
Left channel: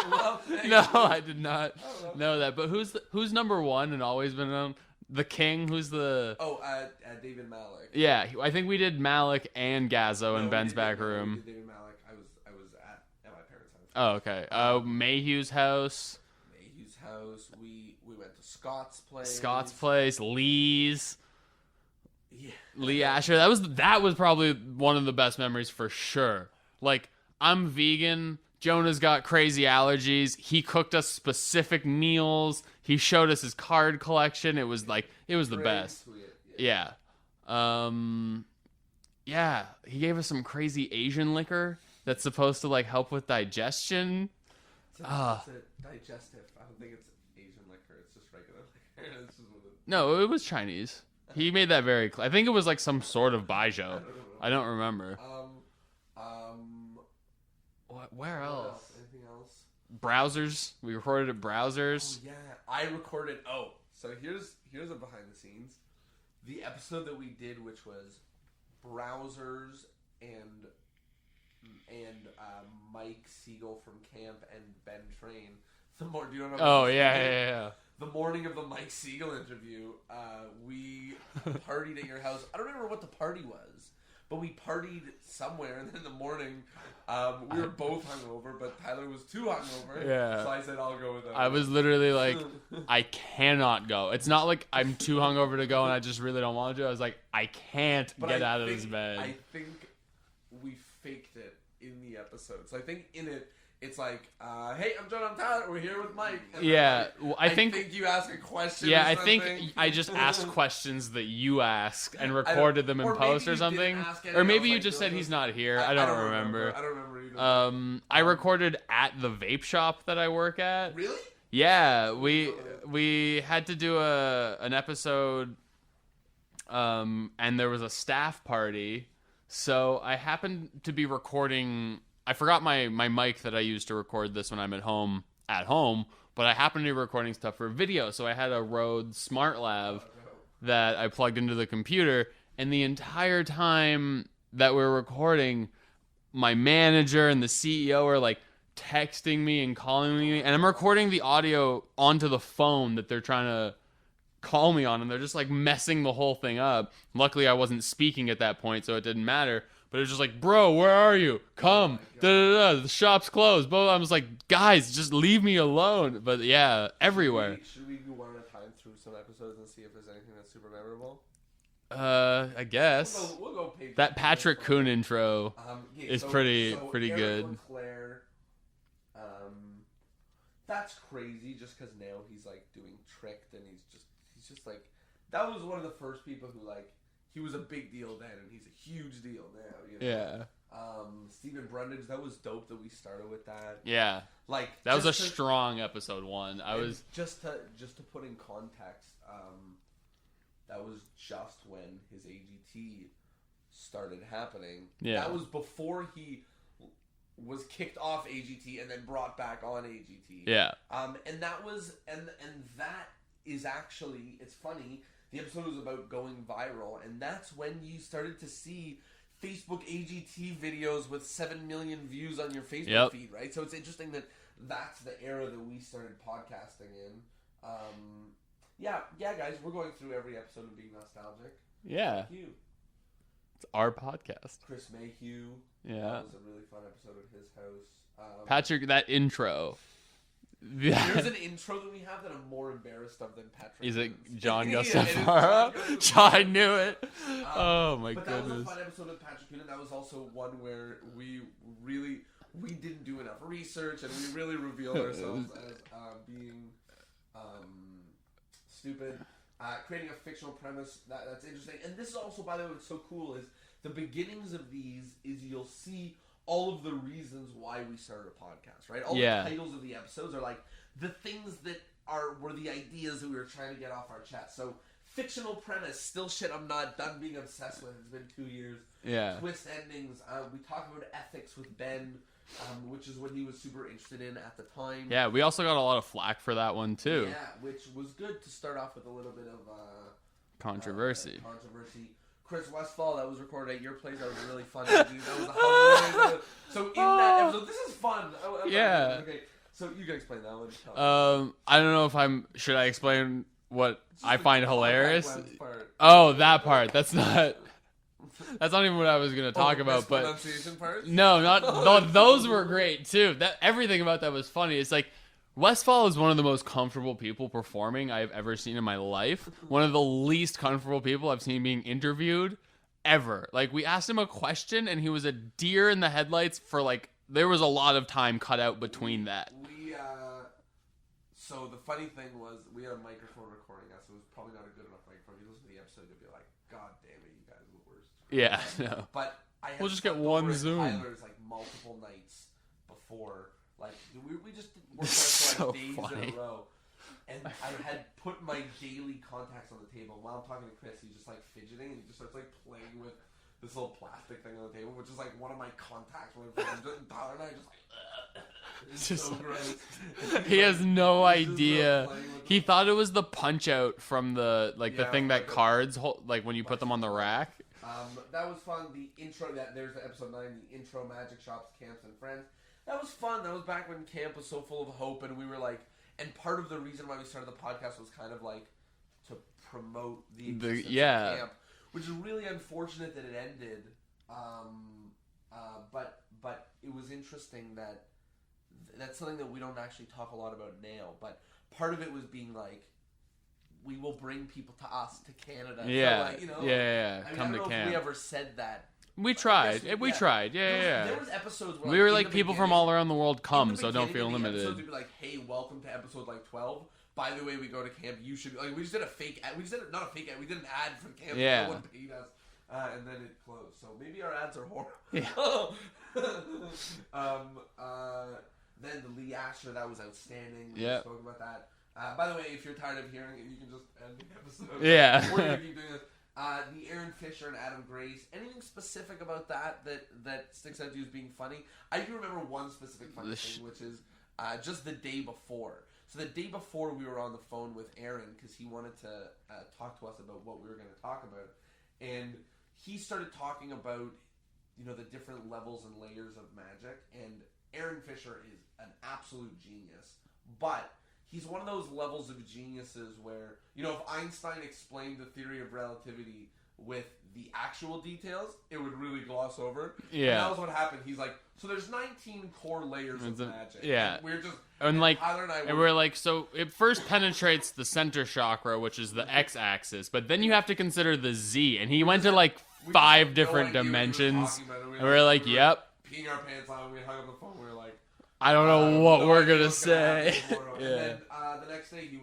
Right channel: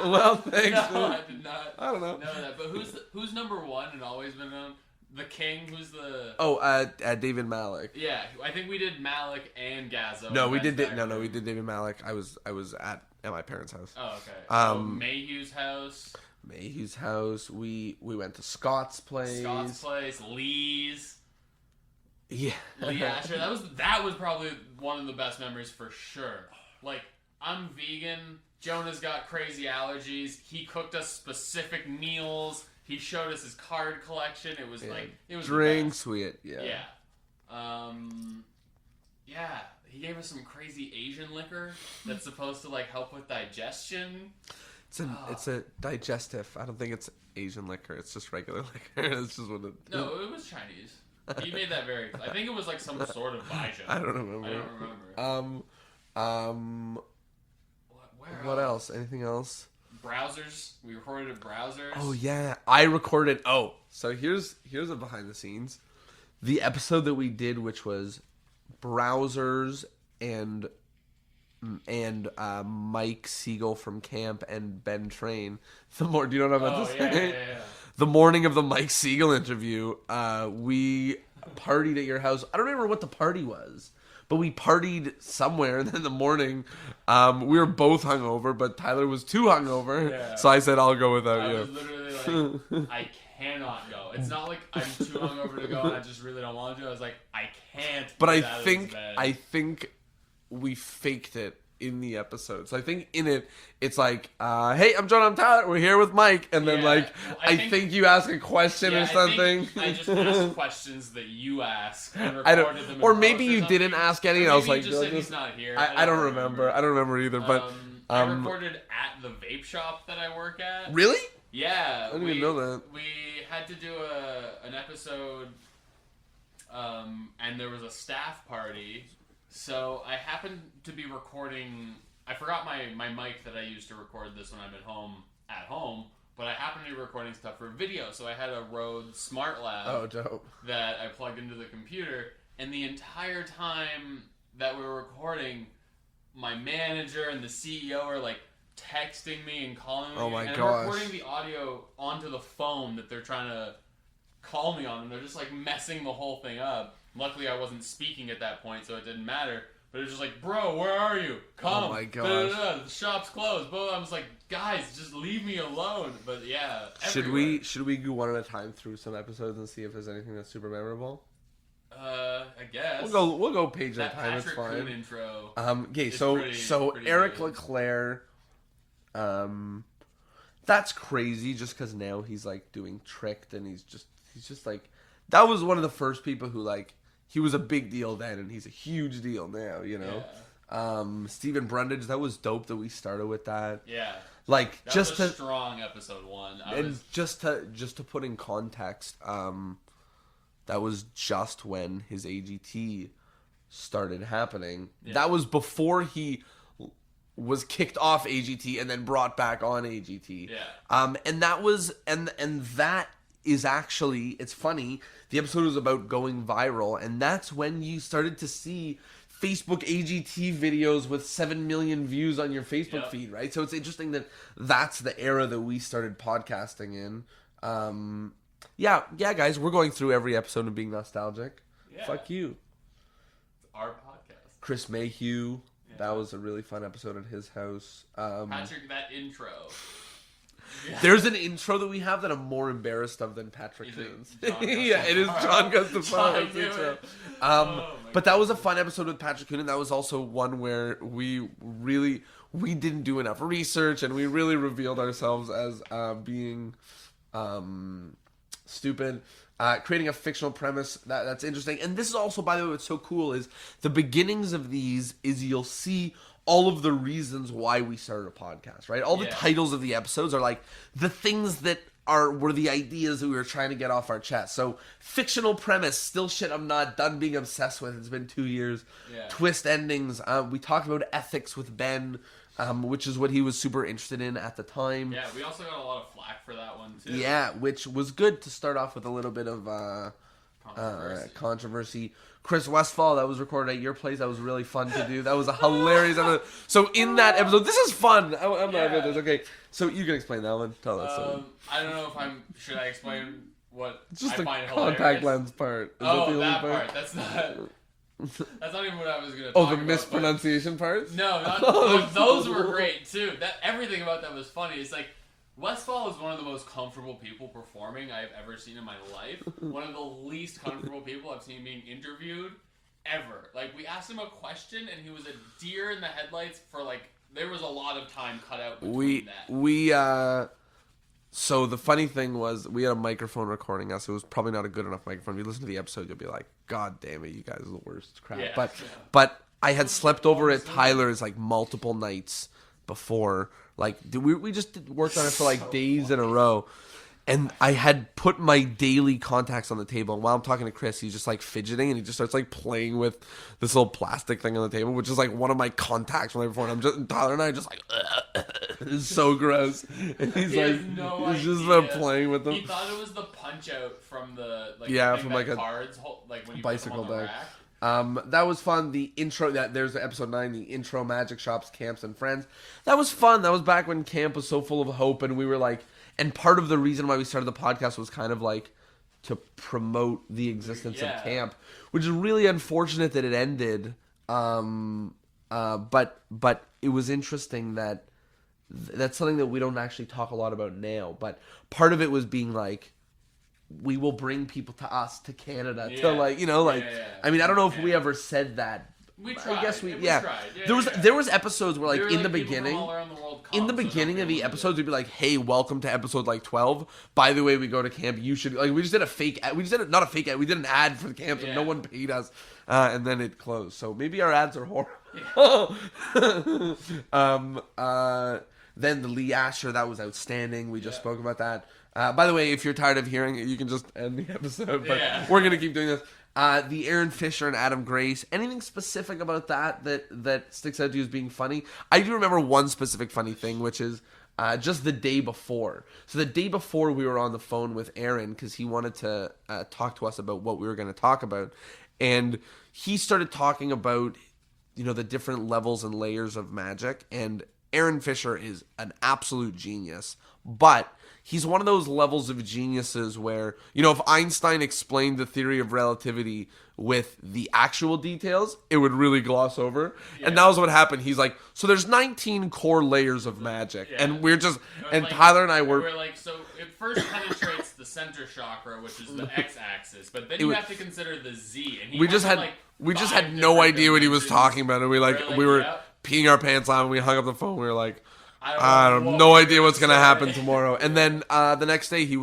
Well, thanks. No, I did not. I don't know that. But who's number one and always been on? The King. Who's the? David Malik. Yeah, I think we did Malik and Gazzo. No, in we Ben's did. Back No, room. we did David Malik. I was at my parents' house. Oh, okay. Mayhew's house. Mayhew's house. We went to Scott's place. Lee's. Yeah. Lee Asher. That was probably one of the best memories for sure. Like, I'm vegan. Jonah's got crazy allergies. He cooked us specific meals. He showed us his card collection. It was like, it was the best. Sweet. Yeah. Yeah. He gave us some crazy Asian liquor that's supposed to like help with digestion. It's a digestive. I don't think it's Asian liquor. It's just regular liquor. It's just what it. No, it was Chinese. He made that very clear. I think it was like some sort of baijiu. I don't remember. What else? Anything else? Browsers. We recorded at Browsers. Oh yeah, I recorded. Oh, so here's a behind the scenes. The episode that we did, which was Browsers and and Mike Siegel from camp and Ben Train. Do you know what I'm Oh, about to yeah, say? yeah, yeah. The morning of the Mike Siegel interview, we partied at your house. I don't remember what the party was, but we partied somewhere. And then in the morning, we were both hungover, but Tyler was too hungover. Yeah. So I said, I'll go without I you. was literally like, I cannot go. It's not like I'm too hungover to go and I just really don't want to. I was like, I can't But get out of this bed. I think we faked it in the episode. So I think in it, it's like, hey, I'm Jonah, I'm Tyler. We're here with Mike. And then Well, I think you ask a question or something. I think I just asked questions that you asked and recorded them in or post maybe or you something. didn't ask Or anything maybe else. you just said he's not here. I don't remember. I don't remember either. But I recorded at the vape shop that I work at. Really? Yeah, didn't know that. we had to do an episode, and there was a staff party. So I happened to be recording. I forgot my mic that I use to record this when I'm at home, but I happened to be recording stuff for video. So I had a Rode Smart Lav dope. that I plugged into the computer, and the entire time that we're recording, my manager and the CEO are like texting me and calling me, and I'm recording the audio onto the phone that they're trying to call me on, and they're just like messing the whole thing up. Luckily I wasn't speaking at that point, so it didn't matter, but it was just like, bro, where are you? Come. Oh my gosh. The shop's closed. But I was like, guys, just leave me alone. But yeah, everywhere. Should we go one at a time through some episodes and see if there's anything that's super memorable? I guess We'll go page that at a time, Patrick it's fine. Kuhn intro. Okay, is so pretty Eric good. Leclerc, that's crazy. Just because now he's like doing Tricked, and he's just like, that was one of the first people who like, he was a big deal then, and he's a huge deal now. You know. Yeah. Stephen Brundage, that was dope that we started with that. Yeah. Like That was a strong episode 1. Just to put in context, that was just when his AGT started happening. Yeah. That was before he was kicked off AGT and then brought back on AGT. Yeah. And that was and that is actually, it's funny, the episode was about going viral, and that's when you started to see Facebook AGT videos with 7 million views on your Facebook feed, right? So it's interesting that that's the era that we started podcasting in. Yeah, guys, we're going through every episode and being nostalgic. Yeah. Fuck you. It's our podcast. Chris Mayhew. Yeah. That was a really fun episode at his house. Patrick, that intro. There's an intro that we have that I'm more embarrassed of than Patrick. Is it Coon's. John Gustafaro? Yeah, it is John Gustafaro. I knew it. Oh my But that was a goodness. fun episode with Patrick Coon, and that was also one where we didn't do enough research, and we really revealed ourselves as being stupid. Creating a fictional premise that's interesting. And this is also, by the way, what's so cool is the beginnings of these is you'll see all of the reasons why we started a podcast, right? All the titles of the episodes are like the things that were the ideas that we were trying to get off our chest. So fictional premise, still shit I'm not done being obsessed with. It's been 2 years. Yeah. Twist endings. We talked about ethics with Ben, which is what he was super interested in at the time. Yeah, we also got a lot of flack for that one too. Yeah, which was good to start off with a little bit of controversy. Chris Westfall, that was recorded at your place. That was really fun to do. That was a hilarious episode. So in that episode, this is fun. I'm Yeah. this. Okay, so you can explain that one. Tell us. I don't know if should I explain what I find hilarious? Contact lens part. Oh, that part. That's not even what I was gonna talk the about. mispronunciation part. No, not those were great too. Everything about that was funny. It's like Westfall is one of the most comfortable people performing I've ever seen in my life. One of the least comfortable people I've seen being interviewed ever. Like, we asked him a question and he was a deer in the headlights for like, there was a lot of time cut out between that. So the funny thing was, we had a microphone recording us. It was probably not a good enough microphone. If you listen to the episode, you'll be like, God damn it, you guys are the worst crap. Yeah. But I had We'll just slept get one over at Zoom. Tyler's like multiple nights before. Like, we just worked on it for like So days in a funny. row. And I had put my daily contacts on the table. And while I'm talking to Chris, he's just like fidgeting, and he just starts like playing with this little plastic thing on the table, which is like one of my contacts from my phone. Tyler and I are just like, it's so gross. And He has no he's idea. just like playing with them. He thought it was the punch out from the Yeah, the thing from that like a cards hold, like when you put them on the bicycle deck. rack. That was fun. The intro, there's episode 9, the intro, magic shops, camps, and friends. That was fun. That was back when camp was so full of hope, and we were like, and part of the reason why we started the podcast was kind of like to promote the existence of camp, which is really unfortunate that it ended. But it was interesting that that's something that we don't actually talk a lot about now. But part of it was being like, we will bring people to us, to Canada, to like, you know, like, I mean, I don't know if we ever said that. We tried. We tried. Yeah, there was episodes where, like, we were in like the people beginning, from all around the world come. In the beginning of the episodes, we'd be like, "Hey, welcome to episode like 12. By the way, we go to camp. You should like." We just did a fake ad. We just did not a fake ad. We did an ad for the camp. Yeah. And no one paid us, and then it closed. So maybe our ads are horrible. Yeah. Then the Lee Asher, that was outstanding. We just spoke about that. By the way, if you're tired of hearing it, you can just end the episode. Yeah, we're gonna keep doing this. The Aaron Fisher and Adam Grace. Anything specific about that sticks out to you as being funny? I do remember one specific funny thing, which is just the day before. So the day before, we were on the phone with Aaron because he wanted to talk to us about what we were going to talk about, and he started talking about, you know, the different levels and layers of magic. And Aaron Fisher is an absolute genius, but he's one of those levels of geniuses where, you know, if Einstein explained the theory of relativity with the actual details, it would really gloss over. Yeah. And that was what happened. He's like, so there's 19 core layers of magic. Yeah. And we're just, and like, Tyler and I we're like, so it first penetrates the center chakra, which is the x-axis, but then you have to consider the z. And he went to like we just had no idea what he was talking about. And we were peeing our pants on, and we hung up the phone. We were like, I have no idea what's going to happen tomorrow. And then the next day he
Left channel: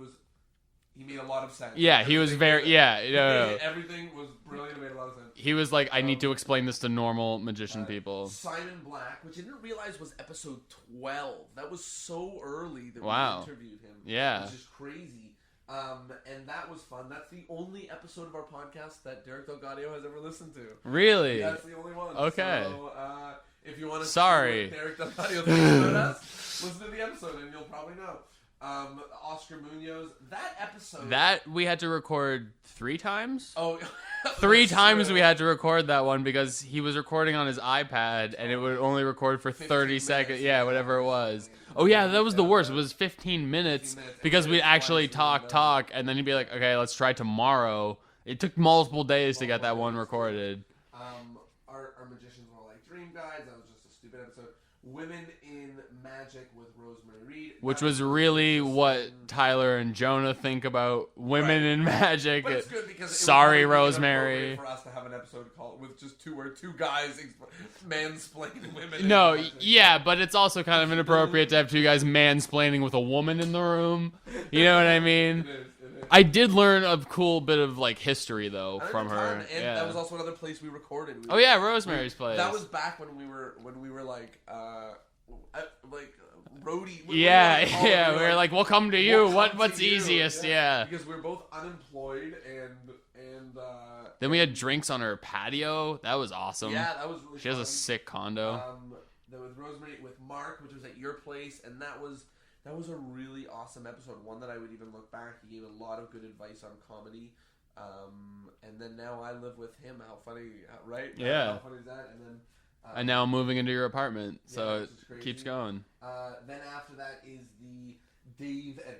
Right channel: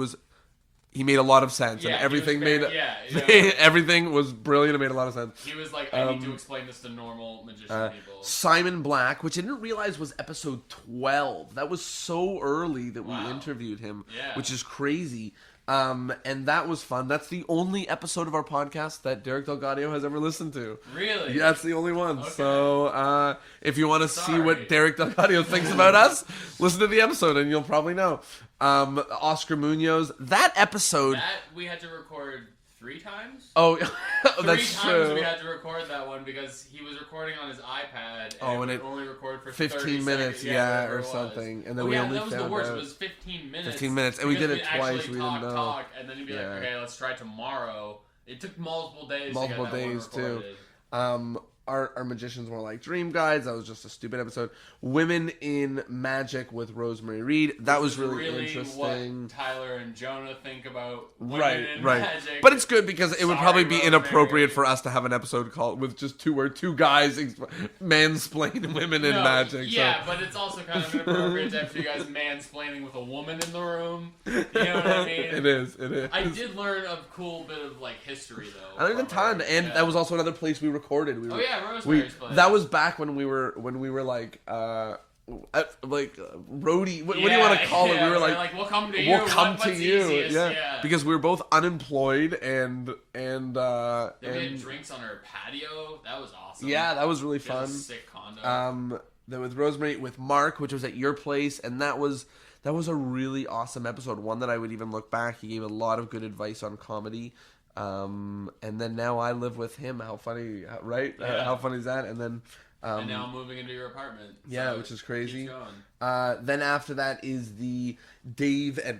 made a lot of sense. Yeah, everything everything was brilliant. It made a lot of sense. He was like, I need to explain this to normal magician people. Simon Black, which I didn't realize was episode 12. That was so early that we interviewed him. Yeah. Which is crazy. And that was fun. That's the only episode of our podcast that Derek Delgadio has ever listened to. Really? Yeah, that's the only one. Okay. So, if you want to see what Derek Delgadio thinks about us, listen to the episode and you'll probably know. Oscar Munoz, that episode... That we had to record 3 times? Oh, 3 times we had to record that one because he was recording on his iPad and it would only record for 30 seconds. Yeah, whatever it was. Oh yeah, that was the worst. It was 15 minutes. 15 minutes. Because we actually talk, and then you'd be like, okay, let's try tomorrow. It took multiple days to get that one recorded. Our magicians were like dream guides. That was just a stupid episode. Women in Magic with Rosemary Reed. That was really what Tyler and Jonah think about women in magic. But it's good because it would probably be inappropriate for us to have an episode called with just two guys mansplain women in magic. Yeah, but it's also kind of inappropriate to have 2 guys mansplaining with a woman in the room. You know what I mean? It is. I did learn a cool bit of like history though. I learned a ton, and that was also another place we recorded. Rosemary's Place. That was back when we were like roadie. What do you want to call it? We were like, we'll come to you. What's easiest? Yeah. Because we were both unemployed and then we had drinks on her patio. That was awesome. Yeah, that was really fun. She has a sick condo. Then with Rosemary, with Mark, which was at your place, and that was a really awesome episode. One that I would even look back. He gave a lot of good advice on comedy. And then now I live with him. How funny, right? Yeah. How funny is that? And then... and now I'm moving into your apartment. So which is crazy. Keeps going. Then after that is the Dave and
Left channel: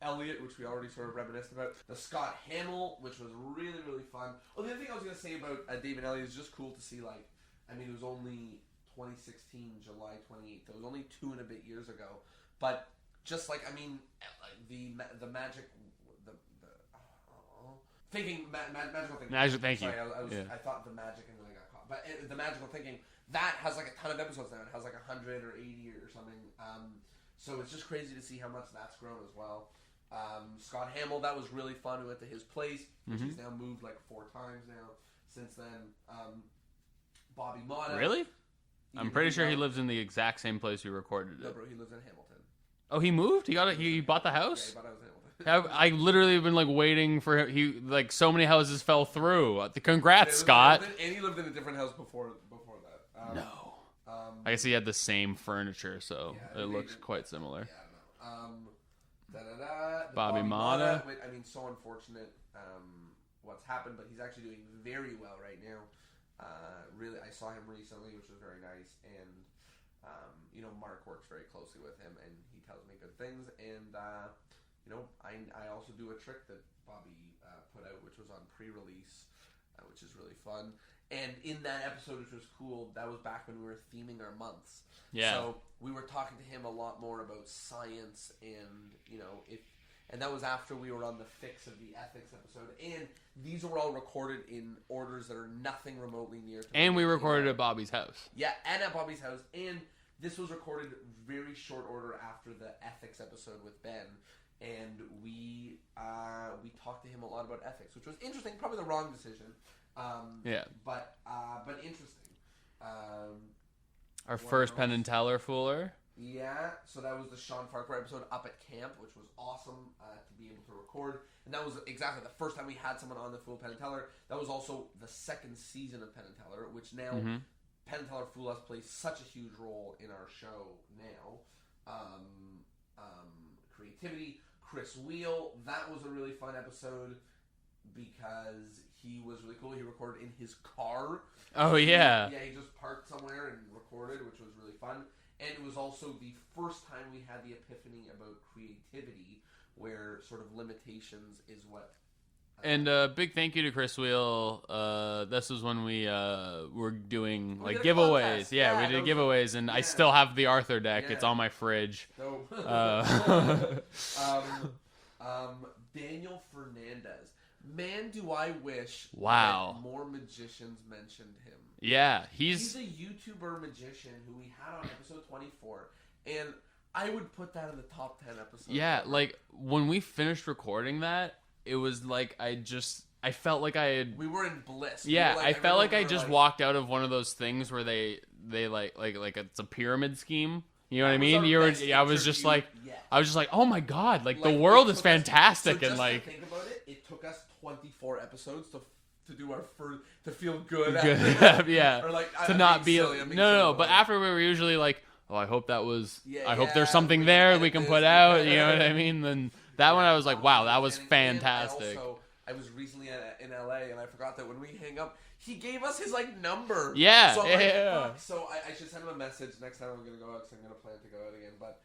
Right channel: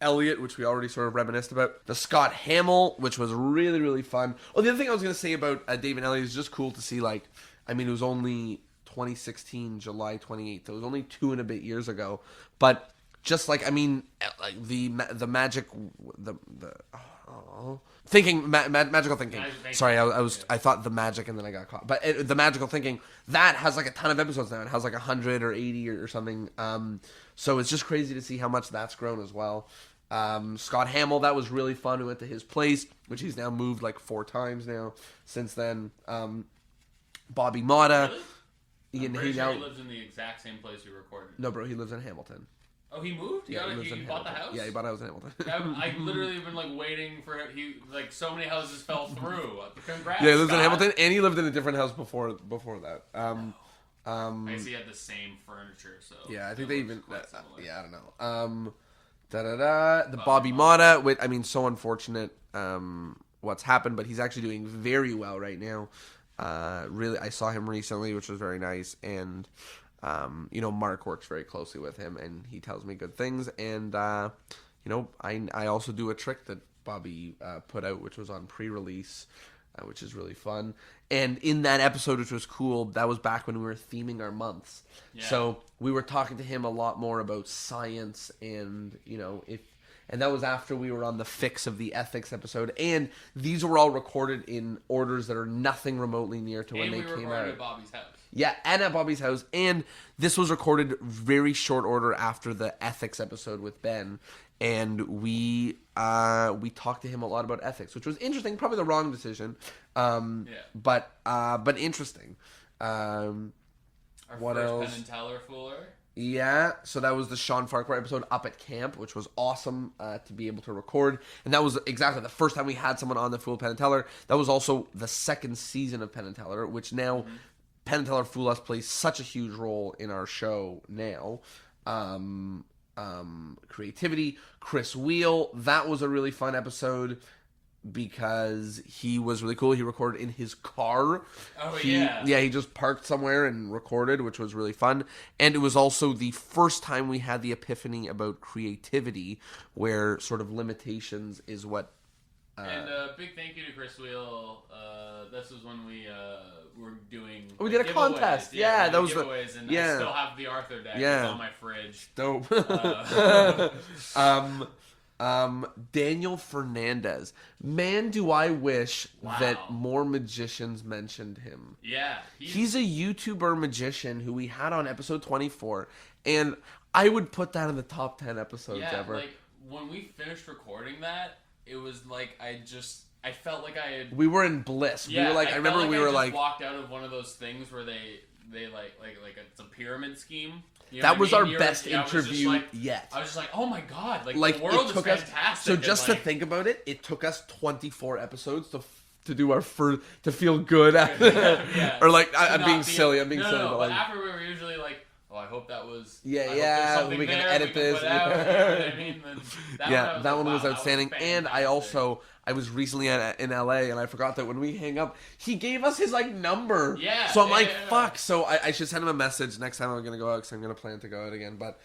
Elliot, which we already sort of reminisced about. The Scott Hamill, which was really, really fun. Oh, the other thing I was going to say about Dave and Elliot is just cool to see, like, I mean, it was only 2016, July 28th. It was only 2 and a bit years ago. But just like, I mean, like the magic, magical thinking. Sorry, I thought the magic and then I got caught. But the magical thinking, that has like a ton of episodes now. It has like 100 or 80 or something. So it's just crazy to see how much that's grown as well. Scott Hamill, that was really fun. We went to his place, which he's now moved like 4 times now since then. Bobby Motta. Really? I'm pretty sure he lives in the exact same place we recorded. No, bro, he lives in Hamilton. Oh, he moved? He bought the house? Yeah, he bought a house in Hamilton. I literally have been like waiting for him. He like so many houses fell through. Congrats, he lived Scott. in Hamilton, and he lived in a different house before that. No. I guess he had the same furniture, so yeah, I think they even quite similar. Yeah, I don't know. The Bobby Motta, I mean, so unfortunate what's happened, but he's actually doing very well right now. Really, I saw him recently, which was very nice, and Mark works very closely with him, and he tells me good things. And I also do a trick that Bobby put out, which was on pre-release, which is really fun. And in that episode, which was cool, that was back when we were theming our months. Yeah. So we were talking to him a lot more about science, and and that was after we were on the fix of the ethics episode. And these were all recorded in orders that are nothing remotely near to. And we recorded at Bobby's house. Yeah, and at Bobby's house. And this was recorded very short order after the ethics episode with Ben. And we talked to him a lot about ethics, which was interesting. Probably the wrong decision. But interesting. Our first Penn and Teller fooler. Yeah, so that was the Sean Farquhar episode up at camp, which was awesome to be able to record. And that was exactly the first time we had someone on the Fool Penn and Teller. That was also the second season of Penn and Teller, which now Penn and Teller Fool Us plays such a huge role in our show now. Creativity, Chris Wheel, that was a really fun episode because he was really cool. He recorded in his car. He just parked somewhere and recorded, which was really fun. And it was also the first time we had the epiphany about creativity, where sort of limitations is what and big thank you to Chris Wheel. This was when we were doing giveaways. Contest. Yeah, we did giveaways, and I still have the Arthur deck. Yeah. It's on my fridge. Dope. Daniel Fernandez. Man, do I wish that more magicians mentioned him. Yeah, he's a YouTuber magician who we had on episode 24, and I would put that in the top 10 episodes. Yeah, ever. like when we finished recording that, it was like I felt like I had. We were in bliss. Yeah, I felt like I just walked out of one of those things where they like it's a pyramid scheme. You know that was I mean? our best interview I was just like, yet. I was just like, oh my god, like the world is fantastic. So just to think about it, it took us 24 episodes to do our first, to feel good. Yeah. Or like, I'm being silly. No, but after we were usually like, oh, I hope that was. I hope there's something we there we can put out. You know what I mean? Then that one I was like, wow, that was fantastic. And I was recently in LA, and I forgot that when we hang up, he gave us his number. Yeah. So I'm like, fuck. So I should send him a message next time I'm gonna go out, because I'm gonna plan to go out again. But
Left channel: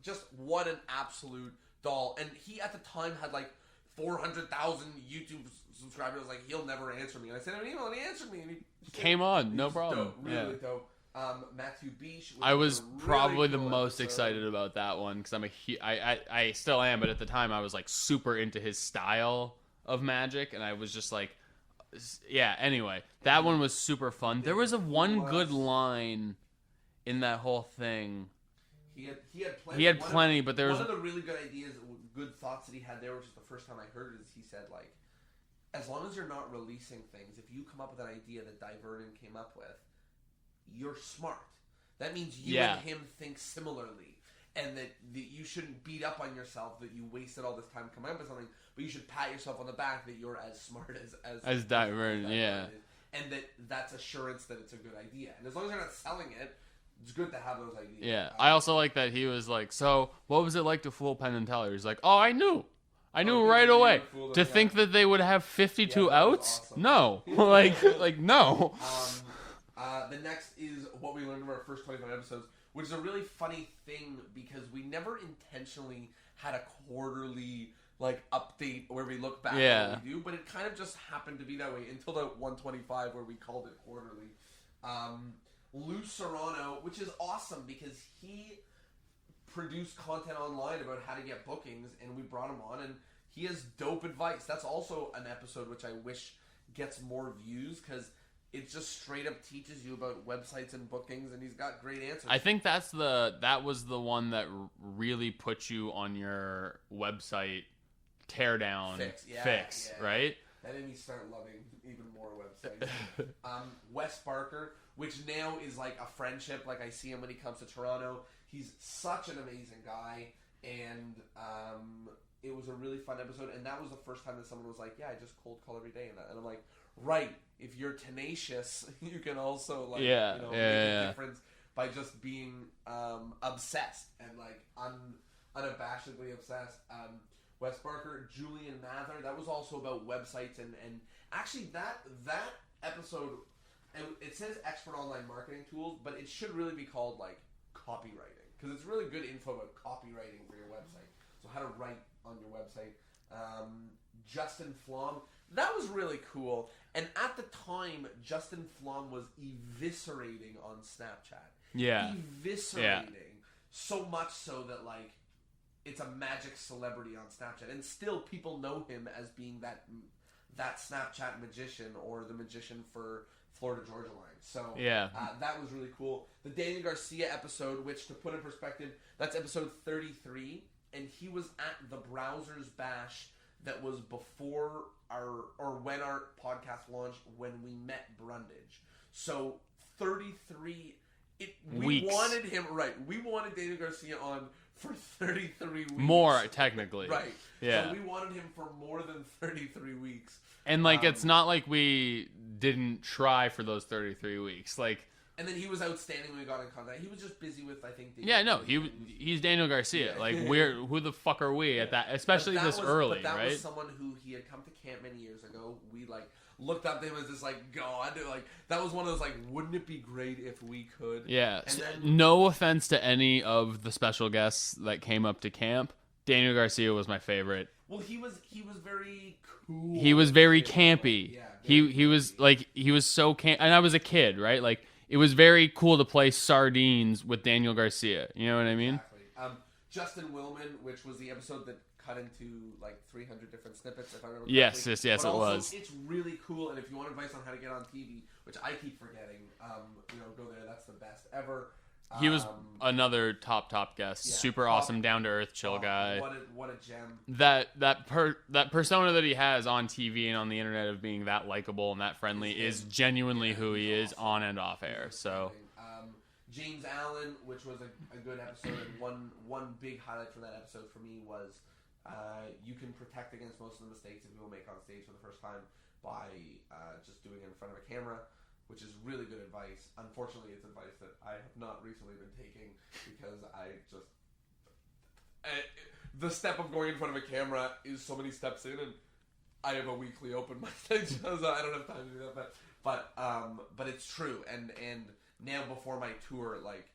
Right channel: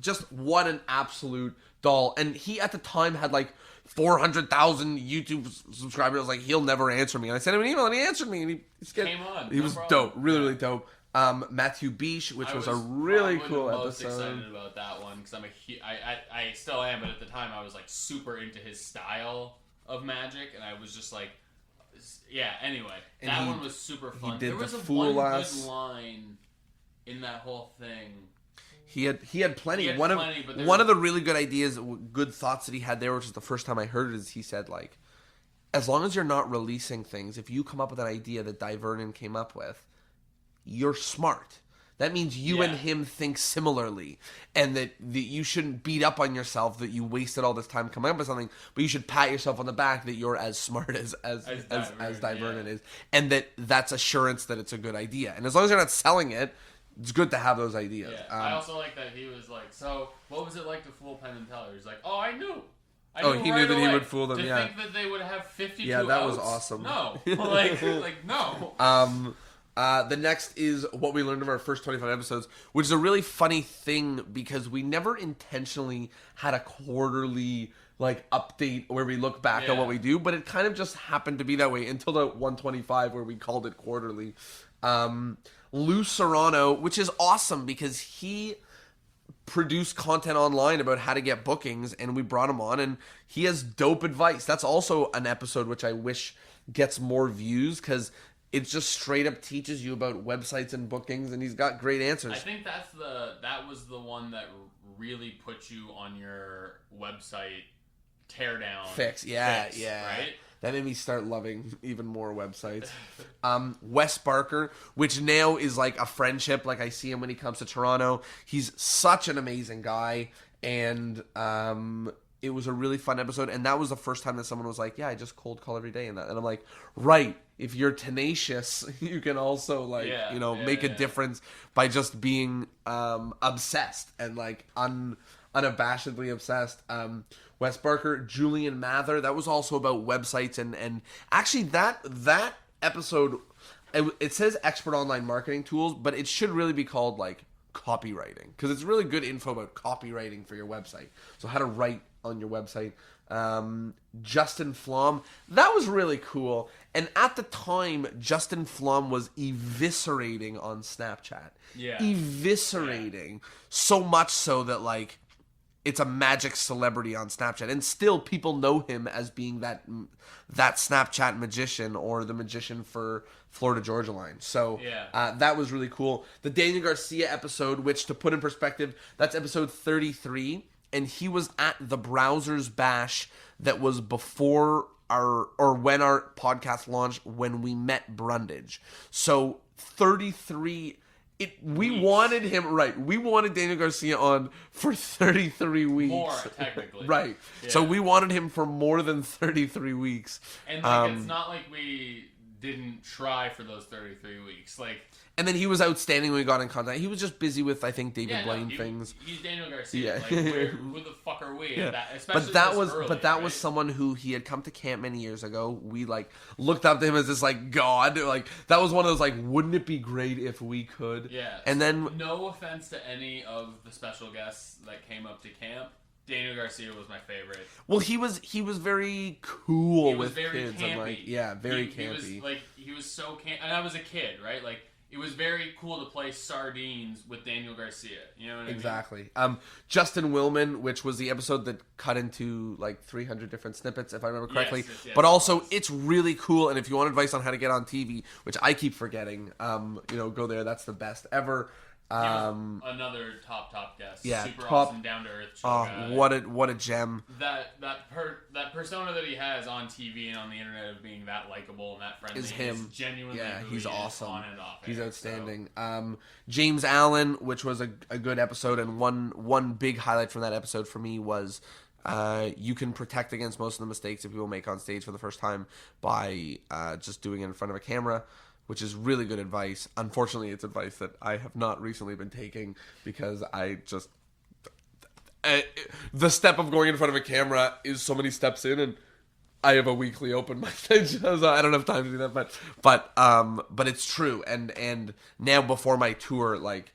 just what an absolute doll. And he at the time had 400,000 YouTube subscribers. I was like, he'll never answer me. And I sent him an email, and he answered me, and he came on. He was dope, really dope. Matthew Beach, which was a really probably cool the most episode. Excited about that one, because I still am, but at the time I was super into his style of magic, and I was just like, yeah. Anyway, that one was super fun. There was one good line in that whole thing. He had plenty. But one of the really good ideas, good thoughts that he had there, which is the first time I heard it, is he said as long as you're not releasing things, if you come up with an idea that Di Vernon came up with, you're smart. That means you and him think similarly, and that you shouldn't beat up on yourself that you wasted all this time coming up with something, but you should pat yourself on the back that you're as smart as Di Vernon is, and that's assurance that it's a good idea. And as long as you're not selling it, it's good to have those ideas. Yeah, I also like that he was like, so what was it like to fool Penn and Teller? He's like, oh, I knew right away. To think that they would have 52 outs? Was awesome. No, no. The next is what we learned of our first 25 episodes, which is a really funny thing because we never intentionally had a quarterly update where we look back at what we do, but it kind of just happened to be that way until the 125 where we called it quarterly. Lou Serrano, which is awesome because he produced content online about how to get bookings, and we brought him on, and he has dope advice. That's also an episode which I wish gets more views, because it just straight up teaches you about websites and bookings, and he's got great answers. I think that was the one that really put you on your website teardown fix, yeah. Right? That made me start loving even more websites. Wes Barker, which now is a friendship. I see him when he comes to Toronto. He's such an amazing guy, and it was a really fun episode. And that was the first time that someone was like, yeah, I just cold call every day. And I'm like, right. If you're tenacious, you can also make a difference by just being obsessed and unabashedly obsessed. Wes Barker, Julian Mather. That was also about websites and actually that episode, it says expert online marketing tools, but it should really be called like copywriting, because it's really good info about copywriting for your website. So how to write on your website. Justin Flom, that was really cool. And at the time, Justin Flom was eviscerating on Snapchat. Yeah. Eviscerating. So much so that, like, it's a magic celebrity on Snapchat. And still, people know him as being that Snapchat magician, or the magician for Florida Georgia Line. So that was really cool. The Daniel Garcia episode, which, to put in perspective, that's episode 33. And he was at the Browsers Bash that was before when our podcast launched, when we met Brundage. So 33, we wanted him, right. We wanted Daniel Garcia on for 33 weeks. More, technically. Right. Yeah. So we wanted him for more than 33 weeks. And, like, it's not like we didn't try for those 33 weeks. Like... And then he was outstanding when we got in contact. He was just busy with, I think, David Blaine things. He's Daniel Garcia. Yeah. Like, who the fuck are we at that? Especially early, But that was someone who he had come to camp many years ago. We, like, looked up to him as this, like, god. Like, that was one of those, like, wouldn't it be great if we could? Yeah. And then... No offense to any of the special guests that came up to camp. Daniel Garcia was my favorite. Well, he was very cool. He was very kids, campy. Yeah, very campy. He was, like, he was so camp. And I was a kid, right? Like... It was very cool to play sardines with Daniel Garcia. You know what I mean? Exactly. Justin Willman, which was the episode that cut into like 300 different snippets, if I remember correctly. Yes, but also, it's really cool. And if you want advice on how to get on TV, which I keep forgetting, go there. That's the best ever. He was another top guest. Yeah, super awesome, down to earth, chill guy. What a gem. That persona that he has on TV and on the internet of being that likable and that friendly is genuinely who he is on and off air. He's outstanding. So. James Allen, which was a good episode, and one big highlight from that episode for me was you can protect against most of the mistakes that people make on stage for the first time by just doing it in front of a camera, which is really good advice. Unfortunately, it's advice that I have not recently been taking, because I just... the step of going in front of a camera is so many steps in, and I have a weekly open mic, so I don't have time to do that. But it's true. And now before my tour, like,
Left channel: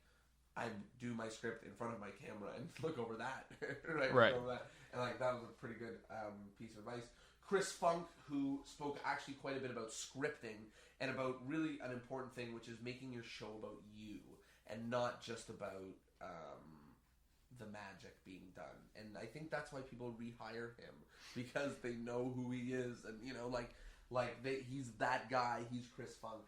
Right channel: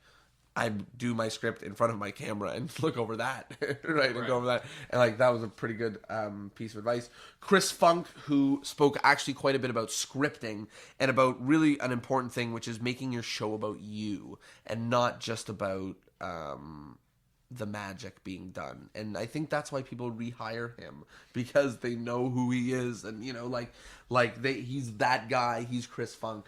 I do my script in front of my camera and look over that, right? Look over that, and like that was a pretty good piece of advice. Chris Funk, who spoke actually quite a bit about scripting and about really an important thing, which is making your show about you and not just about the magic being done. And I think that's why people rehire him, because they know who he is, and he's that guy. He's Chris Funk.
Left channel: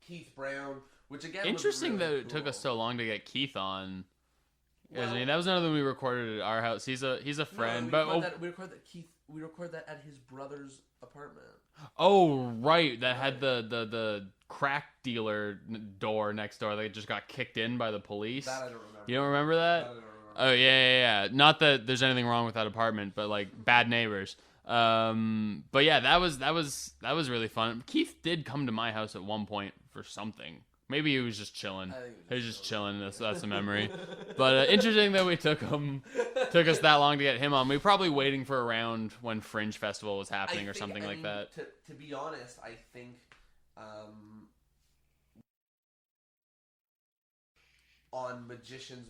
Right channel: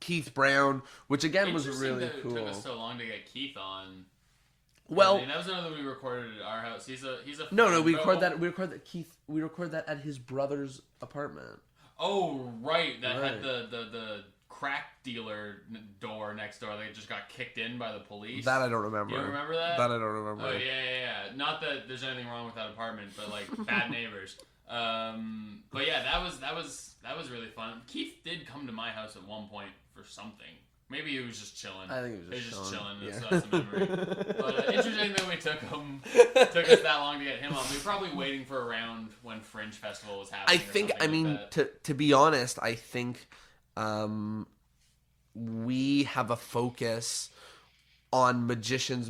Keith Brown, which again was really cool. Interesting that it took us so long to get Keith on. Well, I mean, that was another one we recorded at our house. He's a friend. No, we recorded that at his brother's apartment. Oh, right. That had the crack dealer door next door that just got kicked in by the police. That I don't remember. You don't remember that? That I don't remember. Oh, yeah. Not that there's anything wrong with that apartment, but like bad neighbors. But yeah, that was really fun. Keith did come to my house at one point for something. Maybe he was just chilling. I think he was just chilling. That's a memory. But interesting that we took us that long to get him on. We were probably waiting for around when Fringe Festival was happening or something like that. To be honest, I think we have a focus on magicians,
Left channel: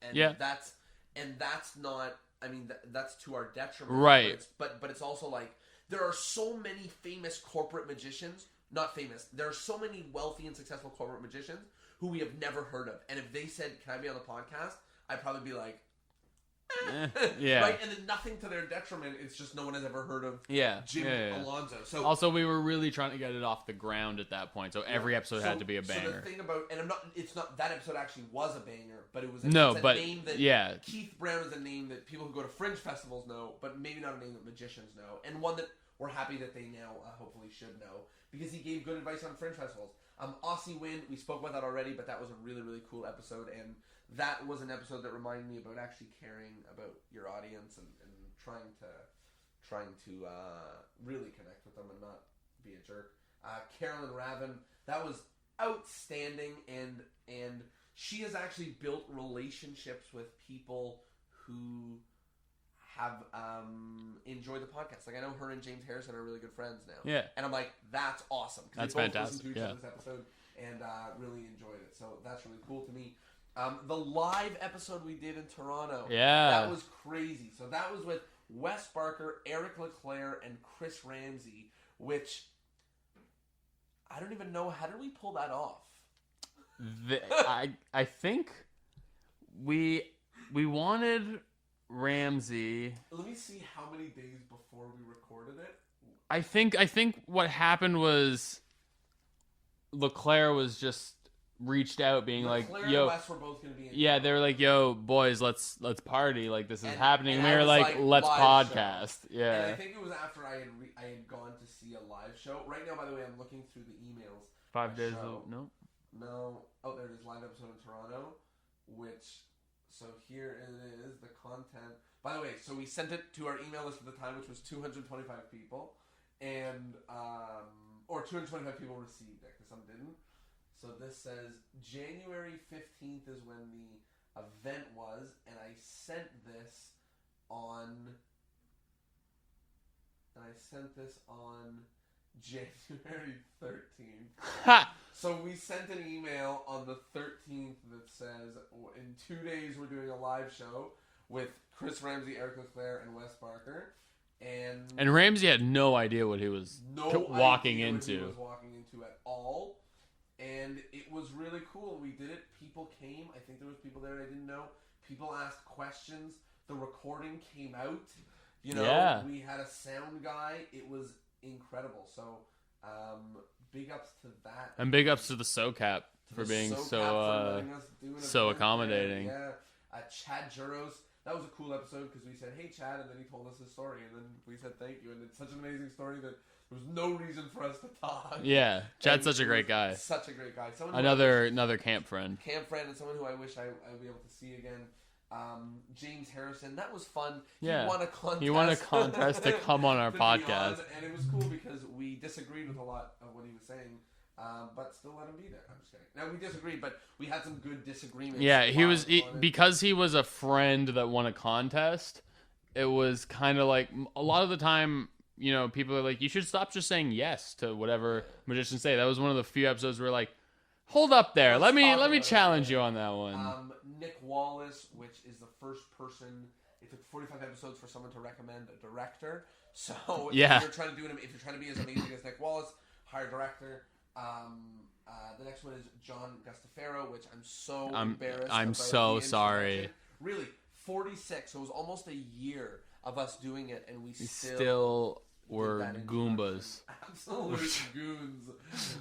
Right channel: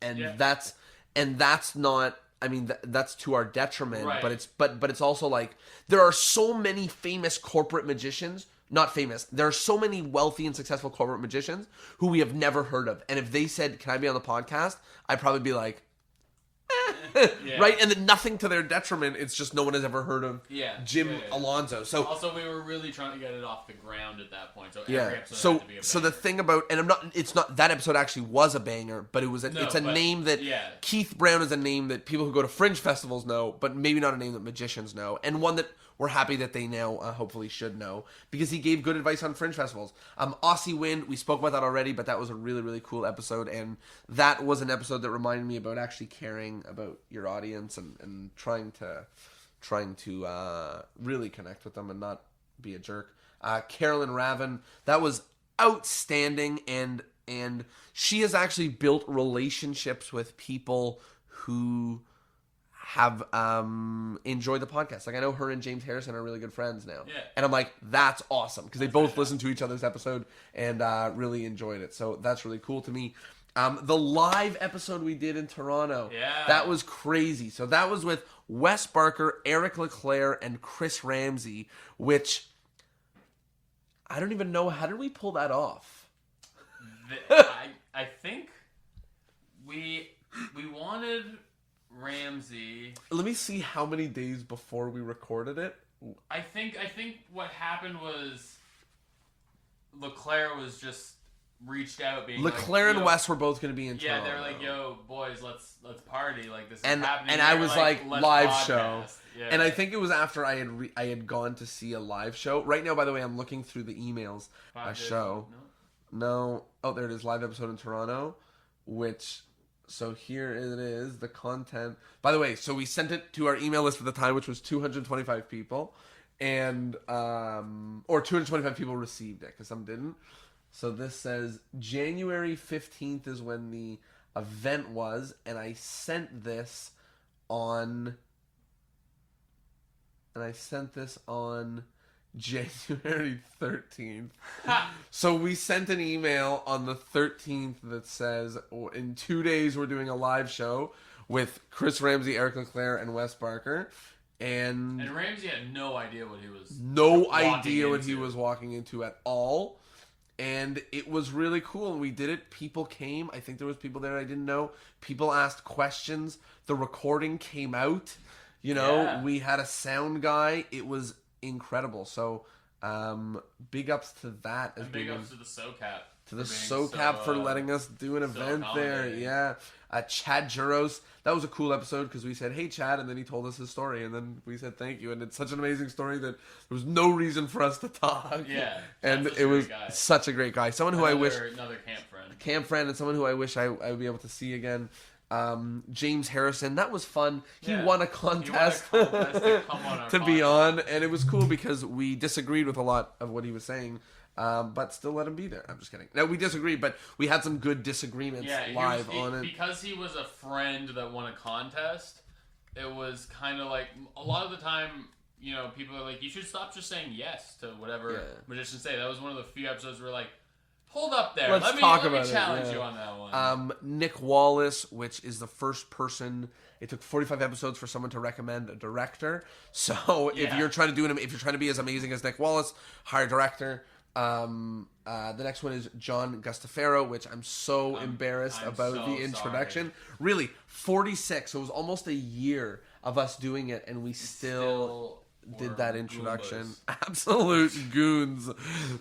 and that's not. I mean, that's to our detriment, right? But it's also like there are so many famous corporate magicians. Not famous. There are so many wealthy and successful corporate magicians who we have never heard of. And if they said, "Can I be on the podcast?" I'd probably be like, right? And then nothing to their detriment. It's just no one has ever heard of Jim Alonso. So also, we were really trying to get it off the ground at that point. So every episode had to be a banger. So the thing about, and it's not that episode actually was a banger, but it's a name that Keith Brown is a name that people who go to Fringe festivals know, but maybe not a name that magicians know, and one that we're happy that they now hopefully should know, because he gave good advice on Fringe festivals. Aussie Wind, we spoke about that already, but that was a really, really cool episode, and that was an episode that reminded me about actually caring about your audience and trying to really connect with them and not be a jerk. Carolyn Raven, that was outstanding, and she has actually built relationships with people who have enjoyed the podcast. Like I know her and James Harrison are really good friends now. Yeah. And I'm like, that's awesome because they That's both fantastic, listened to each yeah. other's episode and really enjoyed it. So that's really cool to me. The live episode we did in Toronto, Yeah. that was crazy. So that was with Wes Barker, Eric LeClaire, and Chris Ramsey, which I don't even know, how did we pull that off? I think we wanted Ramsey. Let me see how many days before we recorded it. I think what happened was LeClaire was just reached out being LeClaire like, and yo, Wes were both going to be in yeah, Toronto. they were like, yo, boys, let's party, like this is happening. And they I were was like, let's live show. podcast. Yeah. And I think it was after I had gone to see a live show. Right now, by the way, I'm looking through the emails. 5 a days show. No. Oh, there it is. Live episode in Toronto. So here it is. The content. By the way, so we sent it to our email list at the time, which was 225 people. And, or 225 people received it, because some didn't. So this says January 15th is when the event was, and I sent this on January 13th. So we sent an email on the 13th that says, in 2 days we're doing a live show with Chris Ramsey, Eric LeClaire, and Wes Barker. And Ramsey had no idea what he was no walking idea what he into. was walking into at all. And it was really cool. And we did it. People came. I think there was people there I didn't know. People asked questions. The recording came out. You know, Yeah. we had a sound guy. It was incredible. So, big ups to that. And big ups to the SoCap. to the for being SoCap for letting us do an so event there. accommodating. Yeah. Chad Juros. That was a cool episode because we said, hey, Chad, and then he told us his story, and then we said thank you. And it's such an amazing story that there was no reason for us to talk. Yeah, Chad's And such a it great was guy. Such a great guy. Someone who I wish... Another camp friend. And someone who I wish I would be able to see again. James Harrison, that was fun. Yeah. He won a contest. He won a contest to come on our to podcast. be on, and it was cool because we disagreed with a lot of what he was saying, but still let him be there. I'm just kidding. No, we disagreed, but we had some good disagreements. Yeah, he was live on it. because he was a friend that won a contest. It was kind of like a lot of the time, you know, people are like, you should stop just saying yes to whatever magicians say. That was one of the few episodes where like, hold up there, Let's let me talk about challenge it, you on that one. Nick Wallace, which is the first person. It took 45 episodes for someone to recommend a director. So Yeah. if you're trying to be as amazing as Nick Wallace, hire a director. The next one is John Gustafaro, which I'm so embarrassed I'm about so the sorry. introduction. Really, 46. So it was almost a year of us doing it, and we still were did that introduction. Goombas. Absolute goons.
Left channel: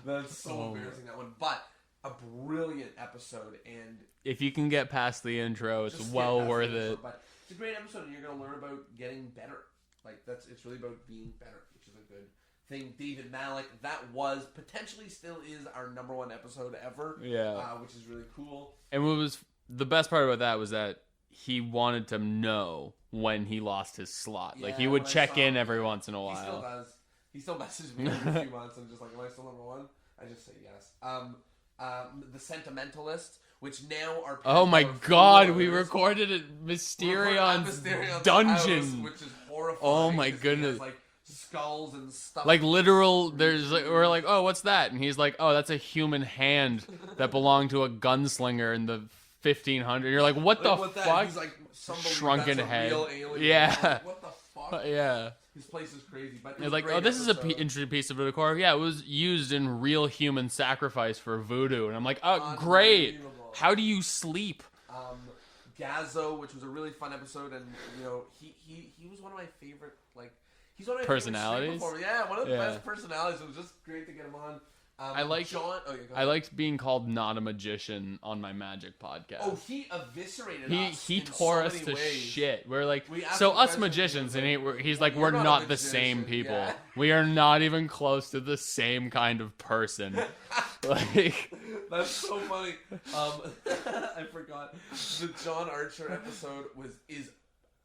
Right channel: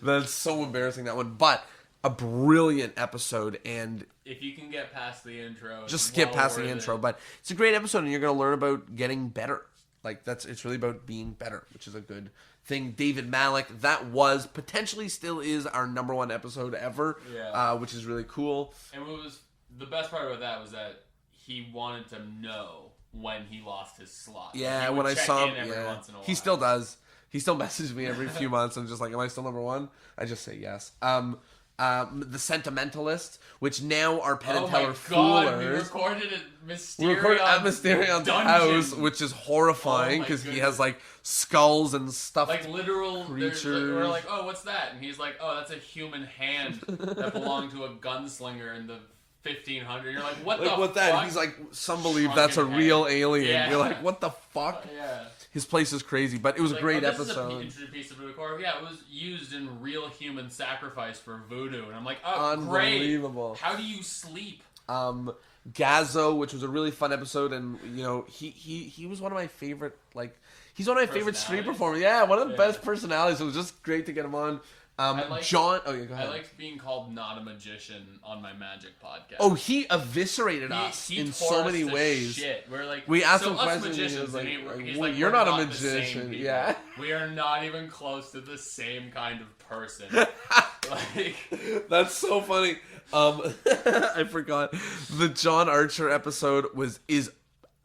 That's so embarrassing, that one. But a brilliant episode, and If you can get past the intro, it's just skip well past the worth intro. it. But it's a great episode, and you're going to learn about getting better. Like it's really about being better, which is a good thing. David Malik, that was potentially still is our #1 episode ever. Yeah. Which is really cool. And what was the best part about that was that he wanted to know when he lost his slot. Yeah, like he would when I check saw in him, every yeah. once in a while. He still does. He still messages me every few months and just like, am I still #1? I just say yes. The Sentimentalist, which now are Penn Oh and my Teller god, we Foolers. recorded at We recorded at Mysterion Mysterion's Dungeon. house, which is horrifying Oh my because he goodness. has like skulls and stuff. Like literal, there's Creatures. we're like, oh, what's that? And he's like, oh, that's a human hand that belonged to a gunslinger in the 1500. You're like, what the what's fuck? that? He's like, some believe Shrunken that's a head. real alien. Yeah. You're like, what the fuck? Yeah. His place is crazy, but it was Like, a great oh, this episode. is an interesting piece of decor. Yeah, it was used in real human sacrifice for voodoo, and I'm like, oh, great. Unbelievable. How do you sleep? Gazzo, which was a really fun episode, and you know, he was one of my favorite, like, he's one of my favorite street Personalities? performers. Yeah, one of the Yeah. best personalities. It was just great to get him on. I like John. Oh yeah, go I ahead. liked being called not a magician on my magic podcast. Oh, he eviscerated us he in tore so us many to ways. Shit. We're like, We asked so him us questions and he magicians, was and like, he's "Well, like, you're we're not a not the same magician." people. Yeah. We are not even close to the same kind of person. Like, That's so funny. I forgot the John Archer episode is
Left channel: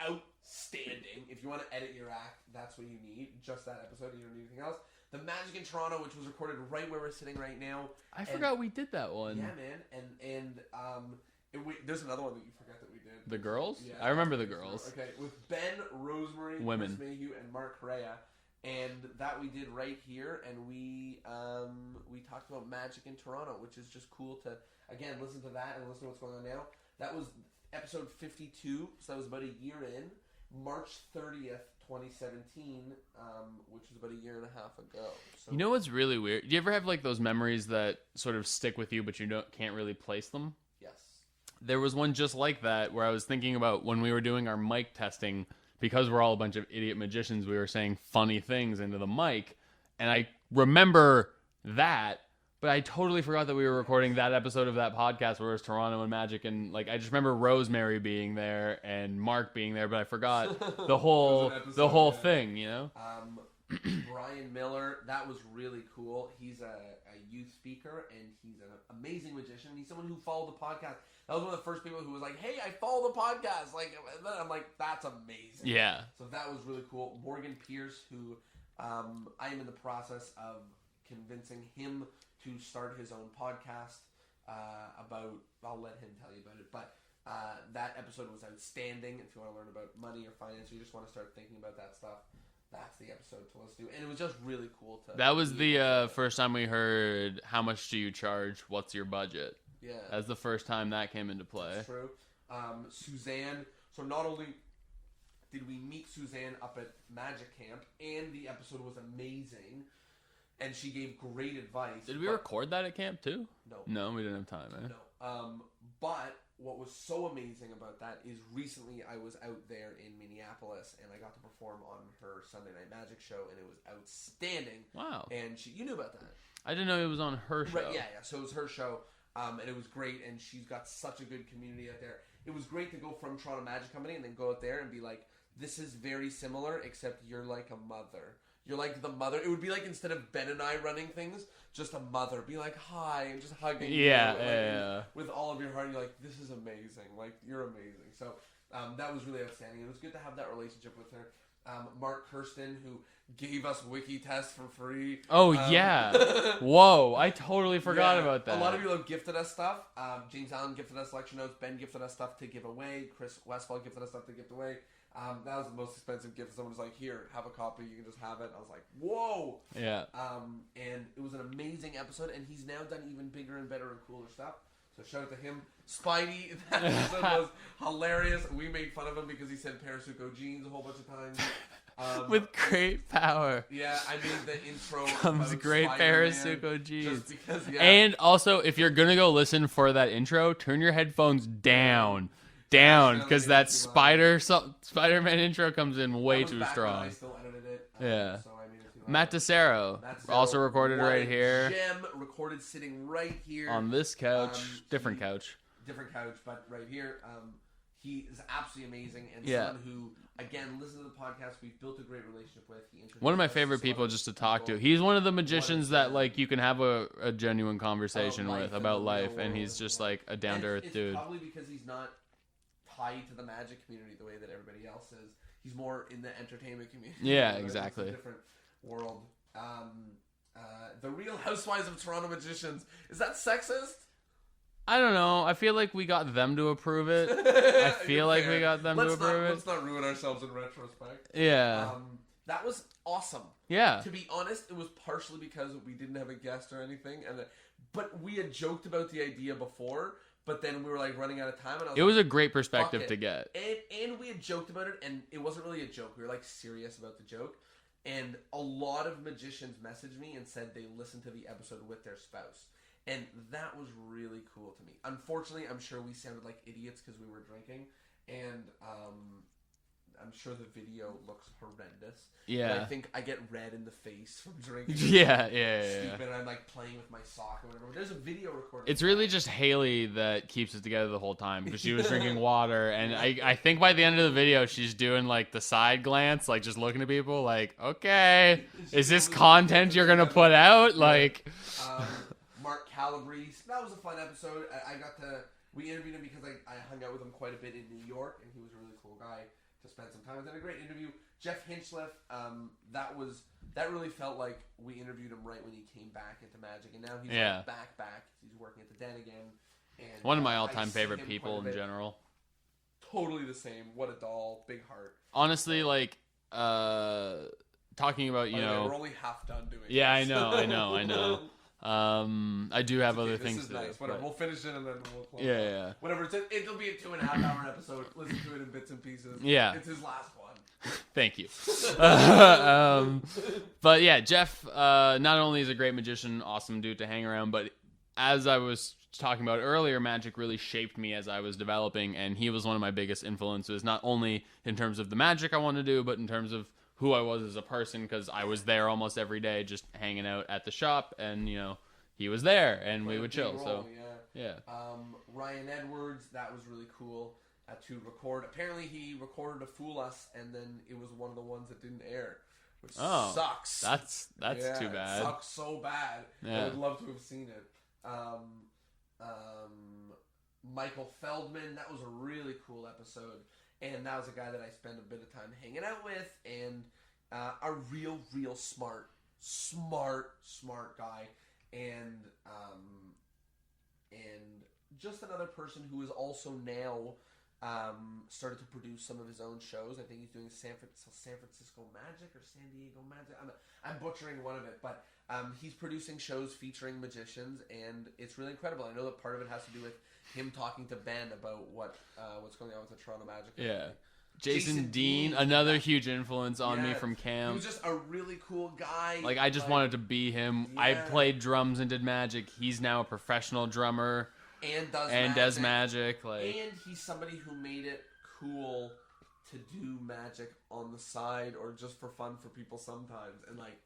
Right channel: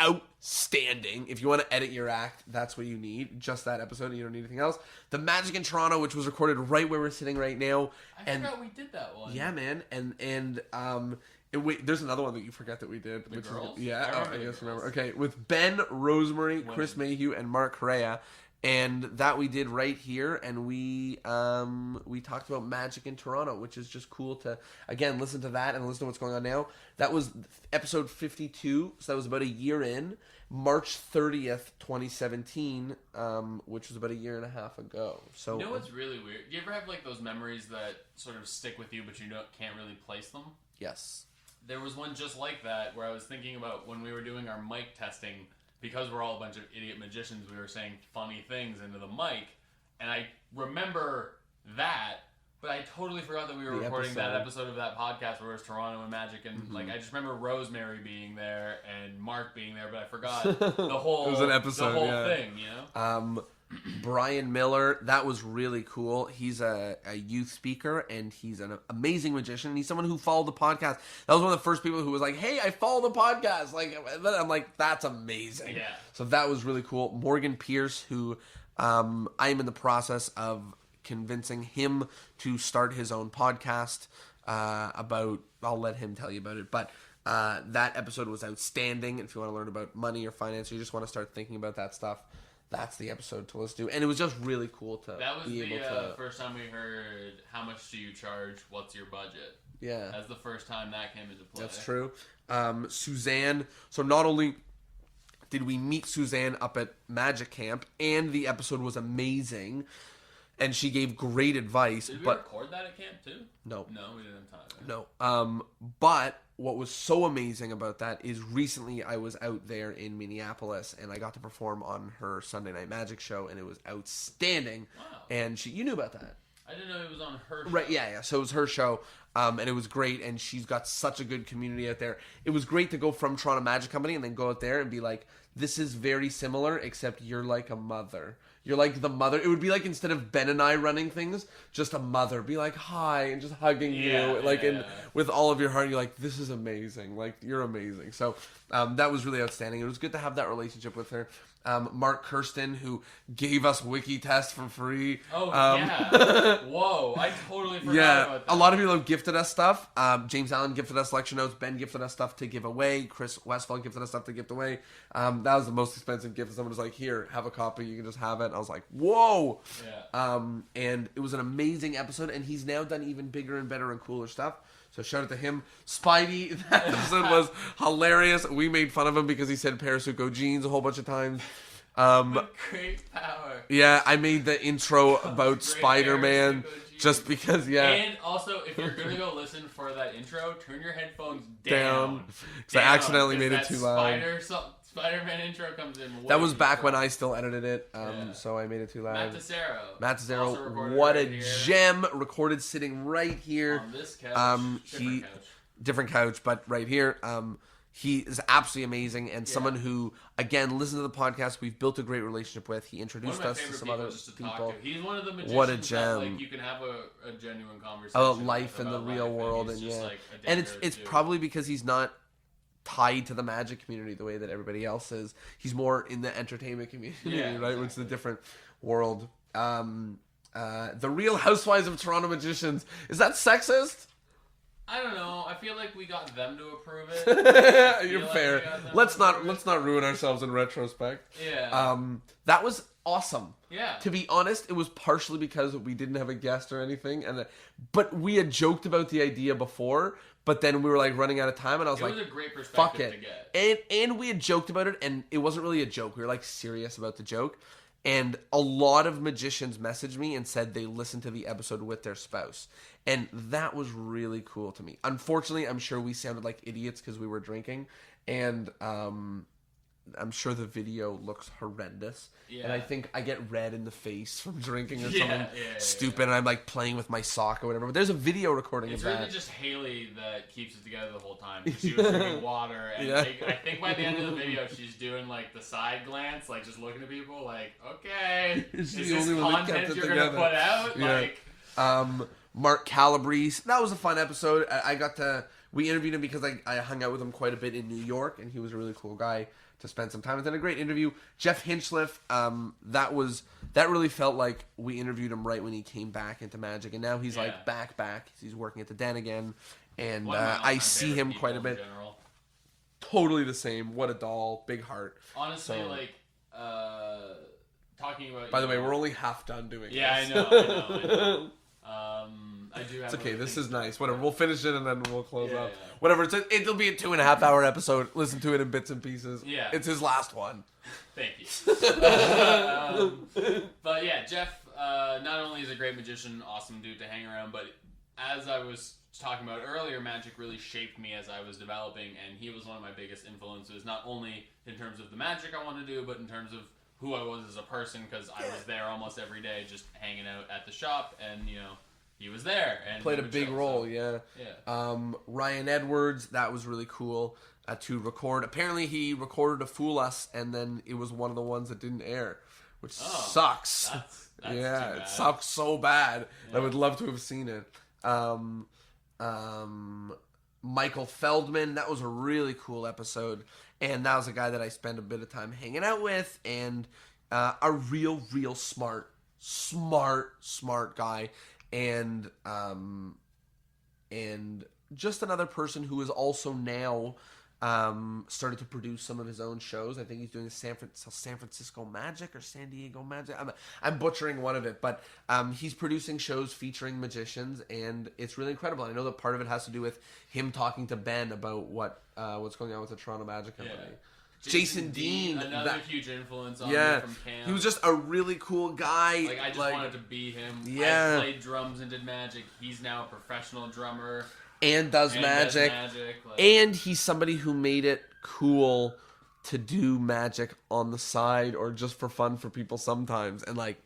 outstanding. If you want to edit your act, that's what you need. Just that episode, and you don't need anything else. The Magic in Toronto, which was recorded right where we're sitting right now. I forgot we did that one. Yeah, man. Wait, there's another one that you forgot that we did. The girls? Yeah. I remember the girls. Remember. Okay, with Ben, Rosemary, Women. Chris Mayhew, and Mark Correa. And that we did right here, and we talked about Magic in Toronto, which is just cool to, again, listen to that and listen to what's going on now. That was episode 52, so that was about a year in. March 30th, 2017, which was about a year and a half ago. So you know what's really weird? Do you ever have like those memories that sort of stick with you, but you can't really place them? Yes. There was one just like that where I was thinking about when we were doing our mic testing, because we're all a bunch of idiot magicians, we were saying funny things into the mic, and I remember that, but I totally forgot that we were recording that episode of that podcast where it was Toronto and Magic, and like I just remember Rosemary being there and Mark being there, but I forgot the whole It was an episode, the whole thing, you know. Brian Miller, that was really cool. He's a youth speaker, and he's an amazing magician. And he's someone who followed the podcast. That was one of the first people who was like, "Hey, I follow the podcast." Like, I'm like, "That's amazing." Yeah. So that was really cool. Morgan Pierce, who I'm in the process of convincing him to start his own podcast about. I'll let him tell you about it, but. That episode was outstanding. If you want to learn about money or finance, or you just want to start thinking about that stuff, that's the episode to listen to. And it was just really cool to. That was the first time we heard how much do you charge? What's your budget? Yeah, that's the first time that came into play. That's true. Suzanne. So not only did we meet Suzanne up at Magic Camp, and the episode was amazing, and she gave great advice. Did we record that at camp too? No, we didn't have time. Eh? No. But what was so amazing about that is recently I was out there in Minneapolis, and I got to perform on her Sunday Night Magic show, and it was outstanding. Wow. And you knew about that. I didn't know it was on her show. Right, yeah. So it was her show, and it was great, and she's got such a good community out there. It was great to go from Toronto Magic Company and then go out there and be like, this is very similar, except you're like a mother. You're like the mother. It would be like, instead of Ben and I running things, just a mother. Be like, hi, and just hugging you. And with all of your heart, you're like, this is amazing. Like, you're amazing. So that was really outstanding. It was good to have that relationship with her. Mark Kirsten, who gave us wiki tests for free. Oh, yeah. Whoa, I totally forgot about that. A lot of people have gifted us stuff. James Allen gifted us lecture notes. Ben gifted us stuff to give away. Chris Westfall gifted us stuff to give away. That was the most expensive gift. Someone was like, here, have a copy. You can just have it. And I was like, whoa. Yeah. And it was an amazing episode. And he's now done even bigger and better and cooler stuff. So shout out to him. Spidey, that episode was hilarious. We made fun of him because he said Parasuco jeans a whole bunch of times. With great power. Yeah, I made the intro about Spider-Man just because, And also, if you're going to go listen for that intro, turn your headphones down. Because that Spider-Man intro comes in way That was too back strong. when I still edited it, so I made it too loud. Matt Tessero also recorded what right a here. gem, recorded sitting right here. On this couch. Different couch, but right here. He is absolutely amazing, and someone who, again, listen to the podcast. We've built a great relationship with. He introduced one of my favorite people just to talk to. He's one of the magicians that like you can have a genuine conversation with about life, and he's just like a down to earth dude. It's probably because he's not tied to the magic community the way that everybody else is. He's more in the entertainment community. Yeah, right? exactly. It's a different world. The Real Housewives of Toronto Magicians. Is that sexist? I don't know. I feel like we got them to approve it. I feel like we got them let's to approve it. Let's not ruin ourselves in retrospect. Yeah. That was awesome. Yeah. To be honest, it was partially because we didn't have a guest or anything, but we had joked about the idea before. But then we were like running out of time, and I was like, it was a great perspective to get. And we had joked about it, and it wasn't really a joke. We were like serious about the joke. And a lot of magicians messaged me and said they listened to the episode with their spouse. And that was really cool to me. Unfortunately, I'm sure we sounded like idiots because we were drinking. And I'm sure the video looks horrendous. Yeah. And I think I get red in the face from drinking. Stupid. And I'm like playing with my sock or whatever. But there's a video recording. It's really just Haley that keeps it together the whole time. Because she was drinking water. And I think by the end of the video, she's doing like the side glance, like just looking at people like, okay, is this content you're going to put out? Yeah. Like, Mark Calabrese. That was a fun episode. We interviewed him because I hung out with him quite a bit in New York, and he was a really cool guy to spend some time with. And a great interview. Jeff Hinchliffe, that really felt like we interviewed him right when he came back into Magic, and now he's like back. He's working at the Den again, and One of my all-time I see favorite him people quite a bit. in general. Totally the same. What a doll, big heart. Honestly, talking about By the way, we're only half done doing. Yeah, this. I know. I do have other this things. is nice. Whatever. We'll finish it and then we'll close up. Yeah. Whatever. It'll be a 2.5-hour episode. Listen to it in bits and pieces. Yeah. It's his last one. Thank you. But yeah, Jeff not only is a great magician, awesome dude to hang around, but as I was talking about earlier, magic really shaped me as I was developing, and he was one of my biggest influences, not only in terms of the magic I want to do, but in terms of who I was as a person, because I was there almost every day just hanging out at the shop, and he was there and played a big role. Yeah. Ryan Edwards, that was really cool to record. Apparently he recorded to fool us, and then it was one of the ones that didn't air, which sucks. That's too bad. It sucks so bad. Yeah. I would love to have seen it. Michael Feldman, that was a really cool episode, and that was a guy that I spent a bit of time hanging out with, and a real smart guy, and just another person who is also now started to produce some of his own shows. I think he's doing San Francisco Magic or San Diego Magic. I'm butchering one of it, but he's producing shows featuring magicians, and it's really incredible. I know that part of it has to do with him talking to Ben about what's going on with the Toronto Magic Company. Yeah. Jason Dean, another huge influence on me from camp. He was just a really cool guy. Like, I just wanted to be him. Yeah. I played drums and did magic. He's now a professional drummer. And does magic. And he's somebody who made it cool to do magic on the side or just for fun for people sometimes. And that's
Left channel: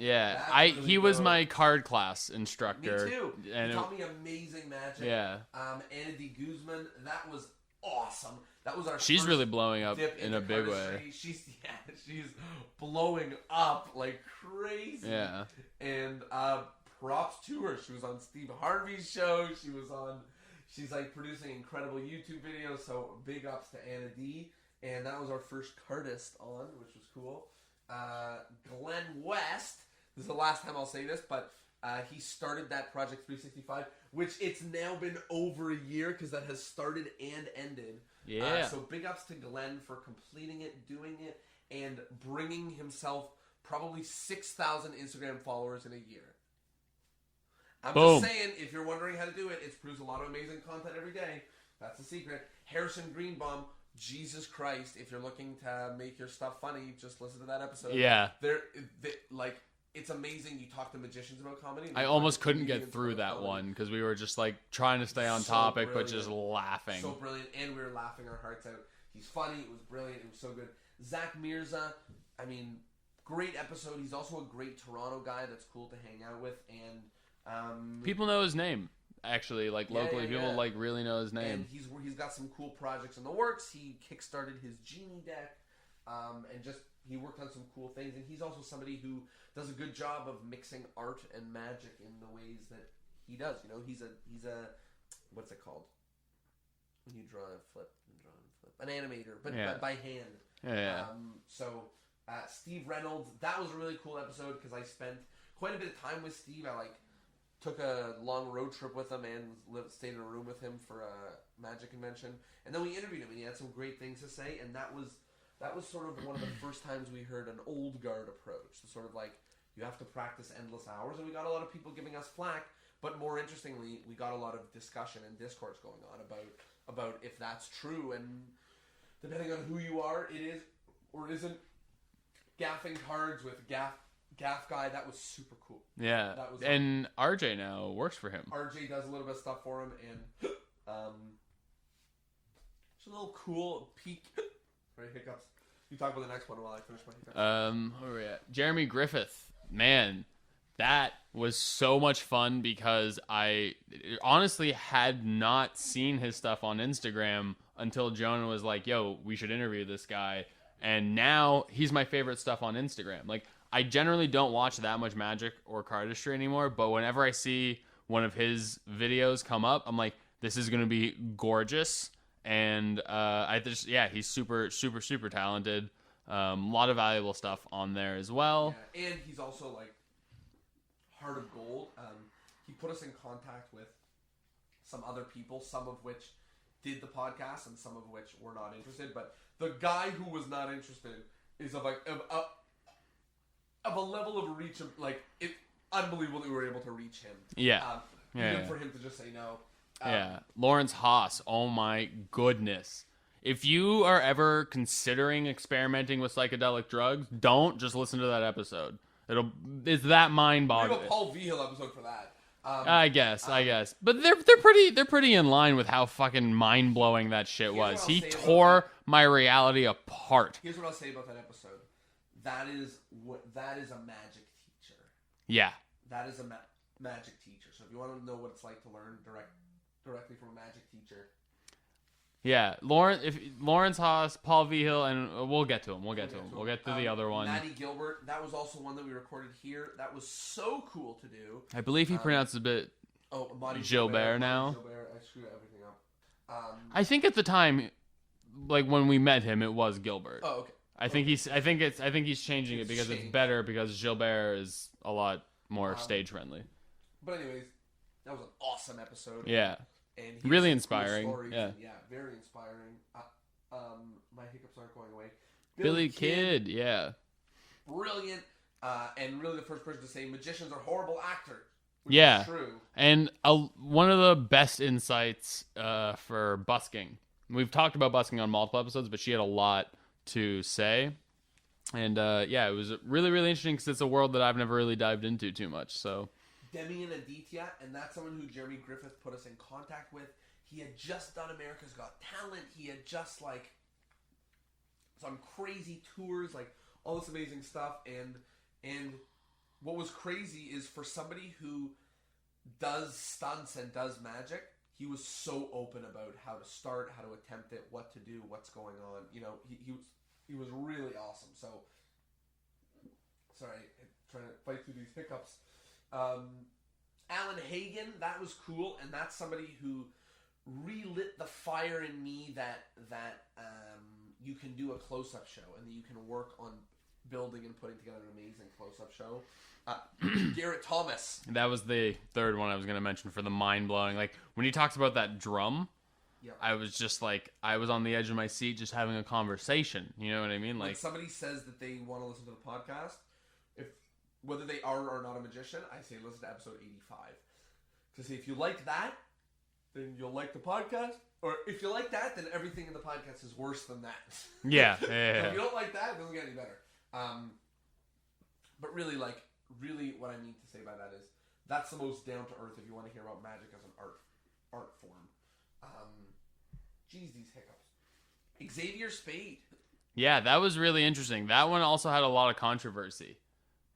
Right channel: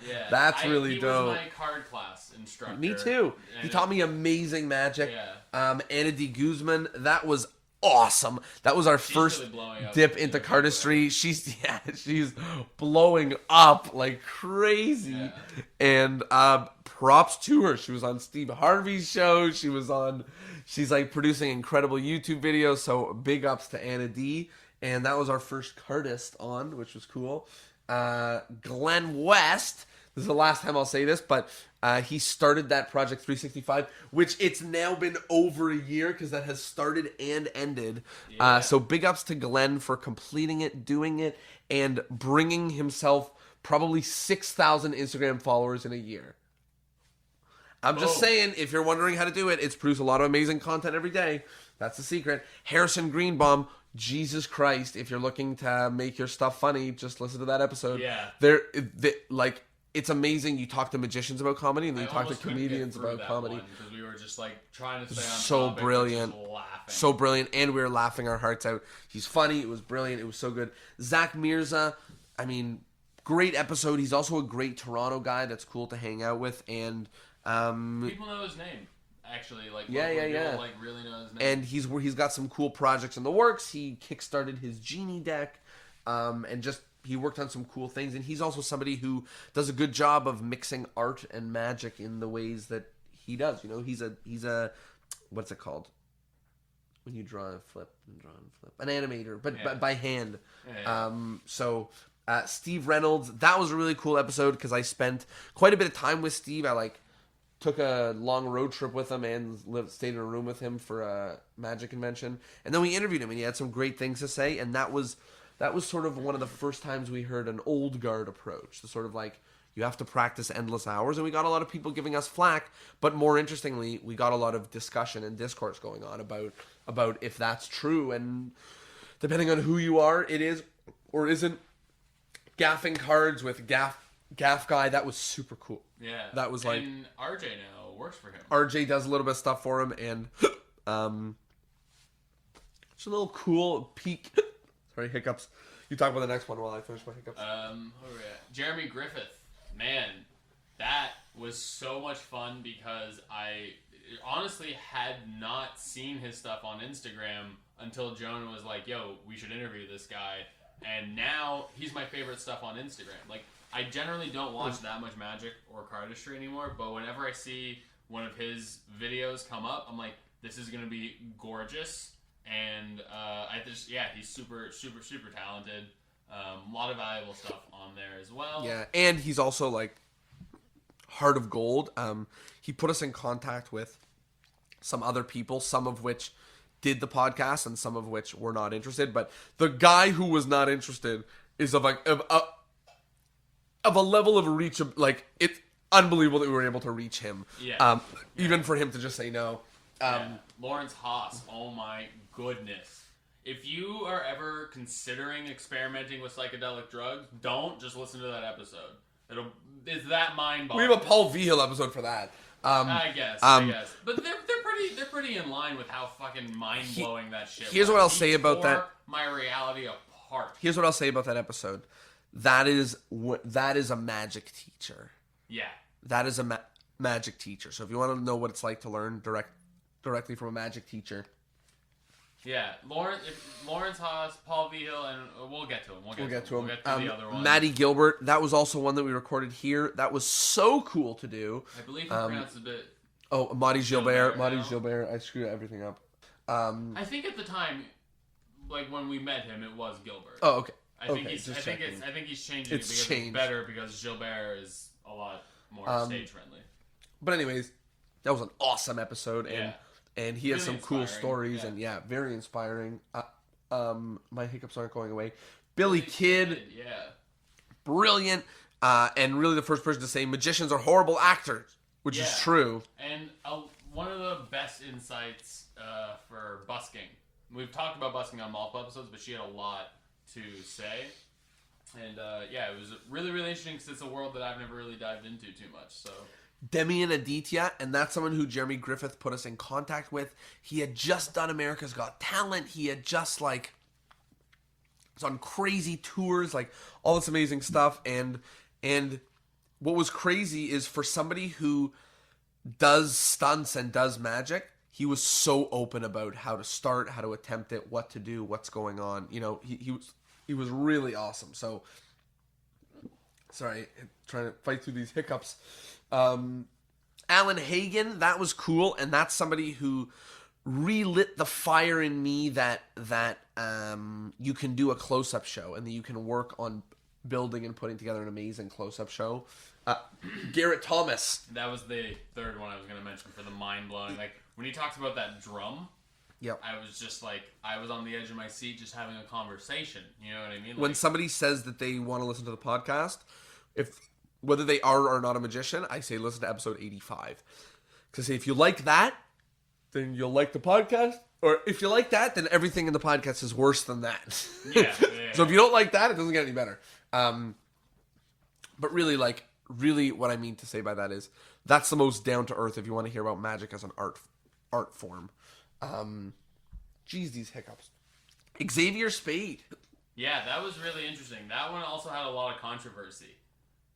really dope. He was my card class instructor. Me too. He taught me amazing magic. Yeah. Anna D. Guzman, that was awesome. That was our first really blowing up dip into cardistry. She's blowing up like crazy. Yeah. And props to her. She was on Steve Harvey's show. She's like producing incredible YouTube videos. So big ups to Anna D. And that was our first cardist on, which was cool. Glenn West. This is the last time I'll say this, but he started that Project 365, which it's now been over a year because that has started and ended. Yeah. So big ups to Glenn for completing it, doing it, and bringing himself probably 6,000 Instagram followers in a year. I'm just saying, if you're wondering how to do it, it's produce a lot of amazing content every day. That's the secret. Harrison Greenbaum, Jesus Christ, if you're looking to make your stuff funny, just listen to that episode. Yeah. It's amazing. You talk to magicians about comedy, and I you almost talk to couldn't comedians get through about that comedy. one because we were just like trying to stay on So topic, brilliant. but just laughing. So brilliant, and we were laughing our hearts out. He's funny. It was brilliant. It was so good. Zach Mirza, great episode. He's also a great Toronto guy that's cool to hang out with, and people know his name. Actually, people really know his name. And he's got some cool projects in the works. He kickstarted his Genie deck, and just he worked on some cool things. And he's also somebody who does a good job of mixing art and magic in the ways that he does. He's a what's it called when you draw and flip, an animator, but by hand. Yeah. Steve Reynolds, that was a really cool episode because I spent quite a bit of time with Steve. I took a long road trip with him and stayed in a room with him for a magic convention, and then we interviewed him, and he had some great things to say. And that was sort of one of the first times we heard an old guard approach, the sort of you have to practice endless hours. And we got a lot of people giving us flack, but more interestingly, we got a lot of discussion and discourse going on about if that's true, and depending on who you are, it is or isn't. Gaffing cards with Gaff guy, that was super cool. Yeah, that was and RJ now works for him. RJ does a little bit of stuff for him, and it's a little cool peek. Sorry, hiccups. You talk about the next one while I finish my hiccups. Where are we at? Jeremy Griffith, man, that was so much fun because I honestly had not seen his stuff on Instagram until Jonah was like, "Yo, we should interview this guy." And now he's my favorite stuff on Instagram. I generally don't watch that much magic or cardistry anymore, but whenever I see one of his videos come up, I'm like, this is going to be gorgeous. And he's super, super, super talented. A lot of valuable stuff on there as well. Yeah, and he's also like heart of gold. He put us in contact with some other people, some of which did the podcast and some of which were not interested. But the guy who was not interested is of a level of reach of like it's unbelievable that we were able to reach him. Yeah. Even for him to just say no. Lawrence Haas. Oh my goodness. If you are ever considering experimenting with psychedelic drugs, don't just listen to that episode. It's that mind-boggling. We have a Paul Vigil episode for that. I guess. But they're pretty in line with how fucking mind-blowing that shit was. Here's what I'll say about that. My reality apart. Here's what I'll say about that episode. That is a magic teacher. Yeah. That is a magic teacher. So if you want to know what it's like to learn directly from a magic teacher. Yeah, Lawrence Haas, Paul Vigil, and we'll get to him. We'll get to the other one. Maddie Gilbert, that was also one that we recorded here. That was so cool to do. I believe he pronounced it a bit. Oh, Marty Gilbert. Marty Gilbert. I screwed everything up. I think at the time, like when we met him, it was Gilbert. Oh, okay. I think he's changing it because it's better because Gilbert is a lot more stage friendly. But anyways, that was an awesome episode. And he really has some inspiring. cool stories, and very inspiring. My hiccups aren't going away. Billy Kidd, brilliant, and really the first person to say magicians are horrible actors, which is true. And one of the best insights for busking. We've talked about busking on multiple episodes, but she had a lot to say. And it was really, really interesting because it's a world that I've never really dived into too much. So. Demian Aditya, and that's someone who Jeremy Griffith put us in contact with. He had just done America's Got Talent. He had just was on crazy tours, like all this amazing stuff. And what was crazy is for somebody who does stunts and does magic, he was so open about how to start, how to attempt it, what to do, what's going on. You know, he was really awesome. So sorry, I'm trying to fight through these hiccups. Alan Hagen, that was cool, and that's somebody who relit the fire in me that you can do a close-up show and that you can work on building and putting together an amazing close-up show. Garrett Thomas. That was the third one I was going to mention for the mind-blowing. Like, when he talks about that drum, I was just like, I was on the edge of my seat just having a conversation. You know what I mean? When somebody says that they want to listen to the podcast, whether they are or not a magician, I say listen to episode 85. Because if you like that, then you'll like the podcast. Or if you like that, then everything in the podcast is worse than that. Yeah. So if you don't like that, it doesn't get any better. But really, what I mean to say by that is that's the most down to earth if you want to hear about magic as an art form. Geez, these hiccups. Xavier Spade. Yeah, that was really interesting. That one also had a lot of controversy.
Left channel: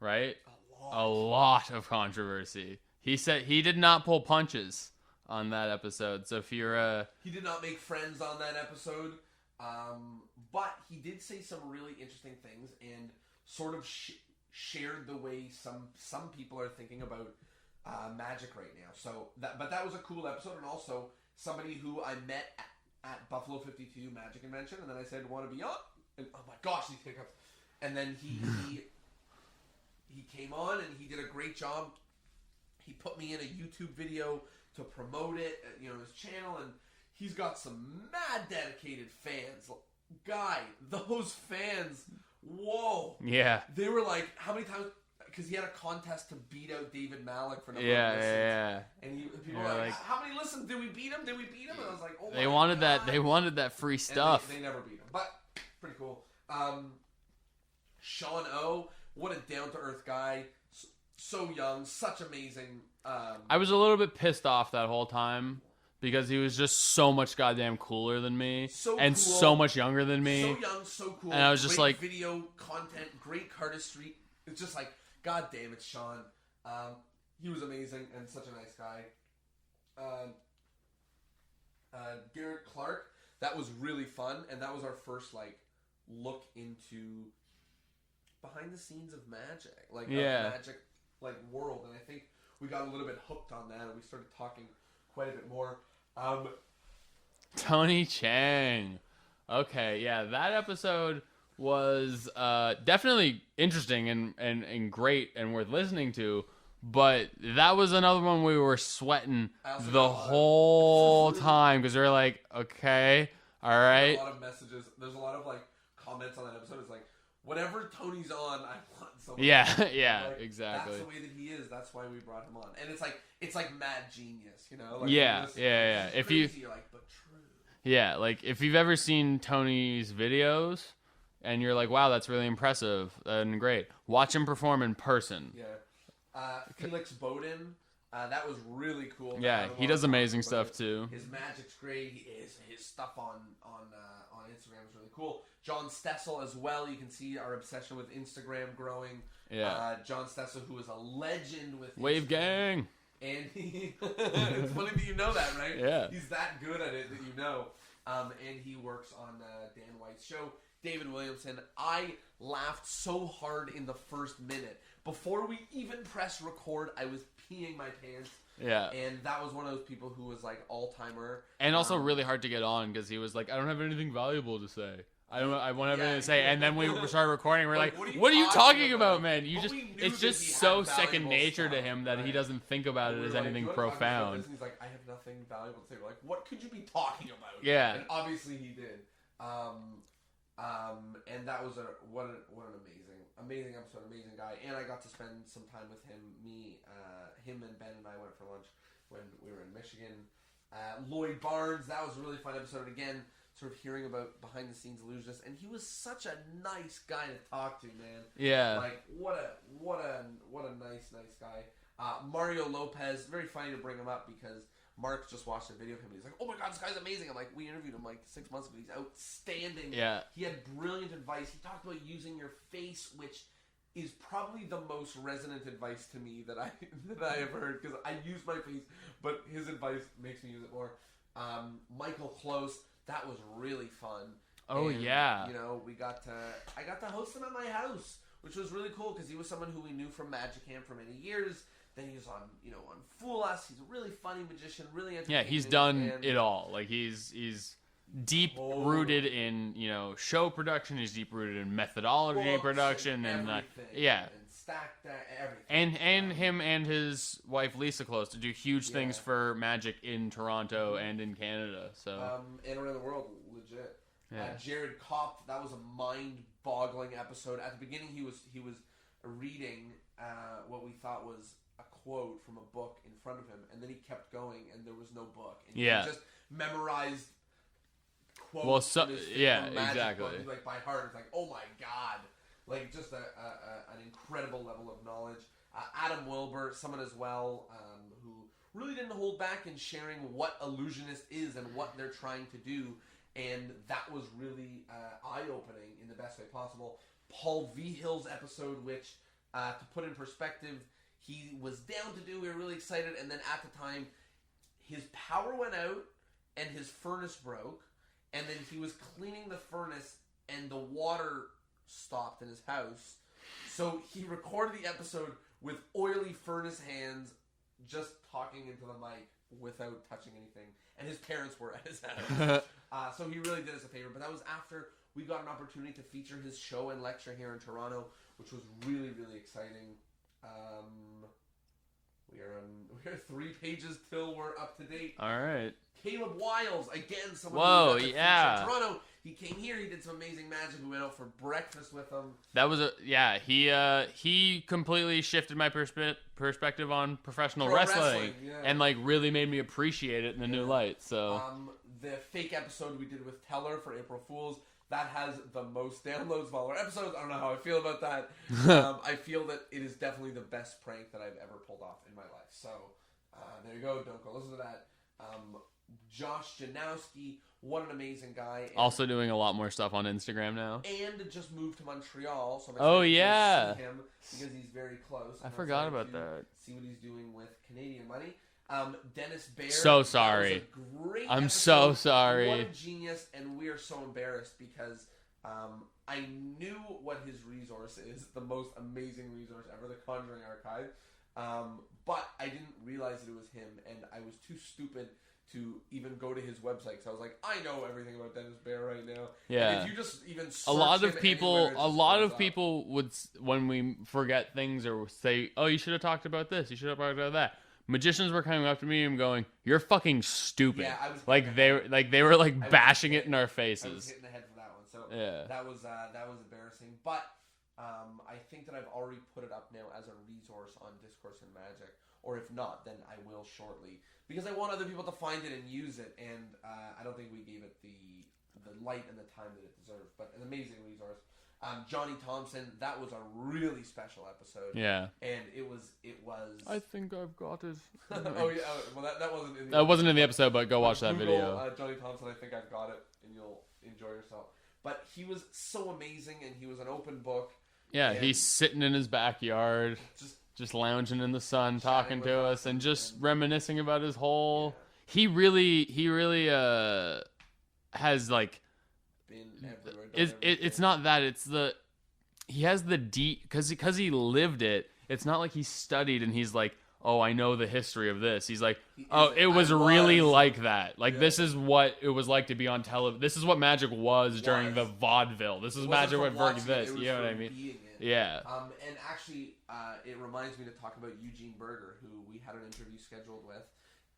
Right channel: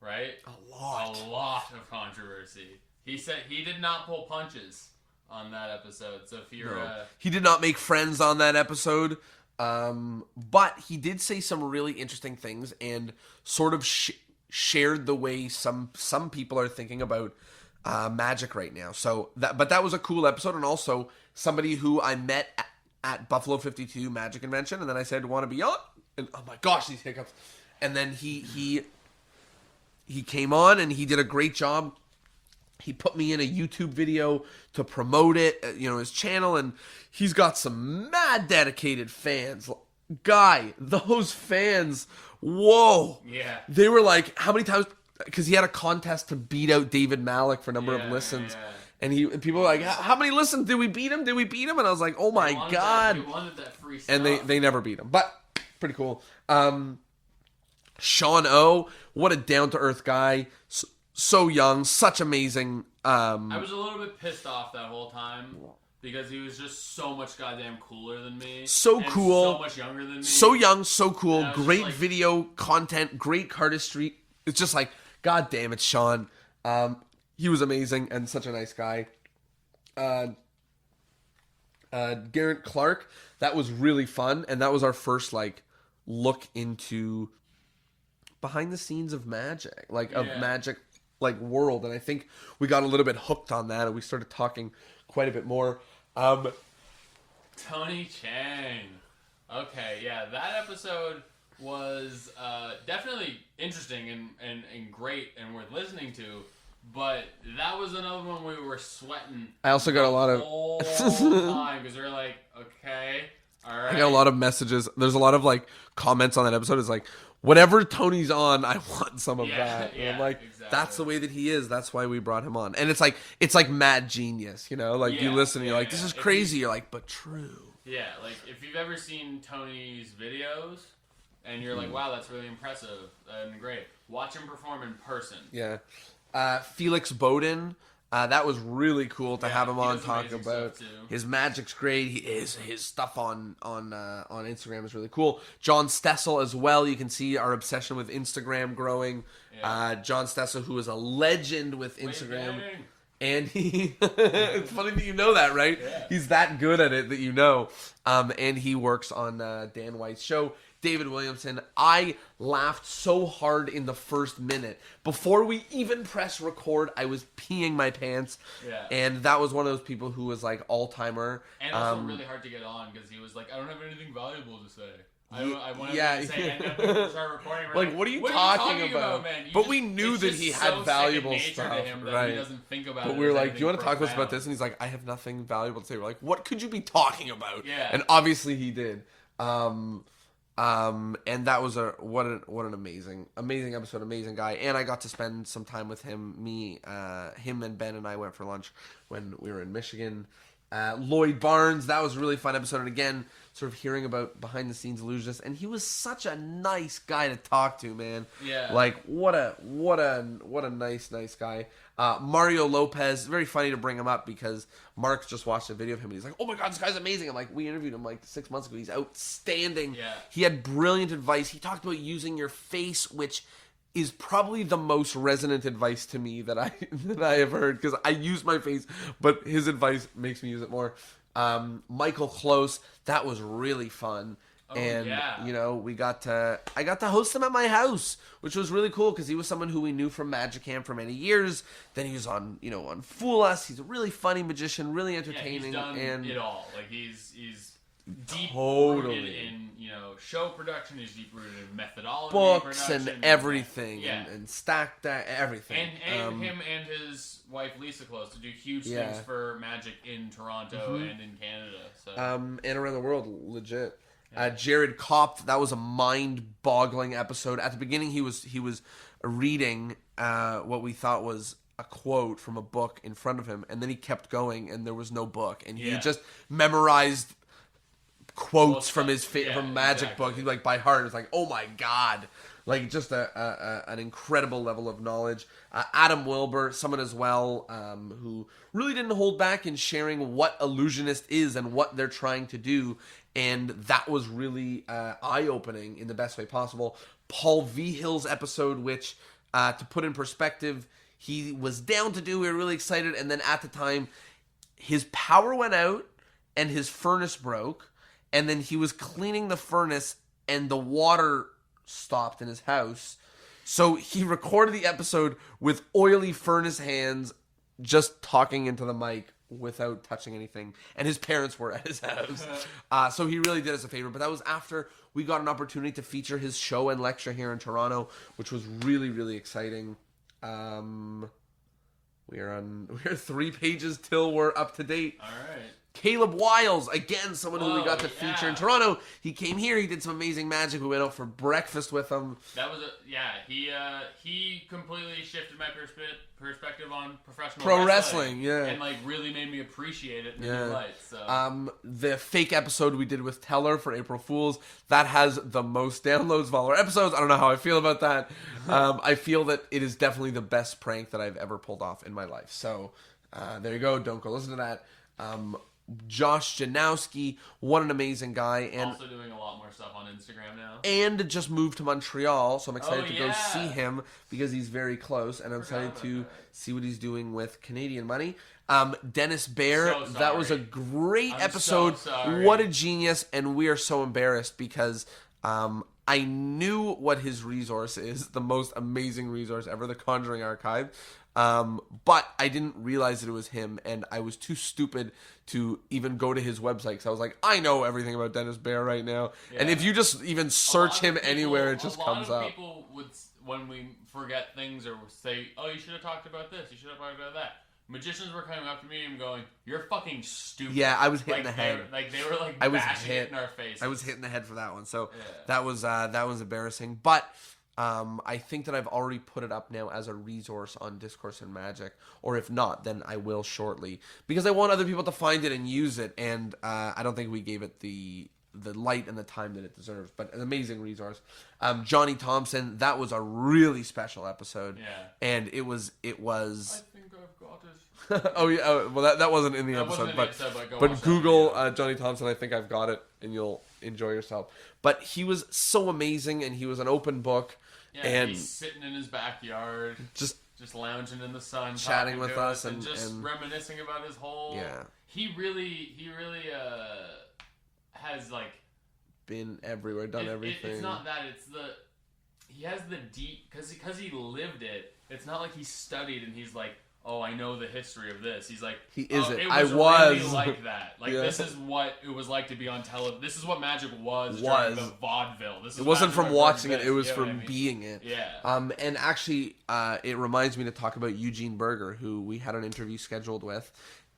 Right? A lot of controversy. He said he did not pull punches on that episode. So if you're he did not make friends on that episode. But he did say some really interesting things and sort of shared the way some people are thinking about magic right now. So that was a cool episode, and also somebody who I met at Buffalo 52 Magic Convention, and then I said, "Want to be on?" And oh my gosh, these hiccups! And then he came on and he did a great job. He put me in a YouTube video to promote it, his channel, and he's got some mad dedicated fans. Guy, those fans, whoa. Yeah. They were like, how many times, because he had a contest to beat out David Malik for number of listens. Yeah. And people were like, how many listens? Did we beat him? And I was like, oh my God. They wanted that free stuff. And they never beat him. But pretty cool. Sean O, what a down-to-earth guy. So young, such amazing. I was a little bit pissed off that whole time because he was just so much goddamn cooler than me. So and cool. So much younger than me. So young, so cool. Great like, video content, great cardistry. It's just like, God damn it, Sean. He was amazing and such a nice guy. Garrett Clark, that was really fun. And that was our first look into behind the scenes of magic, of magic world. And I think we got a little bit hooked on that and we started talking quite a bit more. Tony Chang. Okay, yeah, that episode was definitely interesting and great and worth listening to. But that was another one we were sweating. I also got a lot of whole time because we were like, okay, all right. I got a lot of messages. There's a lot of like comments on that episode. It's like, whatever Tony's on, I want some of that. Yeah, I'm like, exactly. that's the way that he is. That's why we brought him on. And it's like mad genius, you know? Like you listen, you're like, this is crazy. You're like, but true. Yeah, like if you've ever seen Tony's videos and you're like, wow, that's really impressive and great, watch him perform in person. Yeah. Felix Bowden, that was really cool to have him on. He does amazing stuff too. His magic's great. His stuff on Instagram is really cool. John Stessel as well. You can see our obsession with Instagram growing. Yeah. John Stessel, who is a legend with Instagram. Wave gang. And it's funny that you know that, right? Yeah. He's that good at it that you know. And he works on Dan White's show. David Williamson, I laughed so hard in the first minute. Before we even press record, I was peeing my pants. Yeah. And that was one of those people who was like all-timer. And also really hard to get on because he was like, I don't have anything valuable to say. I want to say, and then we started recording. We're like, what are you talking about, man? But we knew that he had so valuable second nature stuff to him that he doesn't think about it. But we were like, do you want to talk to us profound. about this? And he's like, I have nothing valuable to say. We're like, what could you be talking about? Yeah. And obviously he did. And that was what an amazing episode, amazing guy. And I got to spend some time with him. Him and Ben and I went for lunch when we were in Michigan. Lloyd Barnes, that was a really fun episode. And again, sort of hearing about behind the scenes illusionists, and he was such a nice guy to talk to, man. Yeah. Like what a nice guy. Mario Lopez, very funny to bring him up because Mark just watched a video of him and he's like, oh my god, this guy's amazing. I'm like, we interviewed him like 6 months ago. He's outstanding. Yeah. He had brilliant advice. He talked about using your face, which is probably the most resonant advice to me that I have heard, because I use my face, but his advice makes me use it more. Michael Close, that was really fun. Oh, and, yeah. you know, I got to host him at my house, which was really cool because he was someone who we knew from Magicam for many years. Then he was on Fool Us. He's a really funny magician, really entertaining. Yeah, he's done it all. Like he's deep rooted in show production. He's deep rooted in methodology, books production, and everything. Yeah, and stacked everything. And him and his wife Lisa Close to do huge things for Magic in Toronto and in Canada. So and around the world, legit. Yeah. Jared Kopp, that was a mind-boggling episode. At the beginning, he was reading what we thought was a quote from a book in front of him, and then he kept going, and there was no book, and he just memorized quotes from his from Magic book. He by heart. It was like, oh my god, like just an incredible level of knowledge. Adam Wilbur, someone as well who really didn't hold back in sharing what Illusionist is and what they're trying to do. And that was really eye-opening in the best way possible. Paul Vihill's episode, which, to put in perspective, he was down to do. We were really excited. And then at the time, his power went out and his furnace broke. And then he was cleaning the furnace and the water stopped in his house. So he recorded the episode with oily furnace hands, just talking into the mic without touching anything, and his parents were at his house. So he really did us a favor. But that was after we got an opportunity to feature his show and lecture here in Toronto, which was really, really exciting. We're 3 pages till we're up to date. all right. Caleb Wiles, again, someone who we got to feature in Toronto. He came here. He did some amazing magic. We went out for breakfast with him. That was he completely shifted my perspective on professional wrestling, and really made me appreciate it in a new light. So the fake episode we did with Teller for April Fools, that has the most downloads of all our episodes. I don't know how I feel about that. I feel that it is definitely the best prank that I've ever pulled off in my life. So there you go. Don't go listen to that. Josh Janowski, what an amazing guy. And also doing a lot more stuff on Instagram now. And just moved to Montreal, so I'm excited to go see him because he's very close. And I'm excited to see what he's doing with Canadian money. Dennis Bear, that was a great episode. So sorry. What a genius, and we are so embarrassed because I knew what his resource is, the most amazing resource ever, the Conjuring Archive. But I didn't realize that it was him, and I was too stupid to even go to his website because I was like, I know everything about Dennis Bear right now. Yeah. And if you just even search him anywhere, it just a lot comes of up. people would, when we forget things or say, "Oh, you should have talked about this. You should have talked about that." Magicians were coming up to me and going, "You're fucking stupid." Yeah, I was hitting like the head. they were like I was bashing hit. it in our faces. I was hitting the head for that one, so Yeah. that was embarrassing. But I think that I've already put it up now as a resource on Discourse and Magic, or if not, then I will shortly because I want other people to find it and use it. And I don't think we gave it the light and the time that it deserves. But an amazing resource. Johnny Thompson, that was a really special episode. Yeah, and it was. I think I've got it. Oh yeah, well that wasn't in the episode. It wasn't in the episode, but go but watch that Google video. Johnny Thompson. I think I've got it, and you'll enjoy yourself. But he was so amazing, and he was an open book. Yeah, and he's sitting in his backyard, just lounging in the sun, chatting talking with to us us, and just and reminiscing about his whole. Yeah. He really has like. been everywhere, done everything. It's not that. It's he has the deep because he lived it. It's not like he studied and he's like, oh, I know the history of this. He's like, oh, it was really like that. Like this is what it was like to be on television. This is what magic was during the vaudeville. This is it wasn't from watching it. It was you know from being it. Yeah. And actually, it reminds me to talk about Eugene Berger, who we had an interview scheduled with.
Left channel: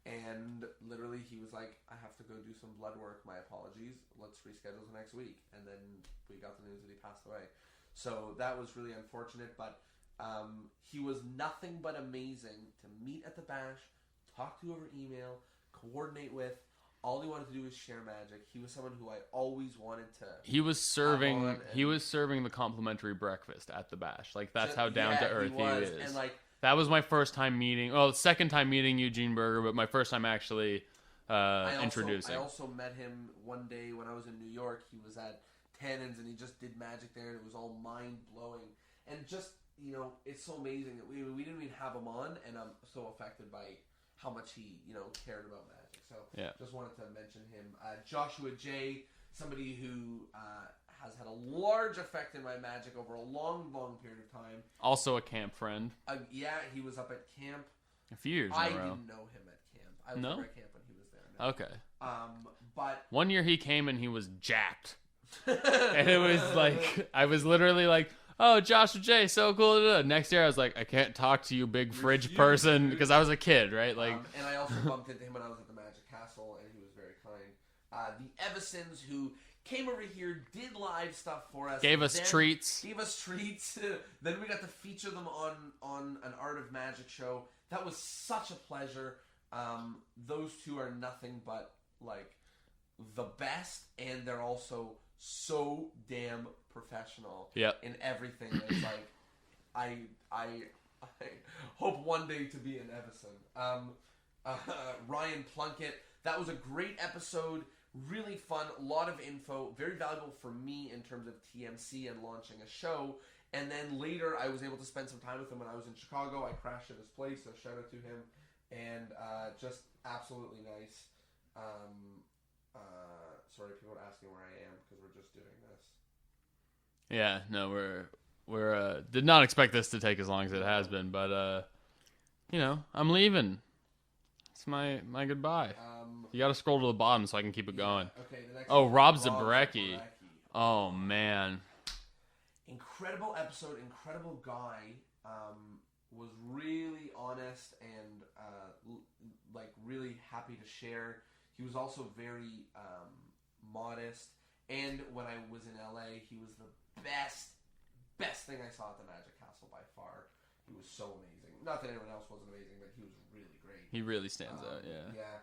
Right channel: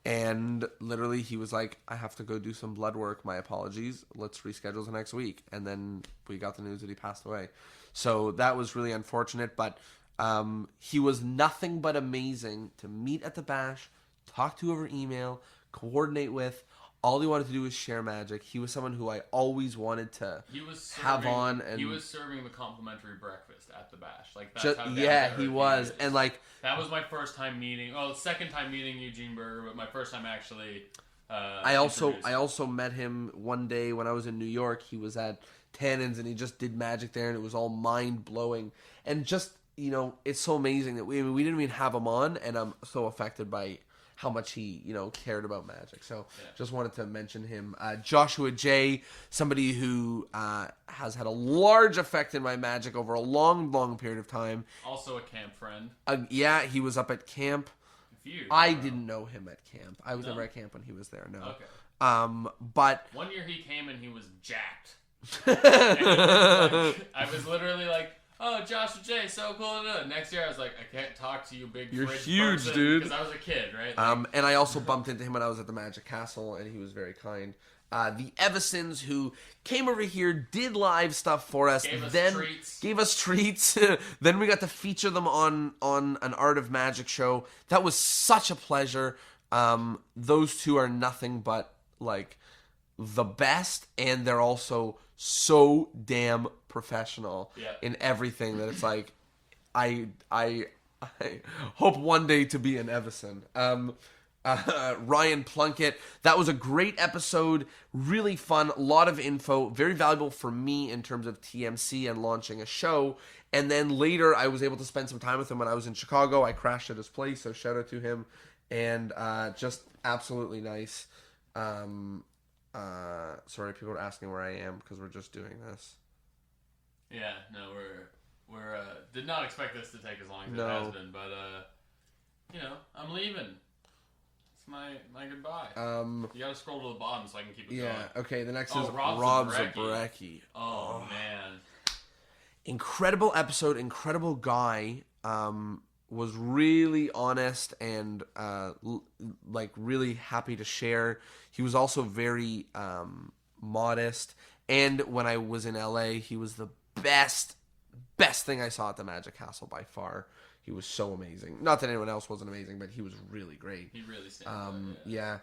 And literally, he was like, I have to go do some blood work. My apologies. Let's reschedule the next week. And then we got the news that he passed away. So that was really unfortunate. But he was nothing but amazing to meet at the bash, talk to over email, coordinate with. All he wanted to do was share magic. He was someone who I always wanted to have on. And he was serving the complimentary breakfast at the bash. Like that's how down to earth he was. Is. And like that was my first time meeting. Well, second time meeting Eugene Berger, but my first time actually. I also met him one day when I was in New York. He was at Tannen's and he just did magic there, and it was all mind blowing. And just it's so amazing that we didn't even have him on, and I'm so affected by how much he, cared about magic. So just wanted to mention him. Joshua J., somebody who has had a large effect in my magic over a long, long period of time. Also a camp friend. Yeah, he was up at camp. A few years I didn't know him at camp. I was never at camp when he was there. No. Okay. But one year he came and he was jacked. And it was like, I was literally like, oh, Joshua J, so cool. Next year, I was like, I can't talk to you, big fridge huge, person, dude. because I was a kid, right? Like, and I also bumped into him when I was at the Magic Castle, and he was very kind. The Evisons, who came over here, did live stuff for us. Gave us treats. Then we got to feature them on an Art of Magic show. That was such a pleasure. Those two are nothing but, like, the best, and they're also so damn professional in everything that it's like I hope one day to be an Evison. Ryan Plunkett, that was a great episode, really fun, a lot of info, very valuable for me in terms of TMC and launching a show. And then later I was able to spend some time with him when I was in Chicago. I crashed at his place, so shout out to him. And just absolutely nice. Sorry, people are asking where I am because we're just doing this. Yeah, no, we're did not expect this to take as long as it has been, but I'm leaving. It's my goodbye. You got to scroll to the bottom so I can keep it going. Okay, the next. Oh, is Rob Zabrecki. Oh man, incredible episode, incredible guy. Was really honest and like really happy to share. He was also very modest, and when I was in LA, he was the best thing I saw at the Magic Castle by far. He was so amazing. Not that anyone else wasn't amazing, but he was really great. He really stands out. Yeah.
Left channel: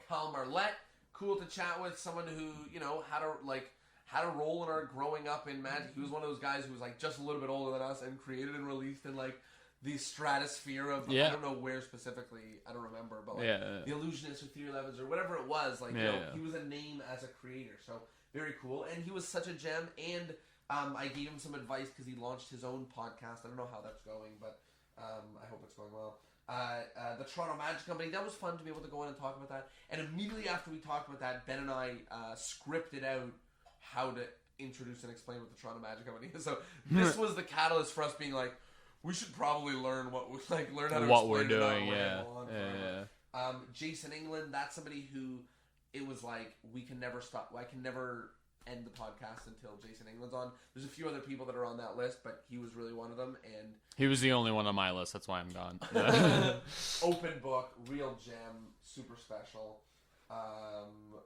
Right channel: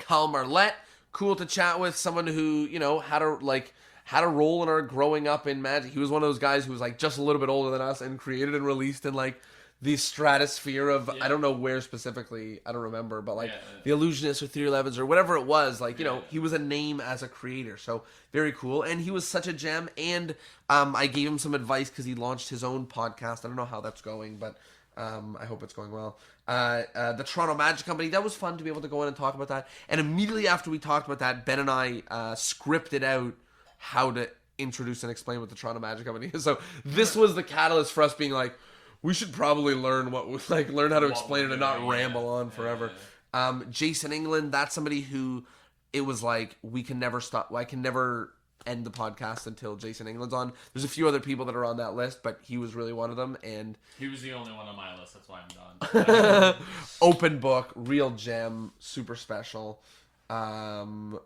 Kyle Marlette, cool to chat with. Someone who had a role in our growing up in Magic. He was one of those guys who was like just a little bit older than us and created and released in like the stratosphere of I don't know where specifically, I don't remember, but like the Illusionists or 311s or whatever it was, like he was a name as a creator, so very cool. And he was such a gem. And I gave him some advice because he launched his own podcast. I don't know how that's going, but I hope it's going well. The Toronto Magic Company, that was fun to be able to go in and talk about that. And immediately after we talked about that, Ben and I scripted out how to introduce and explain what the Toronto Magic Company is. So this was the catalyst for us being like, We should probably learn learn how to What explain it we're and not doing, ramble on yeah. forever. Jason England, that's somebody who it was like we can never stop. I can never end the podcast until Jason England's on. There's a few other people that are on that list, but he was really one of them. And he was the only one on my list. That's why I'm gone. open book, real gem, super special. Nobody.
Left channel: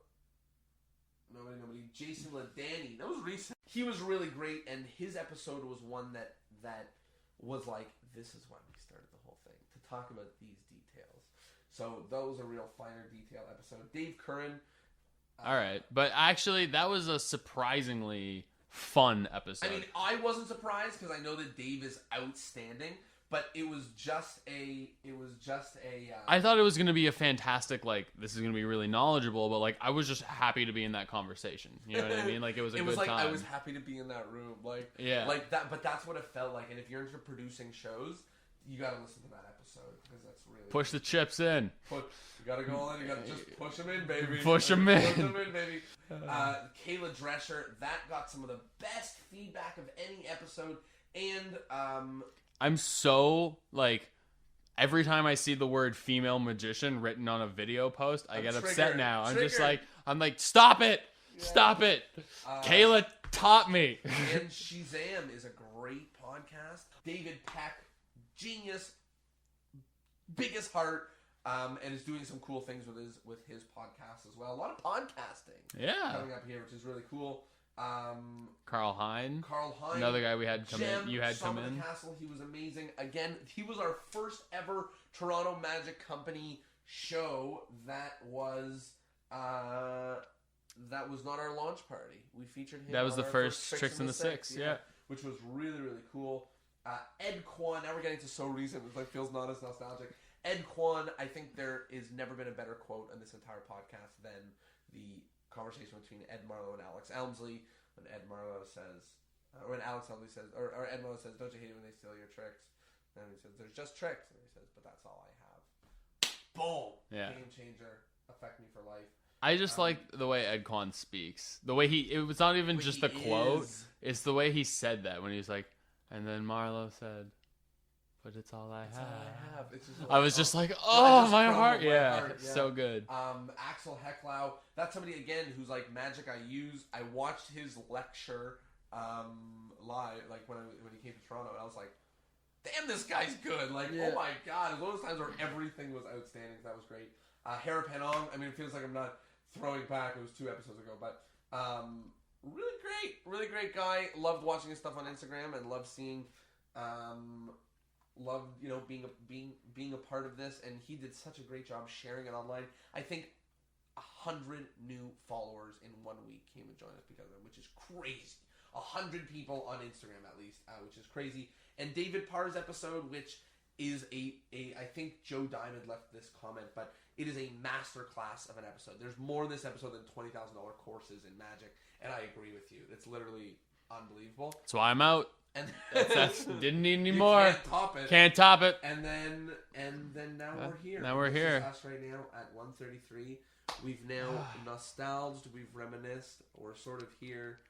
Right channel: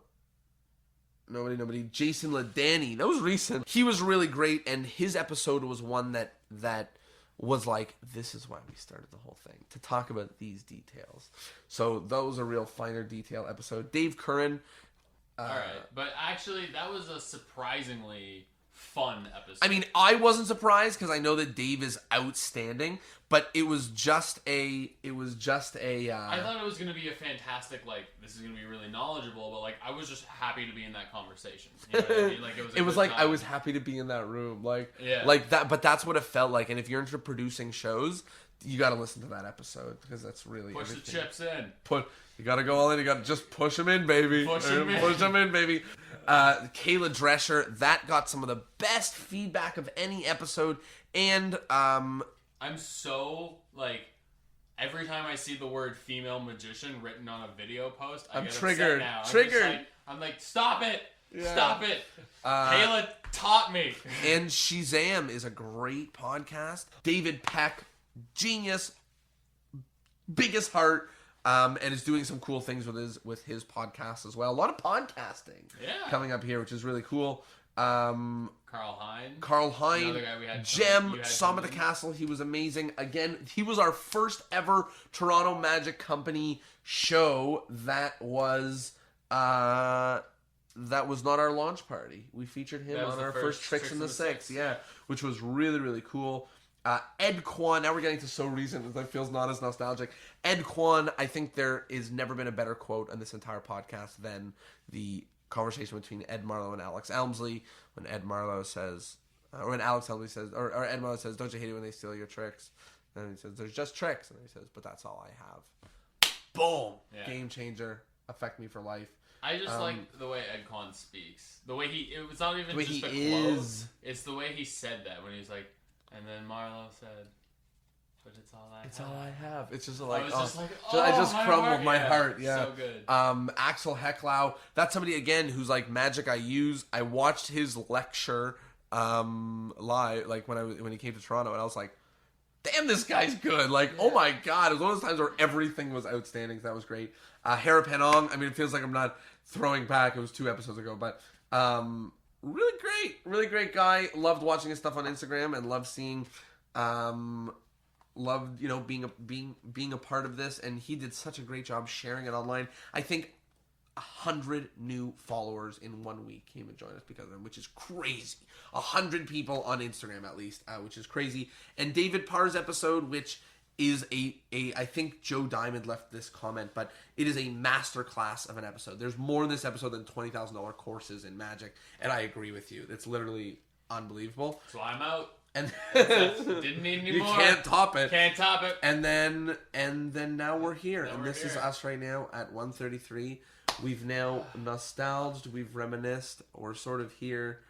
Jason Ladani, that was recent. He was really great, and his episode was one that was like, this is why we started the whole thing, to talk about these details. So that was a real finer detail episode. Dave Curran. All right, but actually, that was a surprisingly fun episode. I mean, I wasn't surprised because I know that Dave is outstanding, but it was just a. I thought it was going to be a fantastic, like, this is going to be really knowledgeable, but, like, I was just happy to be in that conversation. You know what I mean? Like, it was like, time. I was happy to be in that room. Like, yeah. Like that, but that's what it felt like. And if you're into producing shows, you got to listen to that episode because that's really push the chips in. You got to go all in. You got to just push them in, baby. Push them in. Push them in, baby. Kayla Drescher, that got some of the best feedback of any episode. And I'm so, like, every time I see the word female magician written on a video post, I get upset now. I'm like, stop it. Yeah. Stop it. Kayla taught me. And Shazam is a great podcast. David Peck, genius, biggest heart, and is doing some cool things with his podcast as well. A lot of podcasting coming up here, which is really cool. Carl Hein, another guy we had. Gem, Som of the Castle. He was amazing. Again, he was our first ever Toronto Magic Company show. That was not our launch party. We featured him on our first Tricks in the Six. Yeah, which was really, really cool. Ed Kwan, now we're getting to so recent that feels not as nostalgic. Ed Kwan, I think there has never been a better quote on this entire podcast than the conversation between Ed Marlowe and Alex Elmsley when Ed Marlowe says, or when Alex Elmsley says, or Ed Marlowe says, don't you hate it when they steal your tricks? And he says, there's just tricks. And he says, but that's all I have. Boom! Yeah. Game changer. Affect me for life. I just like the way Ed Kwan speaks. The way it was not even just a quote. It's the way he said that when he was like, and then Marlowe said, but it's all I have. It's all I have. It's just like, I was just like, I just my crumbled heart. my heart. Yeah. So good. Axel Hecklau. That's somebody, again, who's like magic I use. I watched his lecture live, like when he came to Toronto, and I was like, damn, this guy's good. Like, oh my God. It was one of those times where everything was outstanding. So that was great. Hera Penong. I mean, it feels like I'm not throwing back. It was 2 episodes ago, but really great guy. Loved watching his stuff on Instagram and loved seeing, loved being a part of this. And he did such a great job sharing it online. I think 100 new followers in 1 week came and joined us because of him, which is crazy. 100 people on Instagram at least, which is crazy. And David Parr's episode, which is I think Joe Diamond left this comment, but it is a masterclass of an episode. There's more in this episode than $20,000 courses in Magic, and I agree with you. It's literally unbelievable. So I'm out. And didn't need any more. You can't top it. Can't top it. And then now we're here. Now we're this here. Is us right now at 1:33. We've now nostalged. We've reminisced. We're sort of here.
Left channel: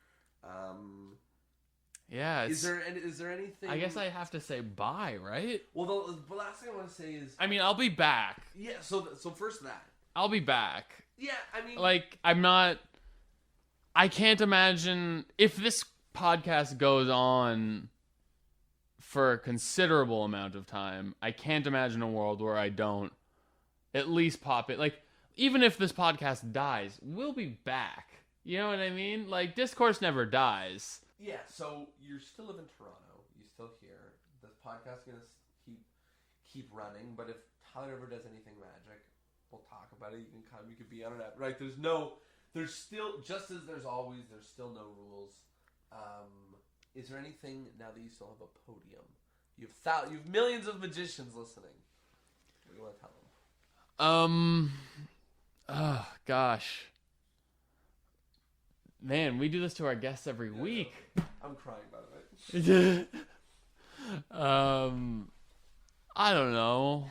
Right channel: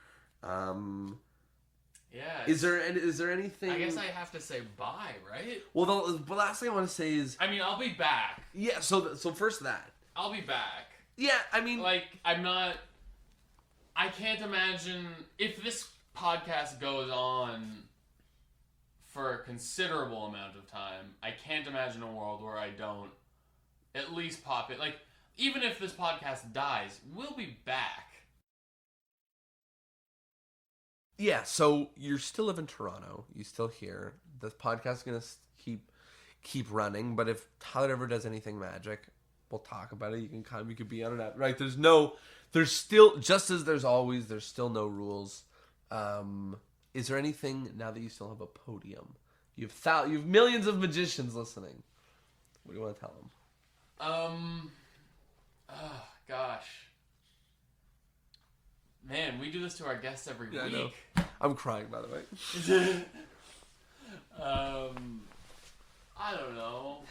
Yeah. Is there anything? I guess I have to say bye, right? Well, the last thing I want to say is, I mean, I'll be back. Yeah. So first that. I'll be back. Yeah. I mean, like, I'm not. I can't imagine if this podcast goes on for a considerable amount of time. I can't imagine a world where I don't at least pop it. Like, even if this podcast dies, we'll be back. You know what I mean? Like, Discourse never dies. Yeah, so you still live in Toronto. You still here. This podcast is going to keep running. But if Tyler ever does anything magic, we'll talk about it. You can come. You could be on it. Right? There's still, just as there's always, there's still no rules. Is there anything, now that you still have a podium, you have millions of magicians listening, what do you want to tell them? Oh, gosh. Man, we do this to our guests every week. I'm crying, by the way. I don't know.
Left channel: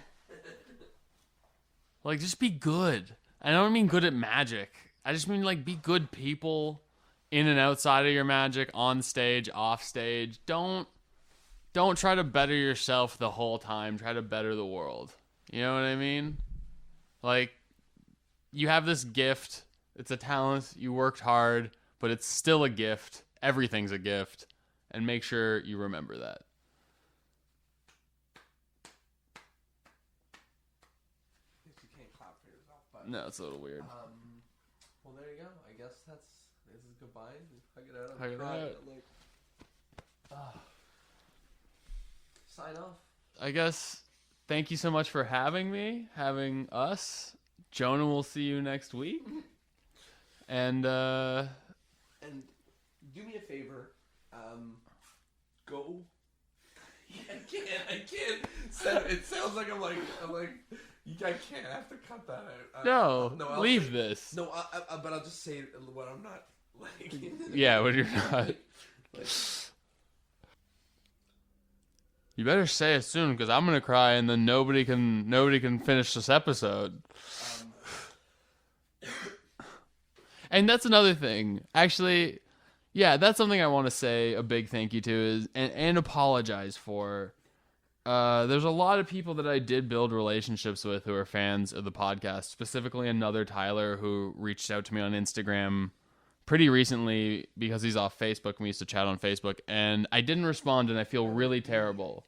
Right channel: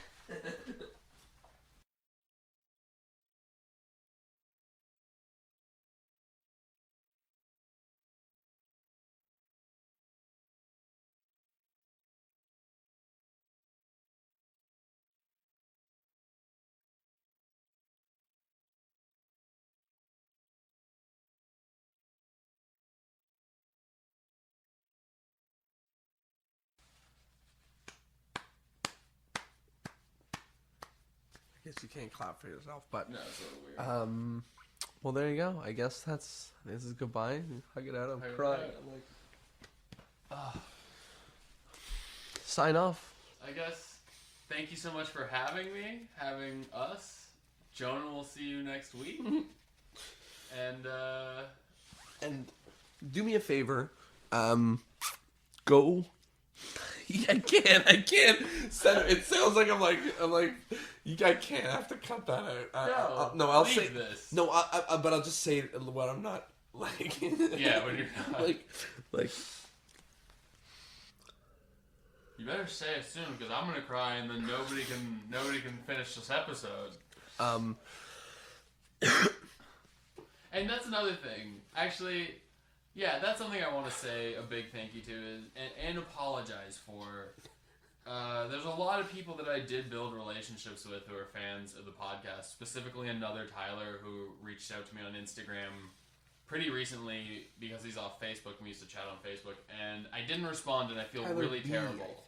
Like, just be good. I don't mean good at magic. I just mean, like, be good people in and outside of your magic, on stage, off stage. Don't don't try to better yourself the whole time. Try to better the world. You know what I mean? Like, you have this gift. It's a talent. You worked hard, but it's still a gift. Everything's a gift. And make sure you remember that. I guess you can't clap for yourself, but No, it's a little weird. well, there you go. I guess this is goodbye. Hug it out. I'm Hug it crying. out. I'm like, sign off. I guess thank you so much for having me, having us. Jonah will see you next week. And do me a favor. Go. I can't. It sounds like I'm like. I can't. I have to cut that out. I'll leave say, this. No, but I'll just say what I'm not like. Yeah, when you're not. like. You better say it soon, because I'm gonna cry, and then nobody can finish this episode. And that's another thing. Actually, yeah, that's something I want to say a big thank you to is and apologize for. There's a lot of people that I did build relationships with who are fans of the podcast. Specifically, another Tyler who reached out to me on Instagram pretty recently because he's off Facebook. We used to chat on Facebook, and I didn't respond, and I feel really terrible.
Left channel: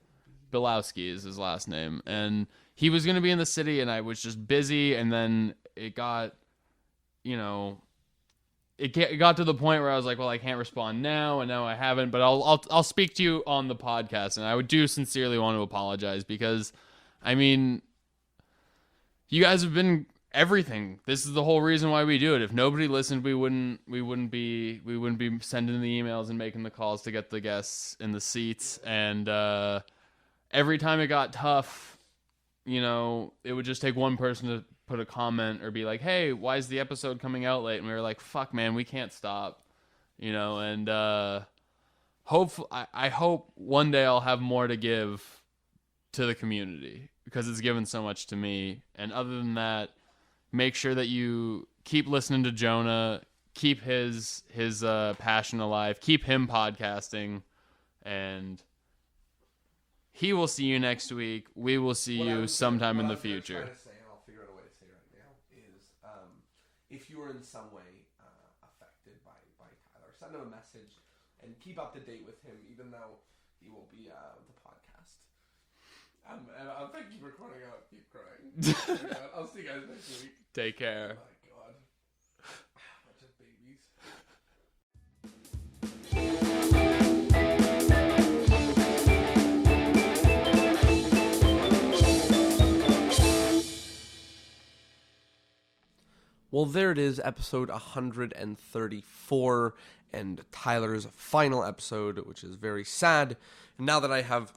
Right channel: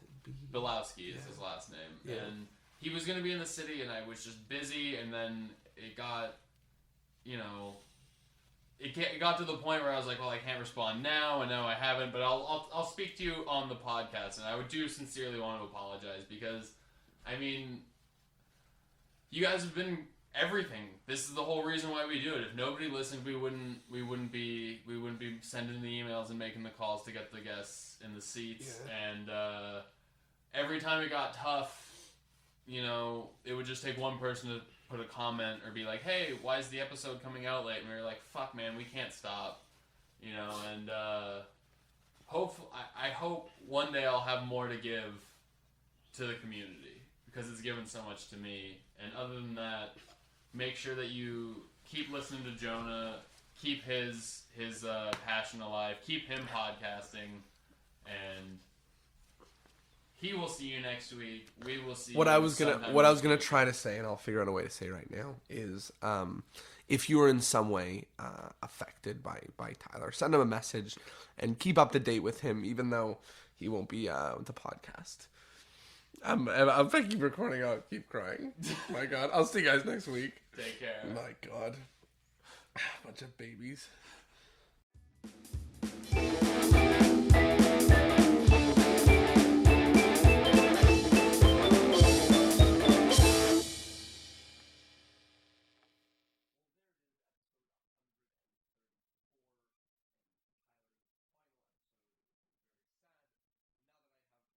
Bilowski is his last name, and he was going to be in the city, and I was just busy, and then it got, it got to the point where I was like, well, I can't respond now, and now I haven't, but I'll speak to you on the podcast, and I do sincerely want to apologize because, I mean, you guys have been everything. This is the whole reason why we do it. If nobody listened, we wouldn't be sending the emails and making the calls to get the guests in the seats, and every time it got tough, it would just take one person to put a comment or be like, hey, why is the episode coming out late? And we were like, fuck, man, we can't stop, and I hope one day I'll have more to give to the community because it's given so much to me. And other than that, make sure that you keep listening to Jonah, keep his passion alive, keep him podcasting, and he will see you next week. We will see you sometime. What I was going to try to say, and I'll figure out a way to say right now, is if you are in some way affected by Tyler, send him a message and keep up to date with him, even though he won't be with the podcast. I'm keep recording. I'll keep crying. Oh my God. I'll see you guys next week. Take care. My God. Bunch of babies. Well, there it is, episode 134, and Tyler's final episode, which is very sad. And now that I have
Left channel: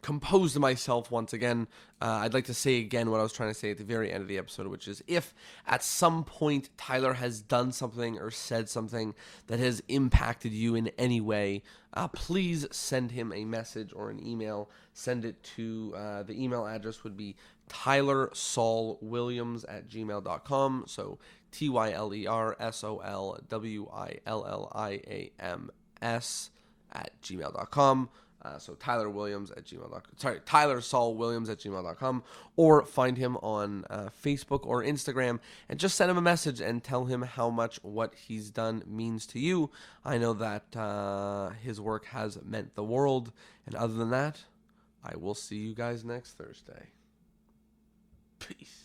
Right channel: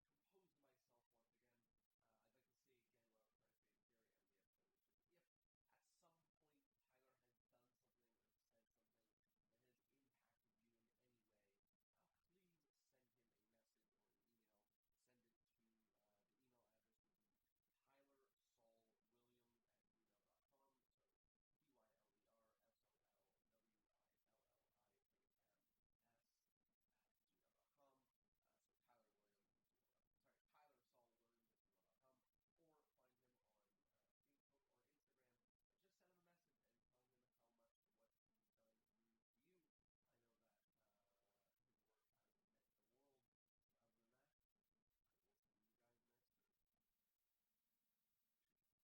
composed myself once again, I'd like to say again what I was trying to say at the very end of the episode, which is if at some point Tyler has done something or said something that has impacted you in any way, please send him a message or an email. Send it to, the email address would be tylersolwilliams@gmail.com. So tylersolwilliams@gmail.com. So tylersolwilliams@gmail.com, or find him on Facebook or Instagram and just send him a message and tell him how much what he's done means to you. I know that his work has meant the world, and other than that, I will see you guys next Thursday. Peace.